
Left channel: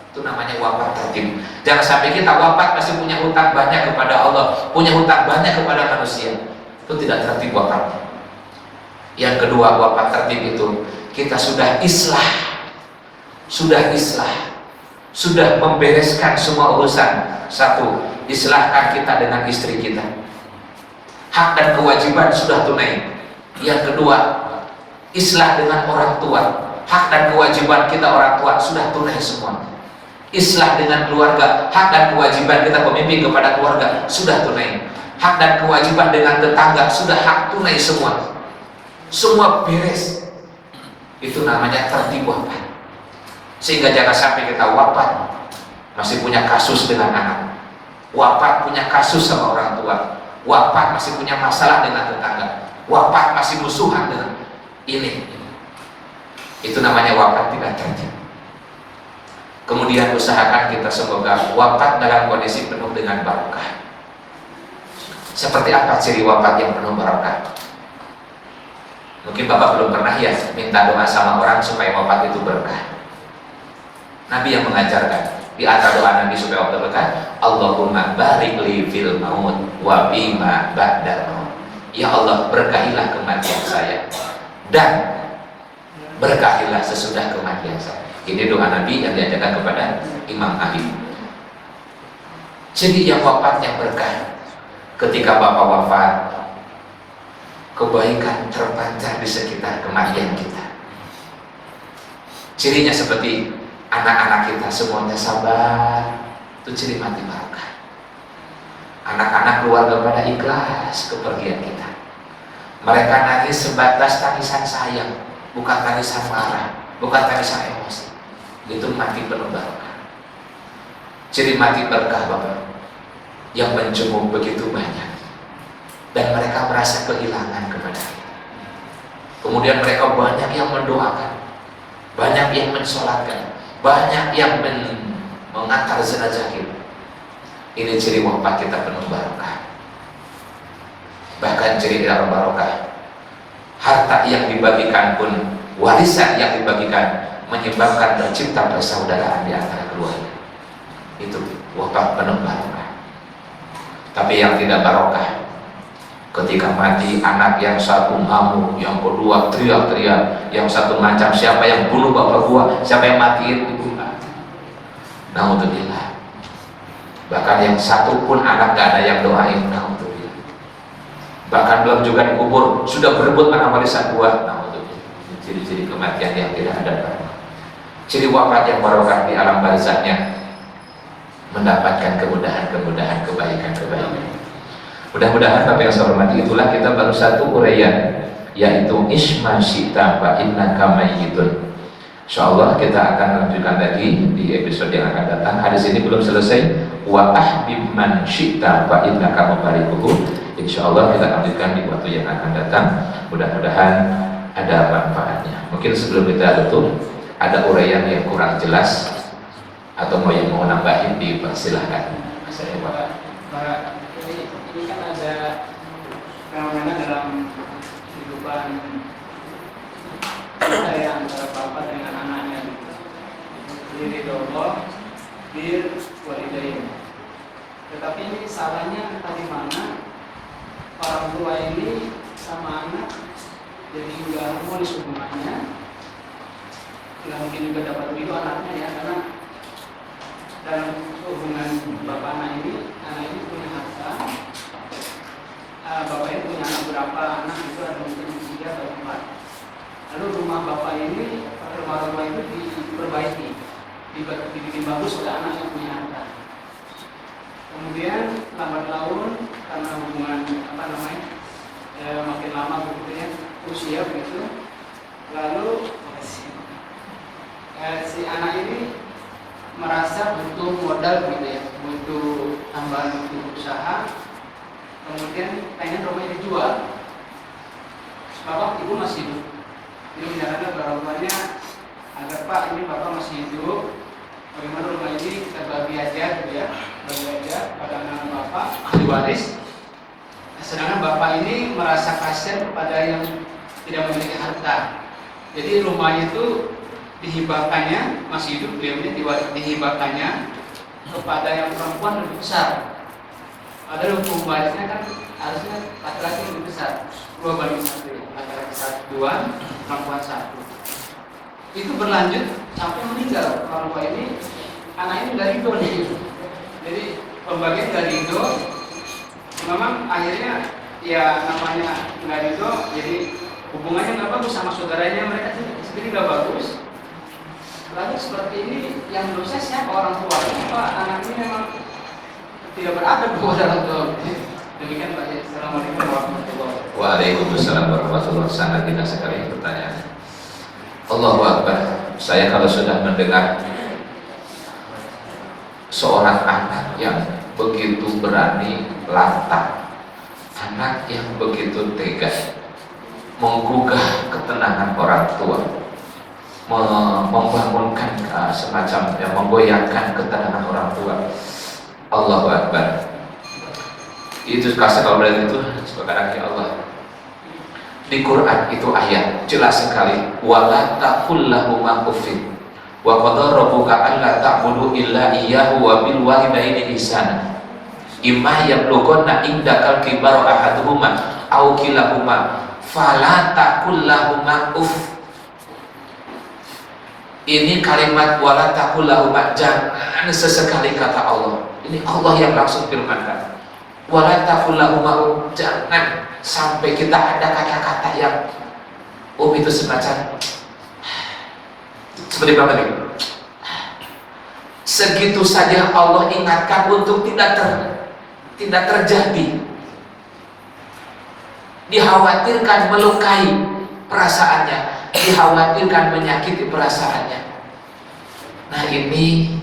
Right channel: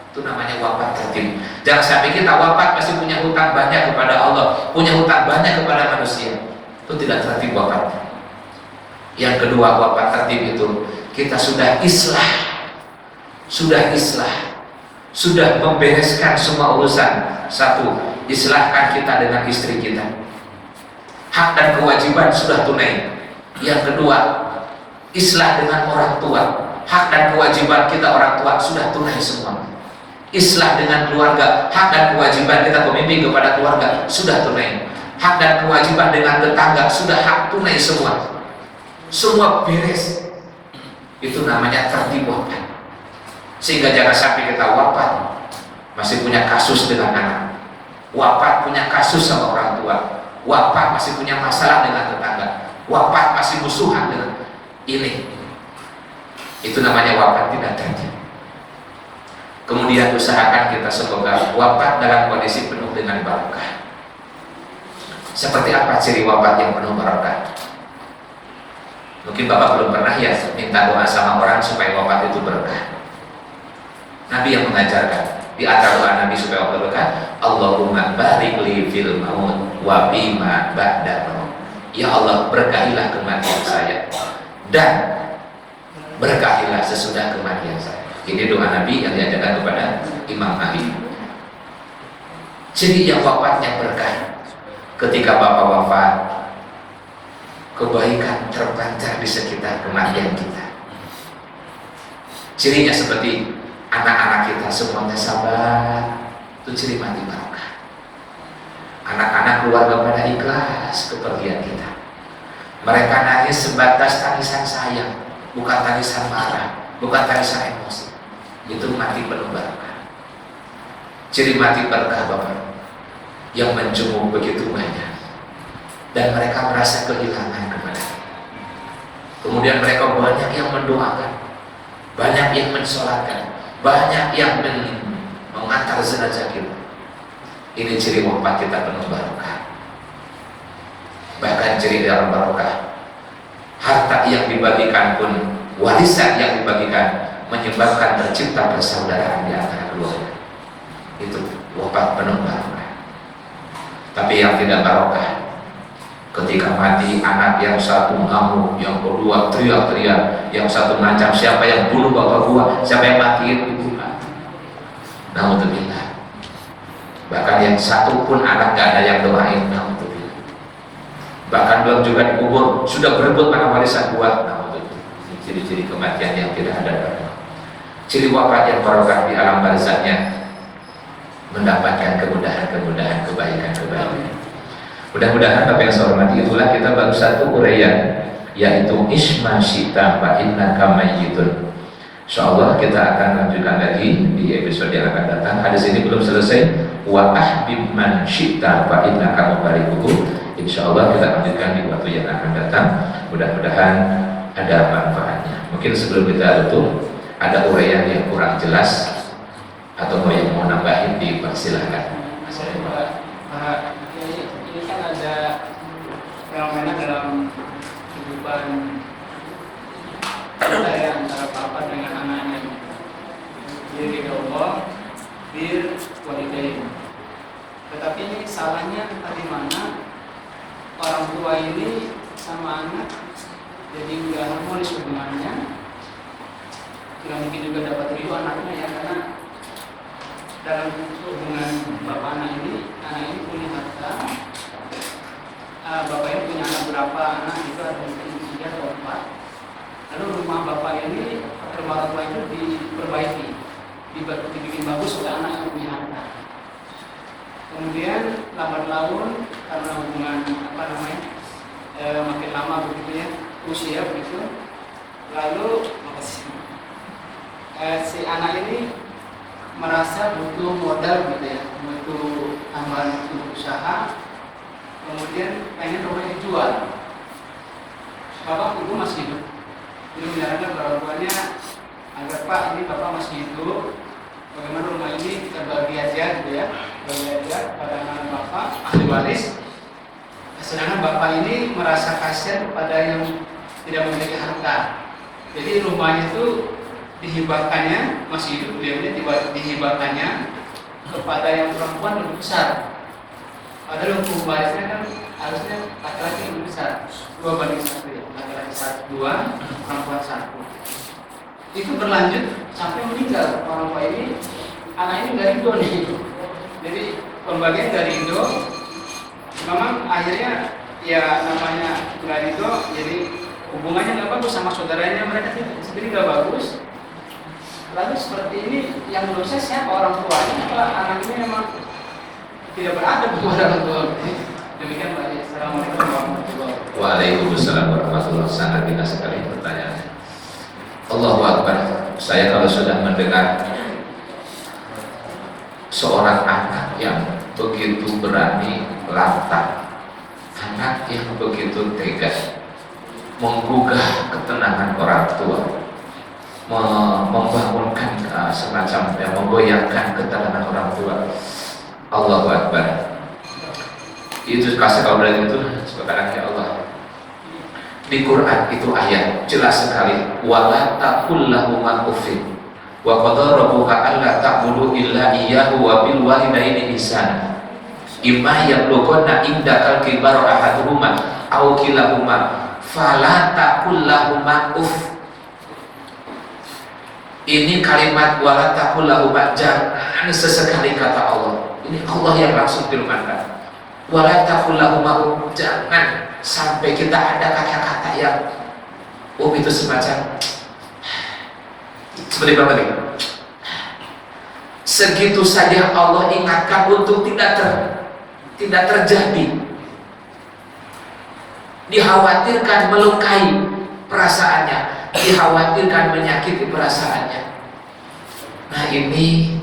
Itu namanya wafat tertib. Jangan sampai kita wafat masih punya hutang banyak kepada Allah, punya hutang banyak kepada manusia. Itu tidak tertib wafat. Yang kedua, wafat tertib itu kita sudah islah, sudah membereskan semua urusan. Satu, islahkan kita dengan istri kita, hak dan kewajiban sudah tunai. Yang kedua, islah dengan orang tua, hak dan kewajiban kita orang tua sudah tunai semua. Islah dengan keluarga, hak dan kewajiban kita pemimpin kepada keluarga sudah tunai. Hak dan kewajiban dengan tetangga sudah hak tunai semua. Semua beres. Itu namanya tertib wafat. Sehingga jangan sampai kita wafat masih punya kasus dengan anak, wafat punya kasus sama orang tua, wafat masih punya masalah dengan tetangga, wafat masih musuhan dengan ini. Itu namanya wafat tidak tertib. Kemudian usahakan kita semoga wafat dalam kondisi penuh dengan barokah. Seperti apa ciri wafat yang penuh barokah? Mungkin Bapak belum pernah ya minta doa sama orang supaya wafat itu berkah. Nabi yang mengajarkan, di antara doa Nabi supaya wafat berkah, Allahumma barik li fil maut wa bima ba'da maut. Ya Allah, berkahilah kematian saya dan berkahilah sesudah kematian saya. Ini doa Nabi yang diajarkan kepada Imam Ali. Jadi yang wafatnya berkah. Ketika Bapak wafat, kebaikan terpancar di sekitar kematian kita. Cirinya seperti anak-anak kita semuanya sabar. Itu ciri mati barokah. Anak-anak keluarga pada ikhlas kepergian kita. Mereka nangis sebatas tangisan sayang, bukan tangisan marah, bukan tangisan emosi. Itu mati penuh barokah. Ciri mati berkah Bapak, yang menjenguk begitu banyak dan mereka merasa kehilangan kepada kita. Kemudian mereka banyak yang mendoakan, banyak yang mensolatkan, banyak yang mengantar jenazah kita. Ini ciri wafat kita penuh barokah. Bahkan ciri dalam barokah, harta yang dibagikan pun, warisan yang dibagikan menyebabkan tercipta persaudaraan di antara keluarga. Itu wafat penuh barokah. Tapi yang tidak barokah, ketika mati anak yang satu ngamuk, yang kedua teriak-teriak, yang satu macam siapa yang bunuh bapak gua, siapa yang matiin ibu. Naudzubillah. Bahkan yang satu pun anak gak ada yang doain. Naudzubillah. Bahkan belum juga dikubur sudah berebut anak warisan gua. Naudzubillah. Ciri-ciri kematian yang tidak ada. Ciri wafat yang barokah di alam barzahnya, mendapatkan kemudahan-kemudahan, kebaikan-kebaikan. Mudah-mudahan Bapak yang saya hormati, itulah kita baru satu uraian, yaitu isma syita fa innaka mayyitun. Insyaallah kita akan lanjutkan lagi di episode yang akan datang. Hadis ini belum selesai. Wa ahbib man syita fa innaka mubarikuhu. Insyaallah kita lanjutkan di waktu yang akan datang. Mudah-mudahan ada manfaatnya. Mungkin sebelum kita tutup, ada uraian yang kurang jelas atau mau yang mau nambahin, dipersilahkan. Ini kan ada fenomena dalam kehidupan kita ya, antara bapak dengan anaknya. Diri Allah, bir walidain. Tetapi ini salahnya entah di mana orang tua ini sama anak jadi nggak harmonis hubungannya. Tidak mungkin juga dapat ridho anaknya ya, karena dalam hubungan bapak anak ini punya harta. Bapak ini punya anak berapa anak itu ada mungkin 3 atau 4. Lalu rumah bapak ini, rumah bapak itu diperbaiki, dibikin bagus, sudah anak yang punya harta. Kemudian lambat laun karena hubungan makin lama begitu ya, usia begitu. Lalu si anak ini merasa butuh modal gitu ya, butuh tambahan, butuh usaha. Kemudian pengen rumahnya dijual. Bapak ibu masih hidup. Jadi menyarankan orang tuanya agar Pak, ini bapak masih hidup, bagaimana rumah ini kita bagi aja gitu ya, bagi aja pada anak bapak ahli waris. Sedangkan bapak ini merasa kasihan kepada yang tidak memiliki harta. Jadi rumah itu dihibahkannya, masih hidup beliaunya, dihibahkannya kepada yang perempuan lebih besar. Padahal hukum warisnya kan harusnya laki-laki lebih besar, 2/1, laki-laki 2, perempuan 1. Itu berlanjut sampai meninggal. Orang tua ini, anak ini dari ridho nih. Jadi pembagian dari ridho, memang akhirnya ya namanya nggak ridho, jadi hubungannya nggak bagus sama saudaranya, mereka sendiri nggak bagus. Lalu seperti ini yang menurut saya siapa orang tuanya? Apa anak ini memang tidak beradab kepada orang tua? Demikian Pak. Assalamualaikum warahmatullahi wabarakatuh. Waalaikumsalam warahmatullahi wabarakatuh. Sangat indah sekali pertanyaan. Allahu Akbar. Saya kalau sudah mendengar seorang anak yang begitu berani lantang, anak yang begitu tega, menggugah ketenangan orang tua, membangunkan semacam menggoyangkan ketenangan orang tua. Allahu Akbar. Itu kasih kalau dari itu sekarang ya Allah. Di Quran itu ayat jelas sekali, wala taqul lahuma uffin wa qadara rabbuka alla ta'budu illa iyyahu wa bil walidaini ihsana imma yablughanna indakal kibara ahaduhuma aw kilahuma fala taqul lahuma uff. Ini kalimat wala taqul lahuma, jangan sesekali kata Allah. Ini Allah yang langsung firmankan. Wala taqul lahuma, jangan sampai kita ada kata-kata yang itu semacam seperti apa tadi? Segitu saja Allah ingatkan untuk tidak terjadi. Dikhawatirkan melukai perasaannya, dikhawatirkan menyakiti perasaannya. Nah ini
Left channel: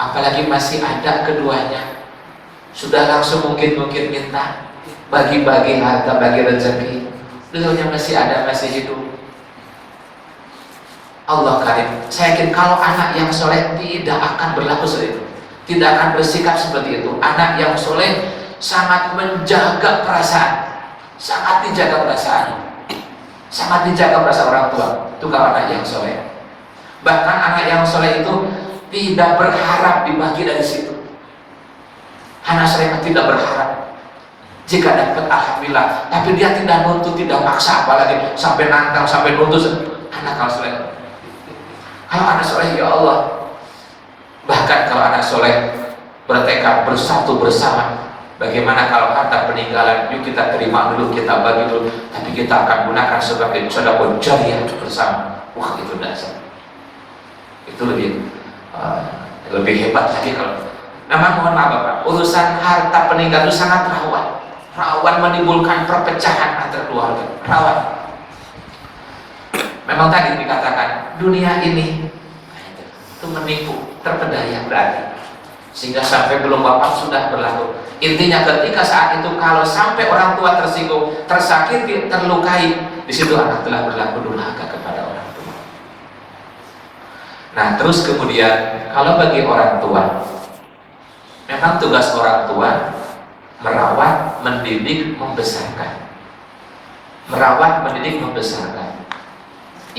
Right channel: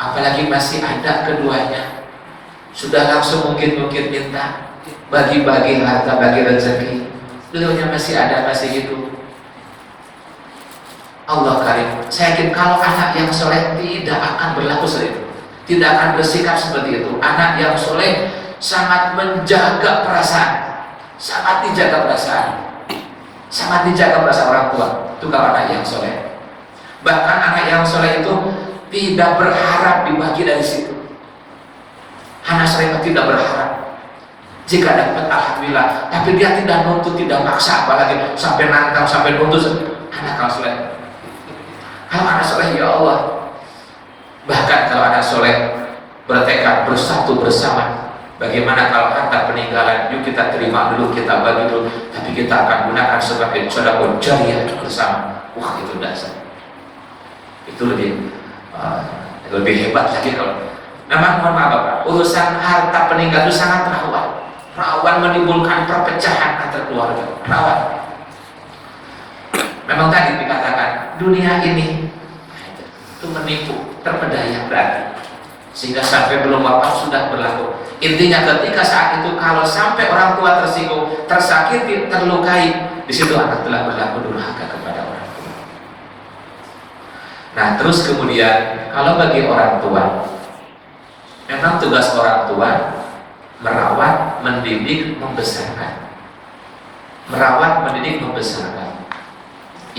apalagi masih ada keduanya, sudah langsung mungkin minta bagi-bagi harta, bagi rezeki, dulunya masih ada, masih hidup. Allah karim. Saya yakin kalau anak yang soleh tidak akan berlaku seperti itu, tidak akan bersikap seperti itu. Anak yang soleh sangat menjaga perasaan, sangat dijaga perasaan, sangat dijaga perasaan orang tua. Itu kalau anak yang soleh. Bahkan anak yang soleh itu tidak berharap dibagi dari situ. Anak soleh tidak berharap. Jika dapat alhamdulillah, tapi dia tidak nuntut, tidak maksa, apalagi sampai nantang, sampai nuntut. Anak kalau soleh. Kalau anak soleh ya Allah. Bahkan kalau anak soleh bertekad bersatu bersama. Bagaimana kalau harta peninggalan, yuk kita terima dulu, kita bagi dulu, tapi kita akan gunakan sebagai sedekah jariah bersama. Wah itu dasar. Itu lebih hebat lagi kalau. Memang mohon maaf Bapak, urusan harta peninggalan itu sangat rawan. rawan menimbulkan perpecahan antar keluarga, rawan. Memang tadi dikatakan dunia ini itu menipu, terpedaya berarti, sehingga sampai belum wafat sudah berlaku. Intinya ketika saat itu kalau sampai orang tua tersinggung, tersakiti, terlukai, di situ anak telah berlaku durhaka kepada orang tua. Nah, terus kemudian kalau bagi orang tua, memang tugas orang tua merawat, mendidik, membesarkan. Merawat, mendidik, membesarkan.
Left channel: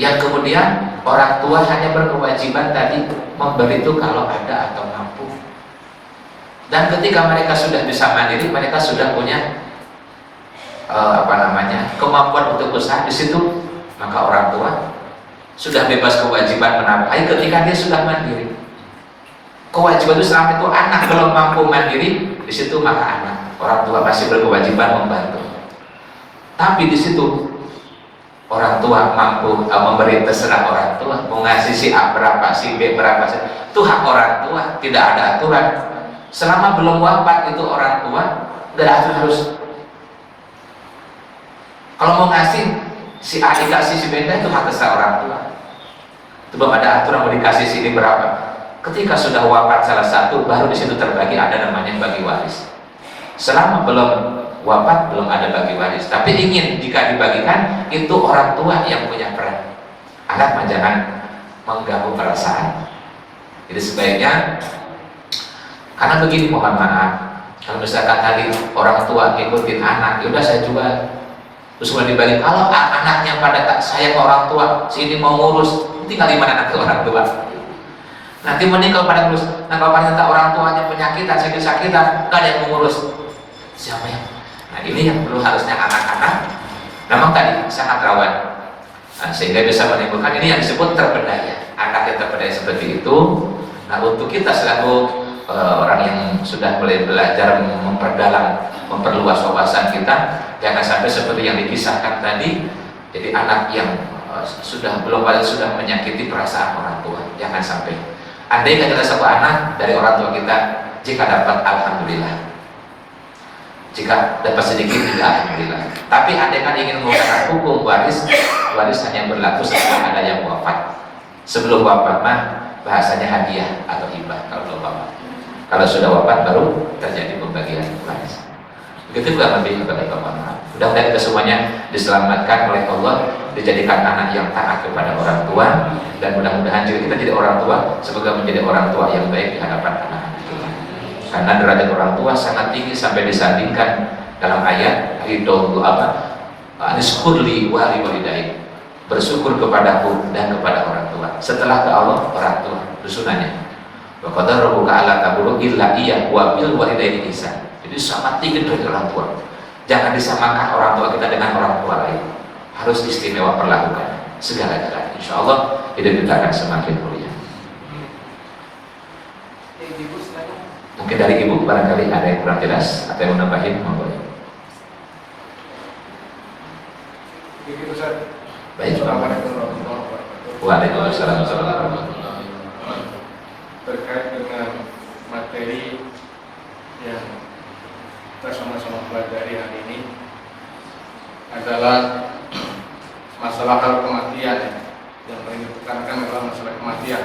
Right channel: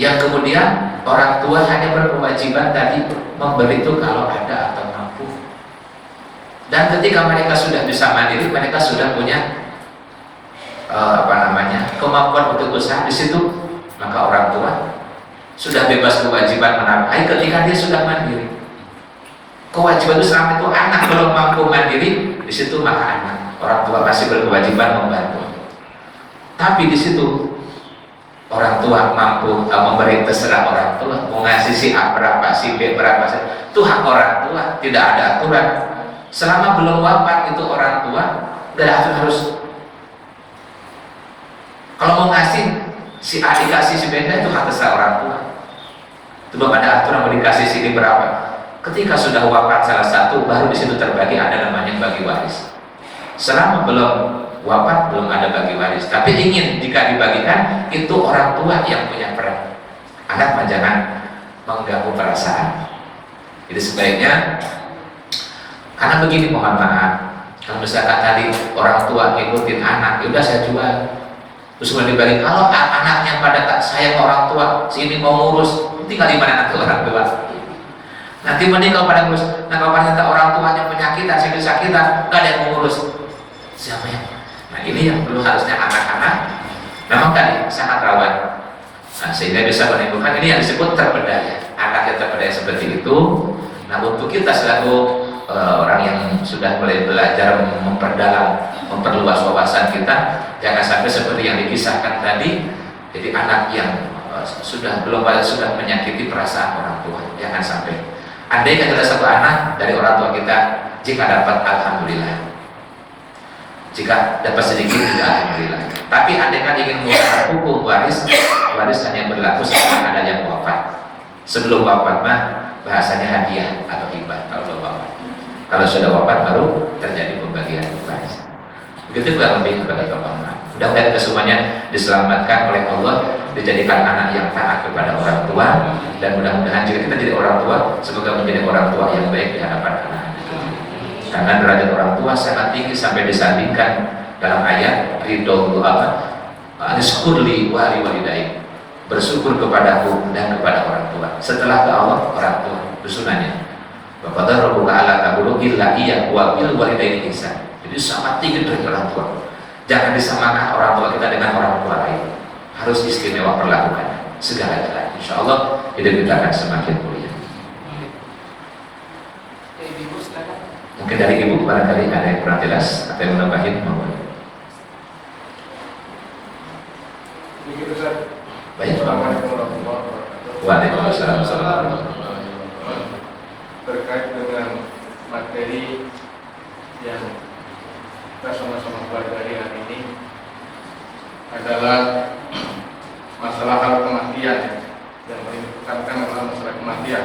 Yang kemudian orang tua hanya berkewajiban tadi memberi itu kalau ada atau mampu. Dan ketika mereka sudah bisa mandiri, mereka sudah punya kemampuan untuk usaha di situ, maka orang tua sudah bebas kewajiban menafkahi ketika dia sudah mandiri. Kewajiban itu selama itu anak belum mampu mandiri, di situ maka anak, orang tua masih berkewajiban membantu. Tapi di situ orang tua mampu memberi, terserah orang tua mau ngasih si A berapa, si B berapa, itu hak orang tua, tidak ada aturan. Selama belum wafat itu orang tua tidak harus. Kalau mau ngasih si A dikasih si B itu hak terserah orang tua. Itu belum ada aturan mau dikasih sini berapa. Ketika sudah wafat salah satu, baru di situ terbagi, ada namanya bagi waris. Selama belum wafat belum ada bagi waris. Tapi ingin jika dibagikan, itu orang tua yang punya peran. Anak jangan mengganggu perasaan. Jadi sebaiknya, karena begini, mohon maaf, kalau misalkan tadi orang tua ngikutin anak, udah saya jual, terus mulai dibagi. Kalau anaknya pada tak sayang orang tua, sini mau ngurus, tinggal di mana nanti orang tua. Nanti mending kalau pada ngurus, nah kalau pada orang tuanya penyakitan, sakit-sakitan, nggak ada yang mengurus. Siapa yang? Nah ini yang perlu harusnya anak-anak. Memang tadi sangat rawan, sehingga bisa menimbulkan ini yang disebut terpedaya. Anak yang terpedaya seperti itu. Nah untuk kita selaku orang yang sudah mulai belajar memperdalam, memperluas wawasan kita, jangan sampai seperti yang dikisahkan tadi. Jadi anak yang sudah menyakiti perasaan orang tua, jangan sampai. Andai kan ada satu anak dari orang tua kita, jika dapat alhamdulillah, jika dapat sedikit tidak alhamdulillah. Tapi andai kan ingin menggunakan hukum waris hanya berlaku setelah ada yang wafat. Sebelum wafat mah bahasanya hadiah atau hibah kalau belum wafat. Kalau sudah wafat baru terjadi pembagian waris. Begitu juga lebih kepada bapak. Mudah-mudahan kita semuanya diselamatkan oleh Allah, dijadikan anak yang taat kepada orang tua, dan mudah-mudahan juga kita jadi orang tua semoga menjadi orang tua yang baik di hadapan anak. Karena derajat orang tua sangat tinggi sampai disandingkan dalam ayat ridho apa? Rizqurli wa liwalidayk. Bersyukur kepadaku dan kepada orang tua. Setelah ke Allah, orang tua sunnahnya. Wa qadara rabbuka alla ta'budu illa iyyahu wa bil walidayni ihsan. Jadi sangat tinggi dari orang tua. Jangan disamakan orang tua kita dengan orang tua lain. Harus istimewa perlakukan segala-galanya. Insya Allah hidup kita akan semakin mulia. Mungkin dari ibu barangkali ada yang kurang jelas atau yang menambahin, monggo. Begitu Ustaz. Baik, Waalaikumsalam warahmatullahi wabarakatuh. Terkait dengan materi yang kita sama-sama pelajari hari ini adalah masalah hal kematian, yang ditekankan adalah masalah kematian.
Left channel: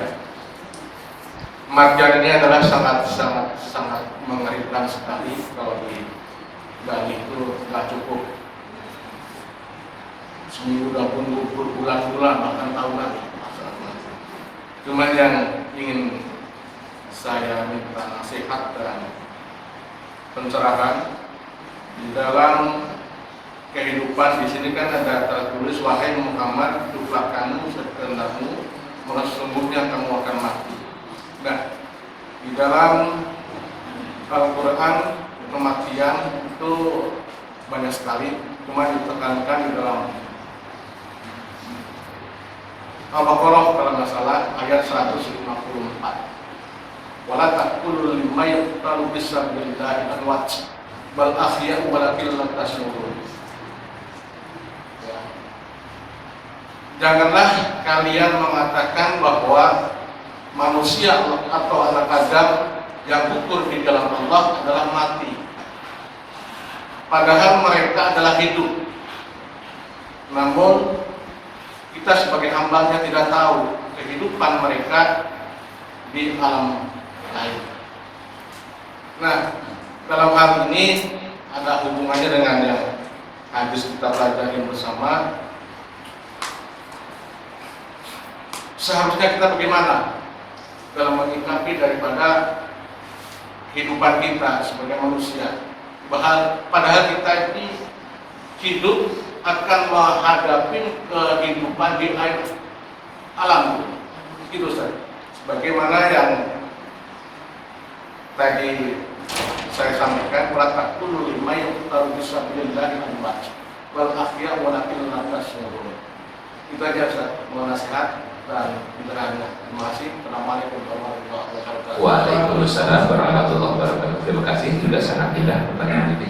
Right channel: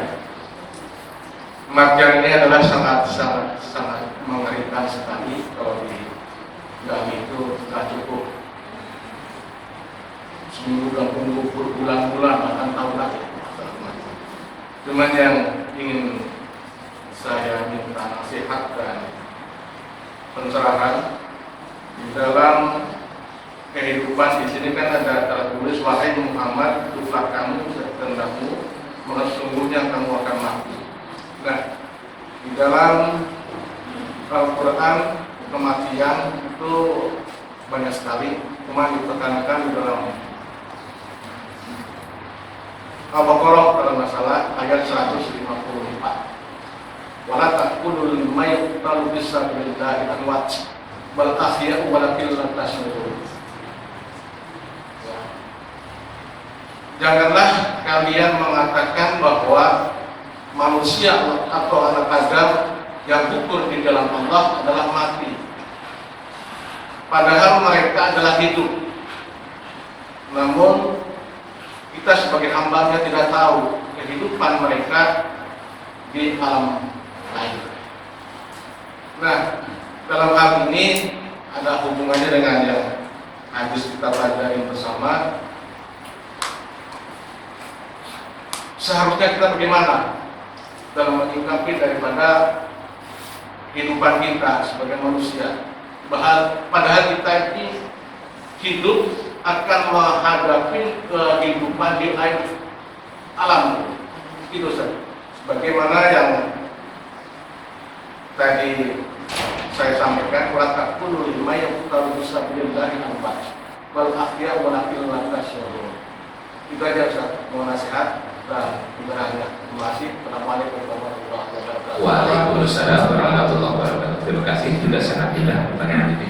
Kematian ini adalah sangat mengerikan sekali. Kalau digali itu nggak cukup seminggu, 20 bulan-bulan, bahkan tahunan. Cuman yang ingin saya minta nasihat dan pencerahan di dalam kehidupan di sini kan ada tertulis, wahai Muhammad, itulah kamu sekendamu, sesungguhnya kamu akan mati. Nah, di dalam Al-Quran kematian itu banyak sekali, cuma ditekankan di dalam Al-Baqarah dalam masalah ayat 154. Wala taqulul mayyit qalu bisabilillahi amwat bal ahya'u walakin la tashurun. Janganlah kalian mengatakan bahwa manusia atau anak Adam yang utuh di dalam Allah adalah mati. padahal mereka adalah hidup. Namun kita sebagai hambanya tidak tahu kehidupan mereka di alam lain. Nah, dalam hal ini ada hubungannya dengan yang habis kita pelajari bersama. Seharusnya kita bagaimana dalam menyikapi daripada kehidupan kita sebagai manusia. Padahal kita ini hidup akan menghadapi kehidupan di lain alam. Itu Ustaz. Sebagaimana yang tadi saya sampaikan, wala taqulu liman yaqtalu bisabillahi amwat wal ahya walakin la tashurun. Itu aja Ustaz, mohon nasihat dan pencerahannya. Terima kasih. Assalamualaikum warahmatullahi wabarakatuh. Waalaikumsalam warahmatullahi wabarakatuh. Terima kasih, juga sangat indah pertanyaan ini.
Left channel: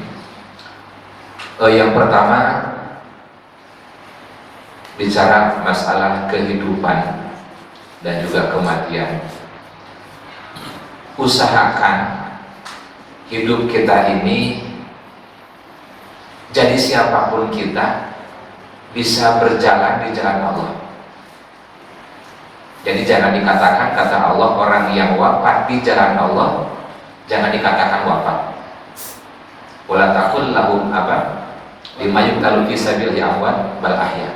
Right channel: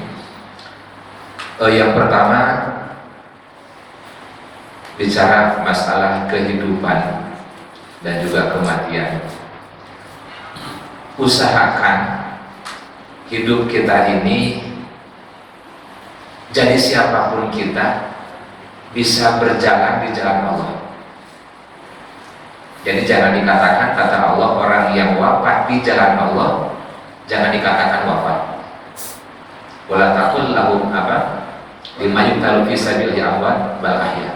Yang pertama, bicara masalah kehidupan dan juga kematian. Usahakan hidup kita ini, jadi siapapun kita, bisa berjalan di jalan Allah. Jadi jangan dikatakan, kata Allah, orang yang wafat di jalan Allah, jangan dikatakan wafat. Wala taqul lahum lima yuqtalu fi sabilillahi amwat bal ahya.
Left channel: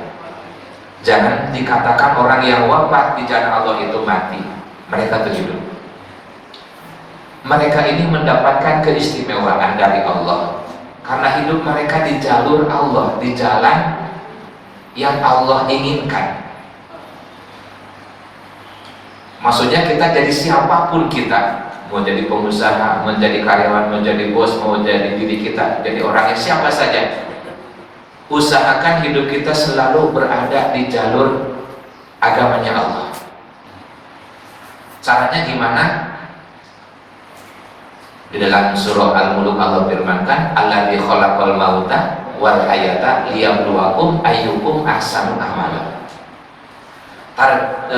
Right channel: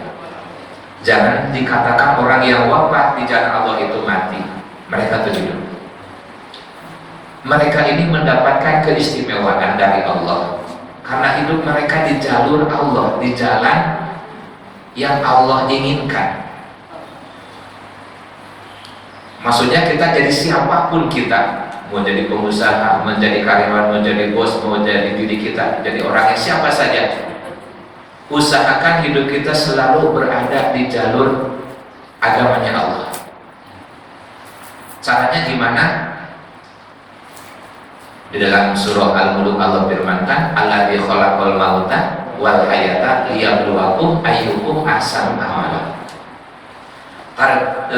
Jangan dikatakan orang yang wafat di jalan Allah itu mati. Mereka itu hidup. Mereka ini mendapatkan keistimewaan dari Allah karena hidup mereka di jalur Allah, di jalan yang Allah inginkan. Maksudnya kita jadi siapapun kita, mau jadi pengusaha, menjadi karyawan, menjadi bos, mau jadi diri kita, jadi orang yang siapa saja, usahakan hidup kita selalu berada di jalur agamanya Allah. Caranya gimana? Di dalam surah Al-Mulk Allah firmankan, alladzi khalaqal mauta wal hayata liyabluwakum ayyukum ahsanu amala.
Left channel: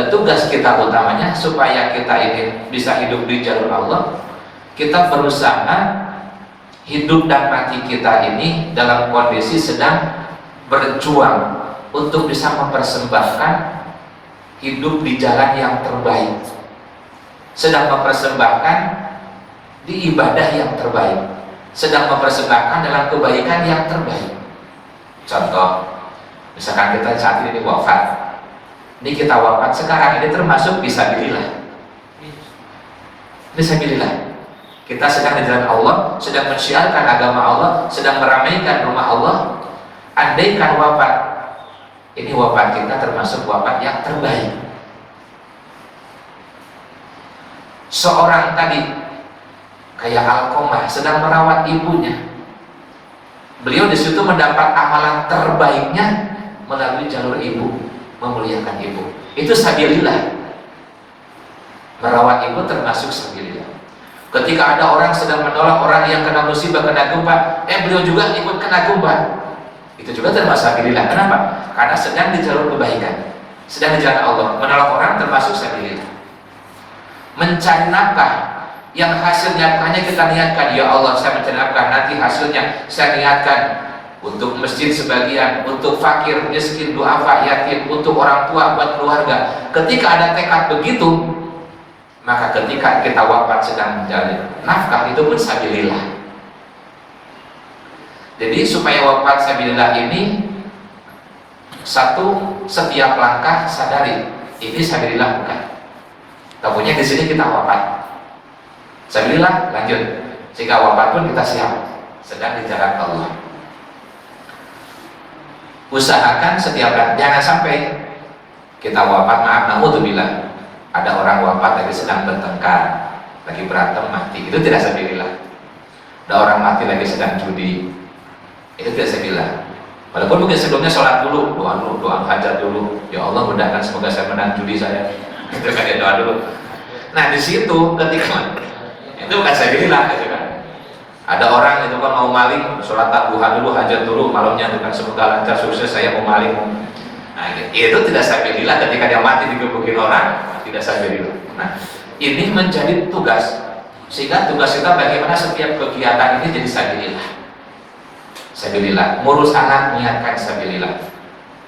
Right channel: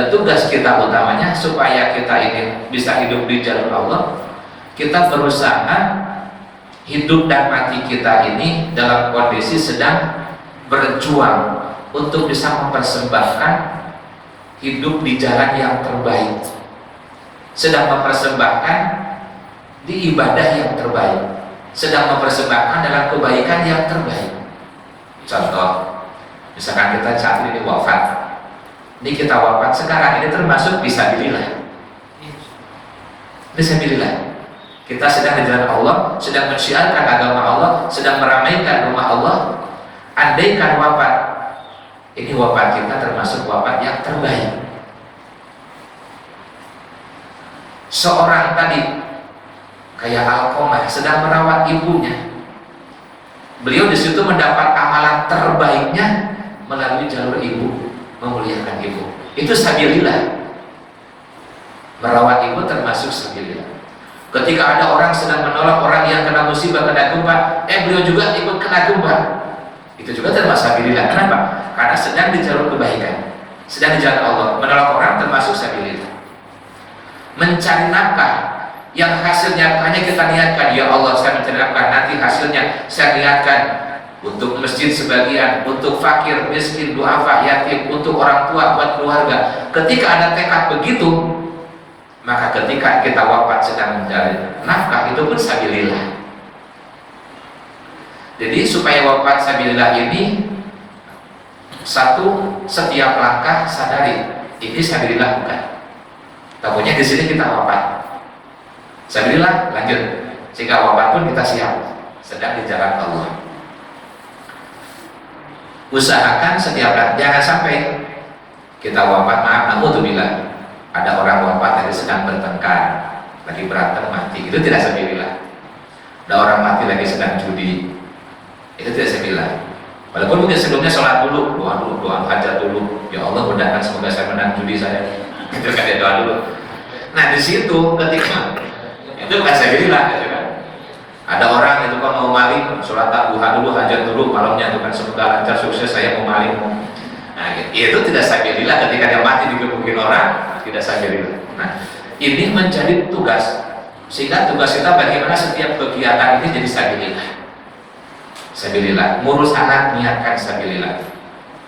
Tugas kita utamanya supaya kita ini bisa hidup di jalur Allah, kita berusaha hidup dan mati kita ini dalam kondisi sedang berjuang untuk bisa mempersembahkan hidup di jalan yang terbaik, sedang mempersembahkan di ibadah yang terbaik, sedang mempersembahkan dalam kebaikan yang terbaik. Contoh, misalkan kita saat ini wafat, ini kita wafat sekarang ini termasuk fisabilillah. Fisabilillah. Kita sedang di jalan Allah, sedang mensiarkan agama Allah, sedang meramaikan rumah Allah. Andaikan wafat, ini wafat kita termasuk wafat yang terbaik. Seorang tadi kayak Alqamah sedang merawat ibunya. Beliau di situ mendapat amalan terbaiknya melalui jalur ibu, memuliakan ibu. Itu sabilillah. Merawat ibu termasuk sabilillah. Ketika ada orang sedang menolong orang yang kena musibah, kena gempa, beliau juga ikut kena gempa. Itu juga termasuk sabilillah. Kenapa? Karena sedang di jalur kebaikan, sedang di jalan Allah. Menolong orang termasuk sabilillah. Mencari nafkah yang hasilnya hanya kita niatkan, ya Allah saya mencari nafkah, nanti hasilnya saya niatkan untuk masjid sebagian, untuk fakir, miskin, duafa, yatim, untuk orang tua, buat keluarga. Ketika ada tekad begitu, maka ketika kita wafat sedang mencari nafkah, itu pun sabilillah. Jadi supaya wafat sabilillah ini, satu, setiap langkah sadari ini sabilillah bukan. Takutnya di sini kita wafat, sabilillah lanjut. Jika wafat pun kita siap, sedang di jalan Allah. Usahakan setiap jangan sampai kita wafat, maaf, naudzubillah, ada orang wafat lagi sedang bertengkar, lagi berantem mati, itu tidak sabilillah. Ada orang mati lagi sedang judi, itu tidak sabilillah. Walaupun mungkin sebelumnya sholat dulu, doa hajat dulu, ya Allah mudahkan semoga saya menang judi saya, itu kan dia doa dulu. Nah di situ ketika itu bukan sabilillah, gitu kan. Ada orang itu kan mau maling, sholat duha dulu, hajat dulu, malamnya itu kan semoga lancar sukses saya mau maling. Nah itu tidak sabilillah. Ketika dia mati digebukin orang, tidak sabilillah. Nah ini menjadi tugas, sehingga tugas kita bagaimana setiap kegiatan ini jadi sabilillah. sabilillah. Ngurus anak, niatkan sabilillah.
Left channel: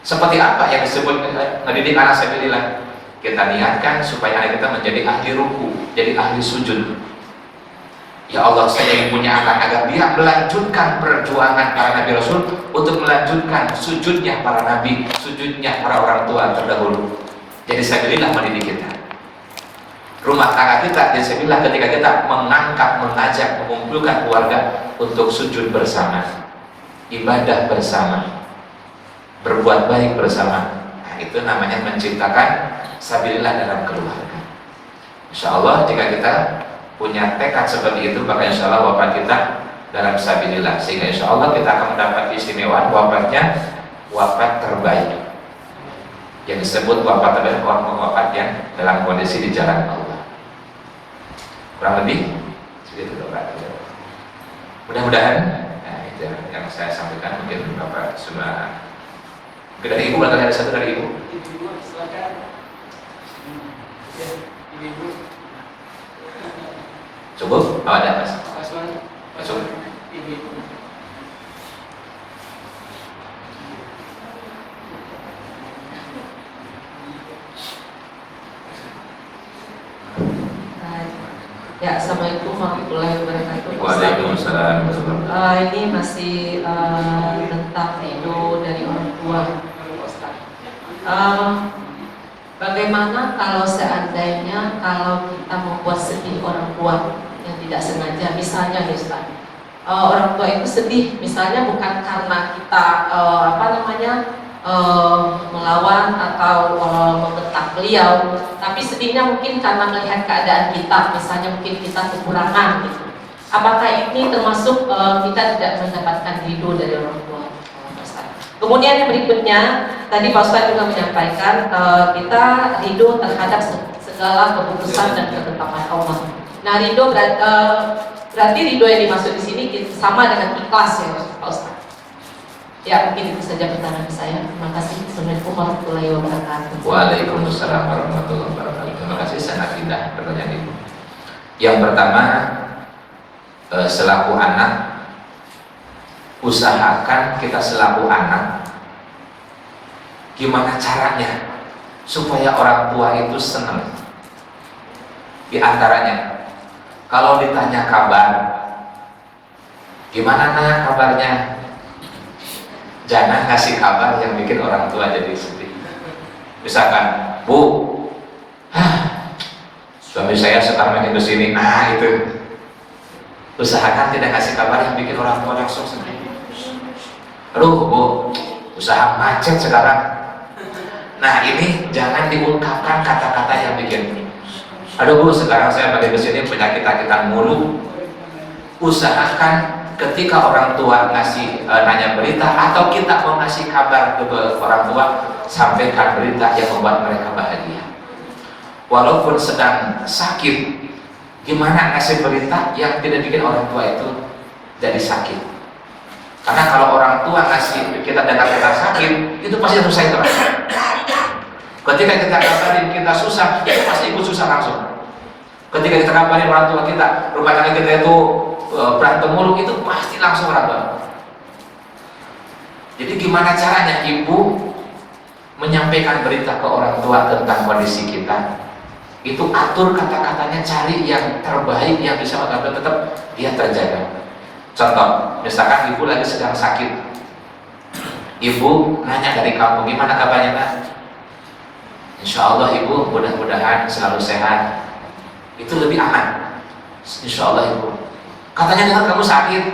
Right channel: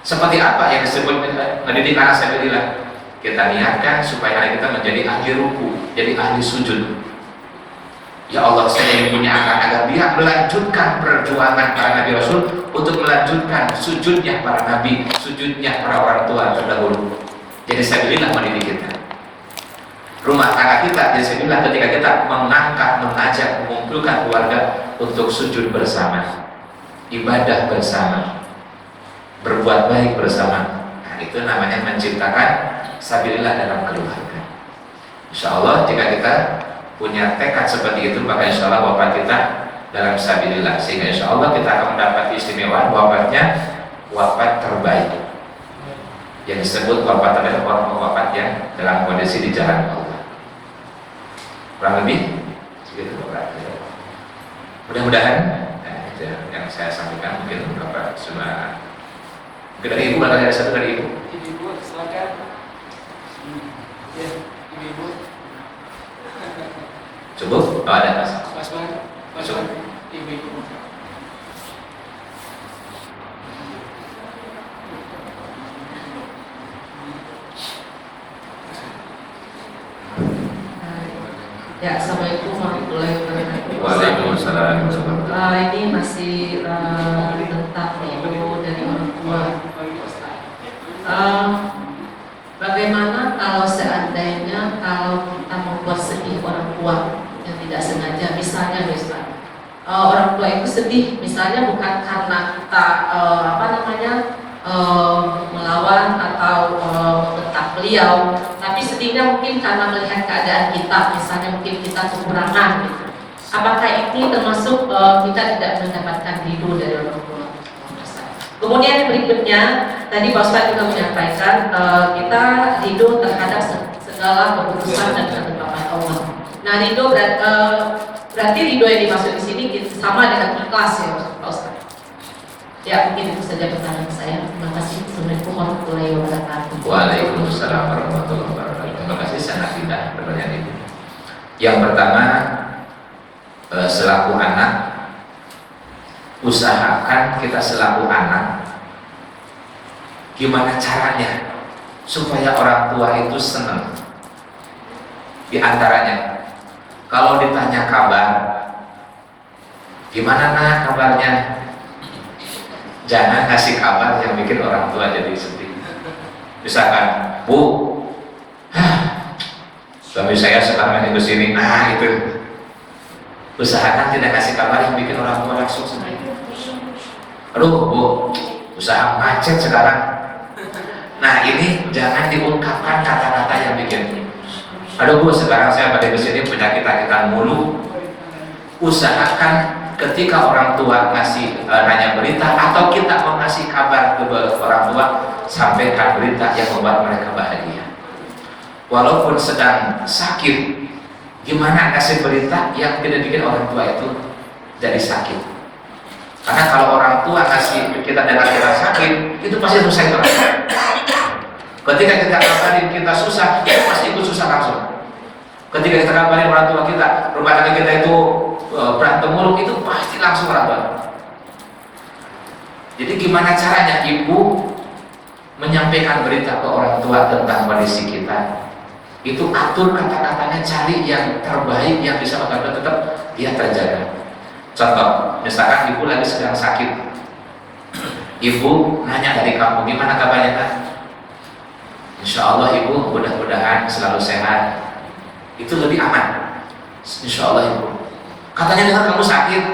Seperti apa yang disebut mendidik anak sabilillah? Kita niatkan supaya anak kita menjadi ahli ruku, jadi ahli sujud. Ya Allah, saya yang punya anak agar dia melanjutkan perjuangan para nabi rasul untuk melanjutkan sujudnya para nabi, sujudnya para orang tua terdahulu. Jadi sabilillah mendidik kita. Rumah tangga kita jadi sabilillah ketika kita mengangkat, mengajak, mengumpulkan keluarga untuk sujud bersama, ibadah bersama, berbuat baik bersama. Nah, itu namanya menciptakan sabilillah dalam keluarga. Insya Allah jika kita punya tekad seperti itu, maka insya Allah wafat kita dalam sabilillah, sehingga insya Allah kita akan mendapat keistimewaan wafatnya wafat terbaik, yang disebut wafat terbaik, orang wafat yang dalam kondisi di jalan Allah. Kurang lebih segitu Bapak. Mudah-mudahan itu yang saya sampaikan, mungkin Bapak sudah. Mungkin dari Ibu, ada satu dari Ibu. Ibu silakan. Ya, Ibu. Cukup? Oh, ada Mas. Masuk. Ibu. Ya, assalamualaikum warahmatullahi wabarakatuh. Waalaikumsalam. Ini masih tentang ego dari orang tua. Bagaimana kalau seandainya kalau kita membuat sedih orang tua yang tidak sengaja, misalnya Ustaz, orang tua itu sedih, misalnya bukan karena kita melawan atau membentak beliau, tapi sedihnya mungkin karena melihat keadaan kita, misalnya mungkin kita kekurangan gitu. Apakah ini termasuk kita tidak mendapatkan ridho dari orang tua? Kemudian yang berikutnya, tadi Pak Ustadz juga menyampaikan kita ridho terhadap segala keputusan dan ketetapan Allah. Nah, ridho berarti ridho yang dimaksud di sini sama dengan ikhlas ya Pak Ustadz. Ya, mungkin itu saja pertanyaan saya. Terima kasih. Assalamualaikum warahmatullahi wabarakatuh. Waalaikumsalam warahmatullahi wabarakatuh. Terima kasih, sangat indah pertanyaan Ibu. Yang pertama, selaku anak, usahakan kita selaku anak gimana caranya supaya orang tua itu senang. Di antaranya, kalau ditanya kabar, gimana nak kabarnya? Jangan kasih kabar yang bikin orang tua jadi sedih. Misalkan, Bu, suami saya sekarang ke sini, itu. Usahakan tidak kasih kabar yang bikin orang tua langsung sedih. Aduh, Bu, usaha macet sekarang. Nah, ini jangan diungkapkan kata-kata yang bikin. Aduh, Bu, sekarang saya ke sini penyakit-penyakitan mulu. Usahakan ketika orang tua ngasih nanya berita atau kita mau ngasih kabar ke orang tua, sampaikan berita yang membuat mereka bahagia. Walaupun sedang sakit, gimana ngasih berita yang tidak bikin orang tua itu jadi sakit. Karena kalau orang tua ngasih kita dengar kita sakit, itu pasti selesai terus. Ketika kita kabarin kita susah, itu pasti ikut susah langsung. Ketika kita kabarin orang tua kita, rumah tangga kita itu berantem mulu, itu pasti langsung raba. Jadi gimana caranya ibu menyampaikan berita ke orang tua tentang kondisi kita? Itu atur kata-katanya, cari yang terbaik yang bisa agar tetap dia terjaga. Contoh, misalkan ibu lagi sedang sakit, ibu nanya dari kamu, gimana kabarnya kan? Insya Allah ibu mudah-mudahan selalu sehat. Itu lebih aman. Insya Allah ibu. Katanya dengar kamu sakit,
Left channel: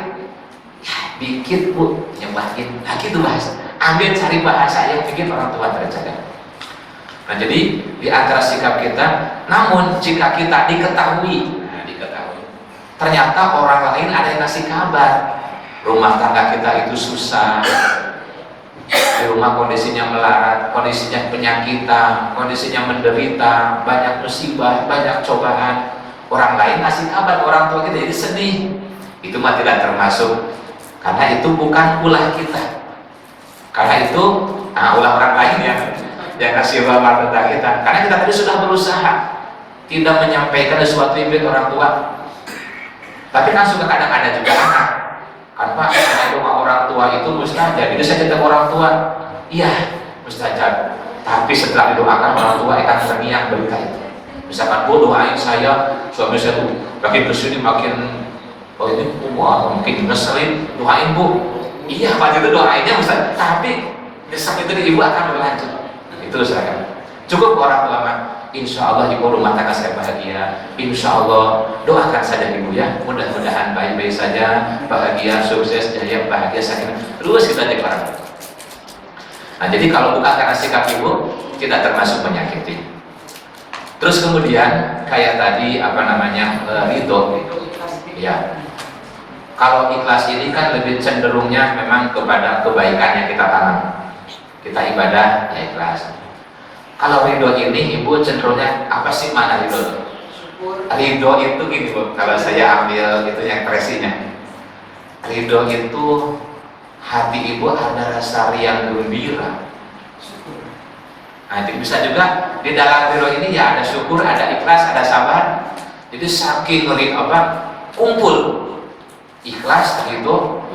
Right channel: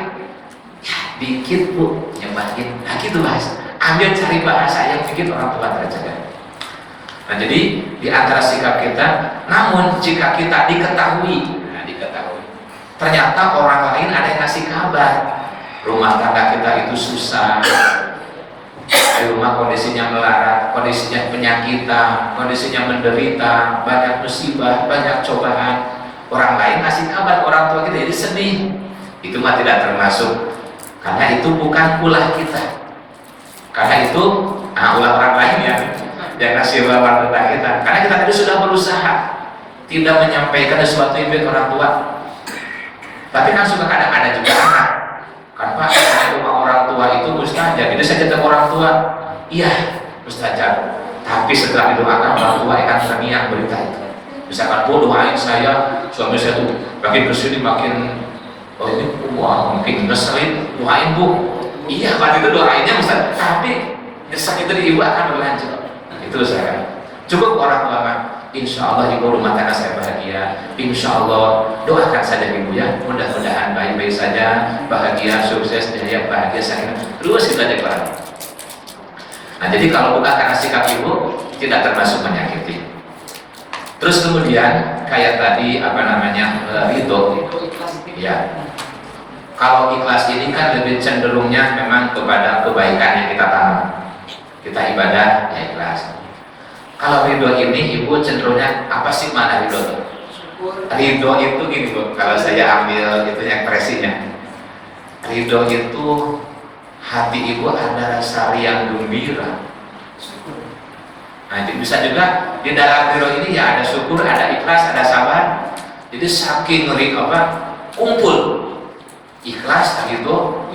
ya dikit Bu, nyebatin. Nah gitu bahasa. Ambil cari bahasa yang bikin orang tua terjaga. Nah jadi di antara sikap kita, namun jika kita diketahui, ternyata orang lain ada yang ngasih kabar, rumah tangga kita itu susah, di rumah kondisinya melarat, kondisinya penyakitan, kondisinya menderita, banyak musibah, banyak cobaan. Orang lain kasih kabar ke orang tua kita jadi sedih, itu mah tidak termasuk, karena itu bukan ulah kita, karena itu ulah orang lain yang kasih kabar tentang kita. Karena kita tadi sudah berusaha tidak menyampaikan sesuatu yang bikin orang tua. Tapi kan suka kadang ada juga anak, Apa rumah orang tua itu mustajab, jadi saya ketemu orang tua, iya mustajab. Tapi setelah didoakan orang tua akan terniang berita itu. Misalkan Bu doain saya, suami saya tuh makin kesini makin ini wah makin ngeselin, doain Bu. Iya waktu itu doainnya Ustaz, tapi desak itu ibu akan berlanjut. Itu saya cukup orang tua mah. Insya Allah ibu rumah tangga saya bahagia. Insya Allah doakan saja ibu ya. Mudah-mudahan baik-baik saja, bahagia, sukses, jaya, bahagia saya. Terus kita deklarasi. Nah jadi kalau bukan karena sikap ibu tidak termasuk menyakiti. Terus kemudian kayak tadi apa namanya ridho. Ya. Kalau ikhlas ini kan lebih cenderungnya memang kepada kebaikan yang kita tanam. Kita ibadah ya ikhlas. Kalau ridho ini ibu cenderungnya apa sih mana ridho itu? Ridho itu gini Bu, kalau saya ambil itu yang presinya. Ridho itu hati ibu ada rasa riang gembira. Nah, jadi bisa juga di dalam ridho ini ya ada syukur, ada ikhlas, ada sabar. Jadi saking kumpul ikhlas ridho,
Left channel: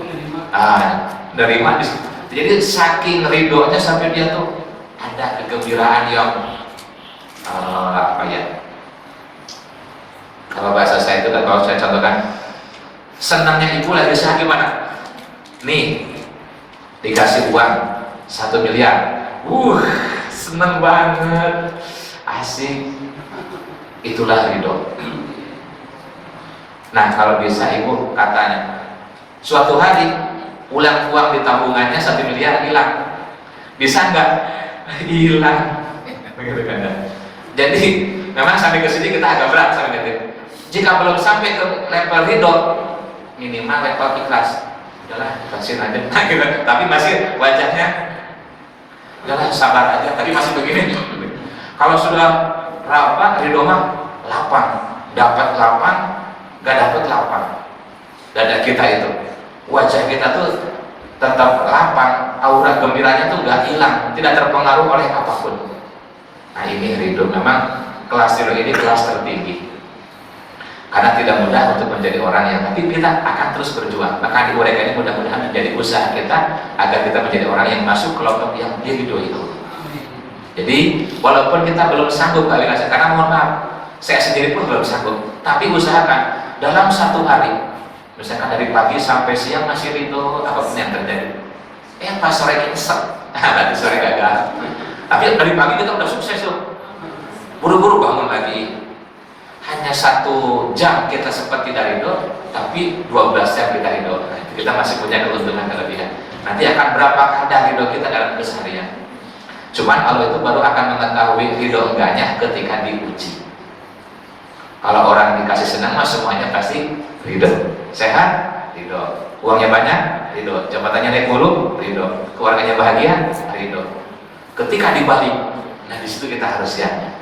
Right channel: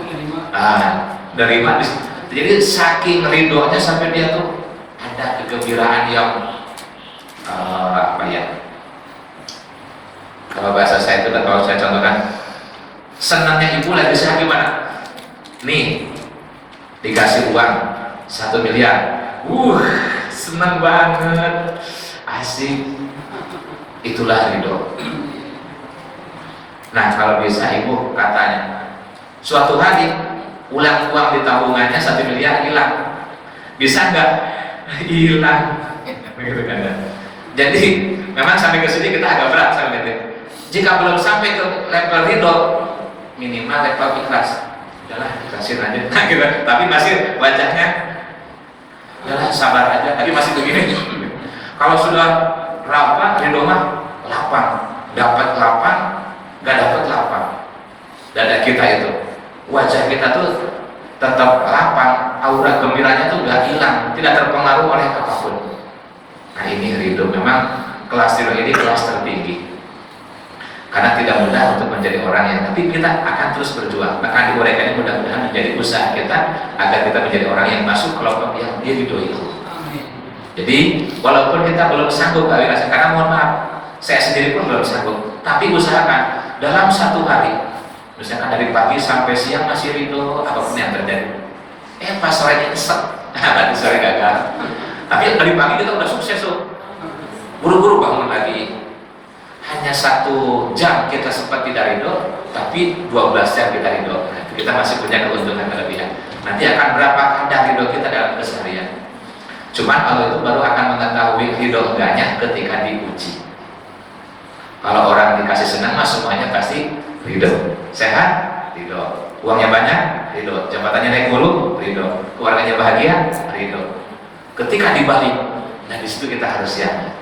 nerima. Jadi saking ridhonya sampai dia tuh ada kegembiraan yang kalau bahasa saya itu kan kalau saya contohkan senangnya ibu lagi usaha gimana? Nih dikasih uang 1 miliar, seneng banget, asik, itulah ridho. Nah kalau bisa ibu katanya suatu hari ulang uang di tabungannya 1 miliar hilang, bisa nggak? Hilang, begitu kan ya. Jadi memang sampai ke sini kita agak berat sampai gitu. Jika belum sampai ke level ridho, minimal level ikhlas. Udahlah ikhlasin aja. Nah, gitu. Tapi masih wajahnya, udahlah sabar aja. Tapi masih begini. Kalau sudah berapa ridho mah 8, dapat 8, nggak dapat 8. Dada kita itu, wajah kita tuh tetap lapang, aura gembiranya tuh nggak hilang, tidak terpengaruh oleh apapun. Nah ini ridho, memang kelas ridho ini kelas tertinggi. Karena tidak mudah untuk menjadi orang yang, tapi kita akan terus berjuang. Maka diuraikan ini mudah-mudahan menjadi usaha kita agar kita menjadi orang yang masuk kelompok yang diridhoi Allah. Jadi walaupun kita belum sanggup Pak Wirasa, karena mohon maaf, saya sendiri pun belum sanggup, tapi usahakan dalam 1 hari. Misalkan dari pagi sampai siang masih ridho apapun yang terjadi. Pas sore nyesek, nanti sore gagal. Tapi dari pagi kita udah sukses tuh. Buru-buru bangun lagi. Hanya 1 jam kita sempat tidak ridho, tapi 12 jam kita ridho. Nah, kita masih punya keuntungan kelebihan. Nanti akan berapa kadar ridho kita dalam keseharian. Cuman Allah itu baru akan mengetahui ridho enggaknya ketika diuji. Kalau orang dikasih senang mah semuanya pasti ridho. Sehat, ridho. Uangnya banyak, ridho. Jabatannya naik mulu, ridho. Keluarganya bahagia, ridho. Ketika dibalik, nah di situ kita harus siap.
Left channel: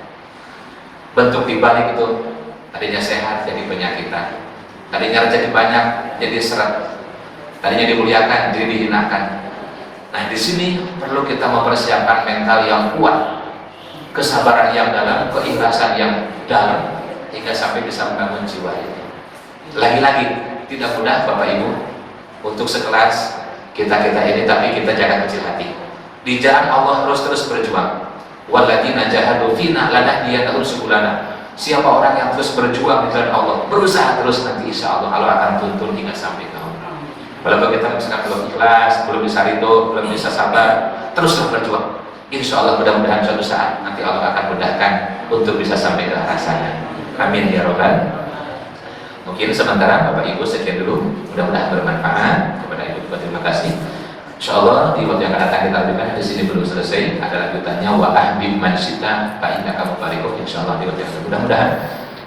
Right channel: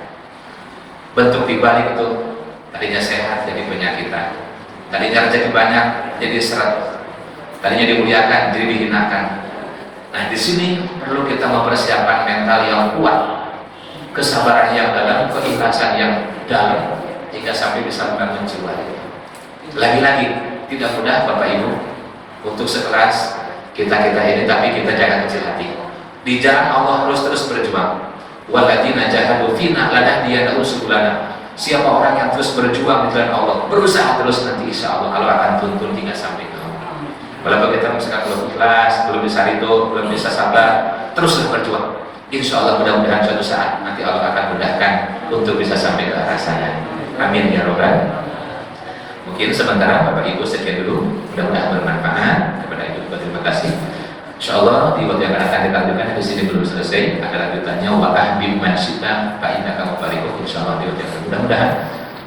Bentuk dibalik itu tadinya sehat jadi penyakitan, tadinya rezeki banyak jadi seret, tadinya dimuliakan jadi dihinakan. Nah di sini perlu kita mempersiapkan mental yang kuat, kesabaran yang dalam, keikhlasan yang dalam, hingga sampai bisa membangun jiwa kita. Lagi-lagi tidak mudah Bapak Ibu untuk sekelas kita ini, tapi kita jangan kecil hati. Di jalan Allah harus terus berjuang. Walladzina jahadu fina lanahdiyannahum subulana. Siapa orang yang terus berjuang di jalan Allah, berusaha terus, nanti insya Allah Allah akan tuntun hingga sampai ke Allah. Walaupun kita misalkan belum ikhlas, belum bisa ridho, belum bisa sabar, teruslah berjuang. Insya Allah mudah-mudahan suatu saat nanti Allah akan mudahkan untuk bisa sampai ke arah sana. Amin ya robbal. Mungkin sementara Bapak Ibu sekian dulu, mudah-mudahan bermanfaat. Kepada Ibu terima kasih. Insya Allah di waktu yang akan datang kita lanjutkan. Di sini belum selesai, ada lanjutannya wa ahbib man syita fa innaka mubarikuh. Insya Allah di waktu yang mudah-mudahan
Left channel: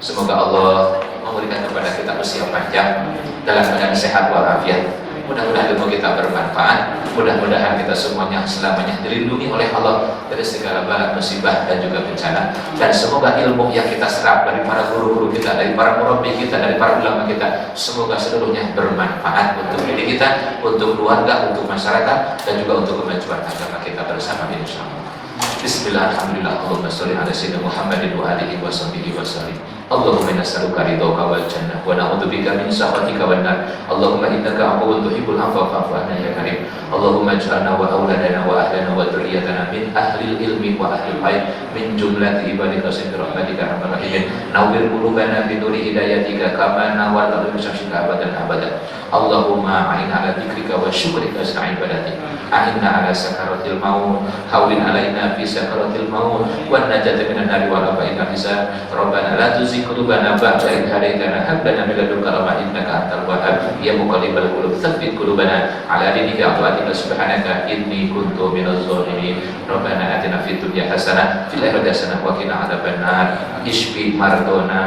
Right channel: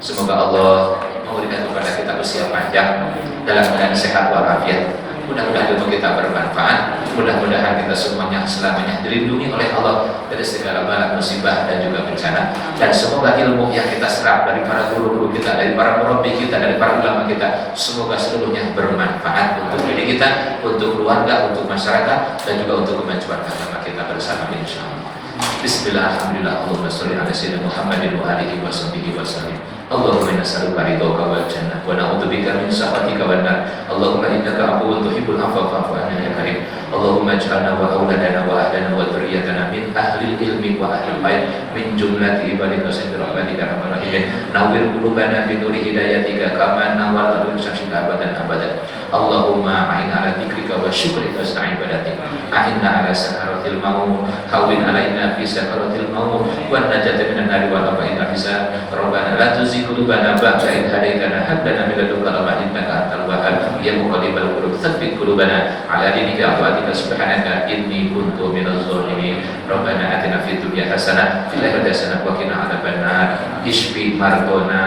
semoga Allah memberikan kepada kita usia panjang dalam keadaan sehat walafiat. Mudah-mudahan ilmu kita bermanfaat. Mudah-mudahan kita semuanya selamanya dilindungi oleh Allah dari segala bala musibah dan juga bencana. Dan semoga ilmu yang kita serap dari para guru-guru kita, dari para murabbi kita, dari para ulama kita, semoga seluruhnya bermanfaat untuk diri kita, untuk keluarga, untuk masyarakat, dan juga untuk kemajuan agama kita bersama insyaallah. Bismillah, alhamdulillah, Allahumma sholli ala sayyidina Muhammadin wa alihi wa sahbihi wa sallim. Allahumma inna nas'aluka ridhaka wal jannah wa na'udzubika min sakhatika wan nar. Allahumma innaka 'afuwwun tuhibbul 'afwa fa'fu 'anna ya karim. Allahumma ij'alna wa auladana wa ahlana wa dzurriyyatana min ahli ilmi wa ahli khair min jumlati ibadika bi rahmatika ya arhamar rahimin. Nawwir qulubana bi nuri hidayatika kama nawwarta bi syamsika abadan abadan. Allahumma a'inna 'ala dzikrika wa syukrika wa husni ibadatik. A'inna 'ala sakaratil maut, hawwin 'alaina fi sakaratil maut wa najata minan nar wa laqina bisa. Rabbana la tuzigh qulubana ba'da idh hadaitana hab lana min ladunka rahmatan innaka antal wahhab ya muqallibal qulub tsabbit qulubana 'ala dinika wa atika subhanaka inni kuntu minadh dhalimin. Rabbana atina fid dunya hasanah fil akhirati hasanah wa qina adzabannar. Ishfi mardona,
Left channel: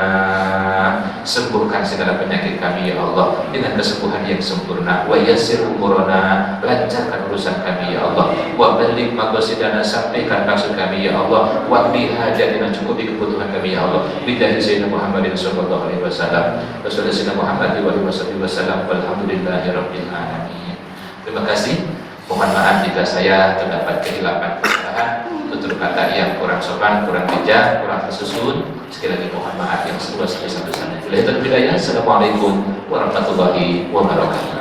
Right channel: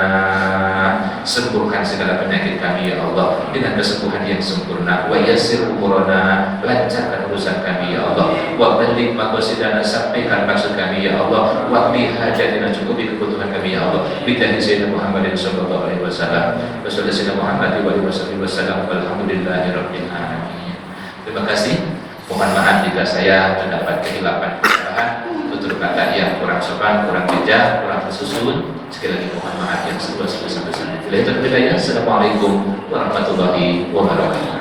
sembuhkan segala penyakit kami ya Allah dengan kesembuhan yang sempurna. Wa yassir umurana, lancarkan urusan kami ya Allah. Wa balligh maqasidana, sampaikan maksud kami ya Allah. Wa qdi hajatina, cukupi kebutuhan kami ya Allah. Billahi sayyidina Muhammadin sallallahu alaihi wasallam. Wa sallallahu Muhammadin wa alihi wasallam. Walhamdulillahirabbil alamin. Terima kasih. Mohon maaf jika saya terdapat kehilapan kesalahan, tutur kata yang kurang sopan, kurang bijak, kurang tersusun. Sekali lagi mohon maaf yang seluas-luasnya. Assalamualaikum warahmatullahi wabarakatuh.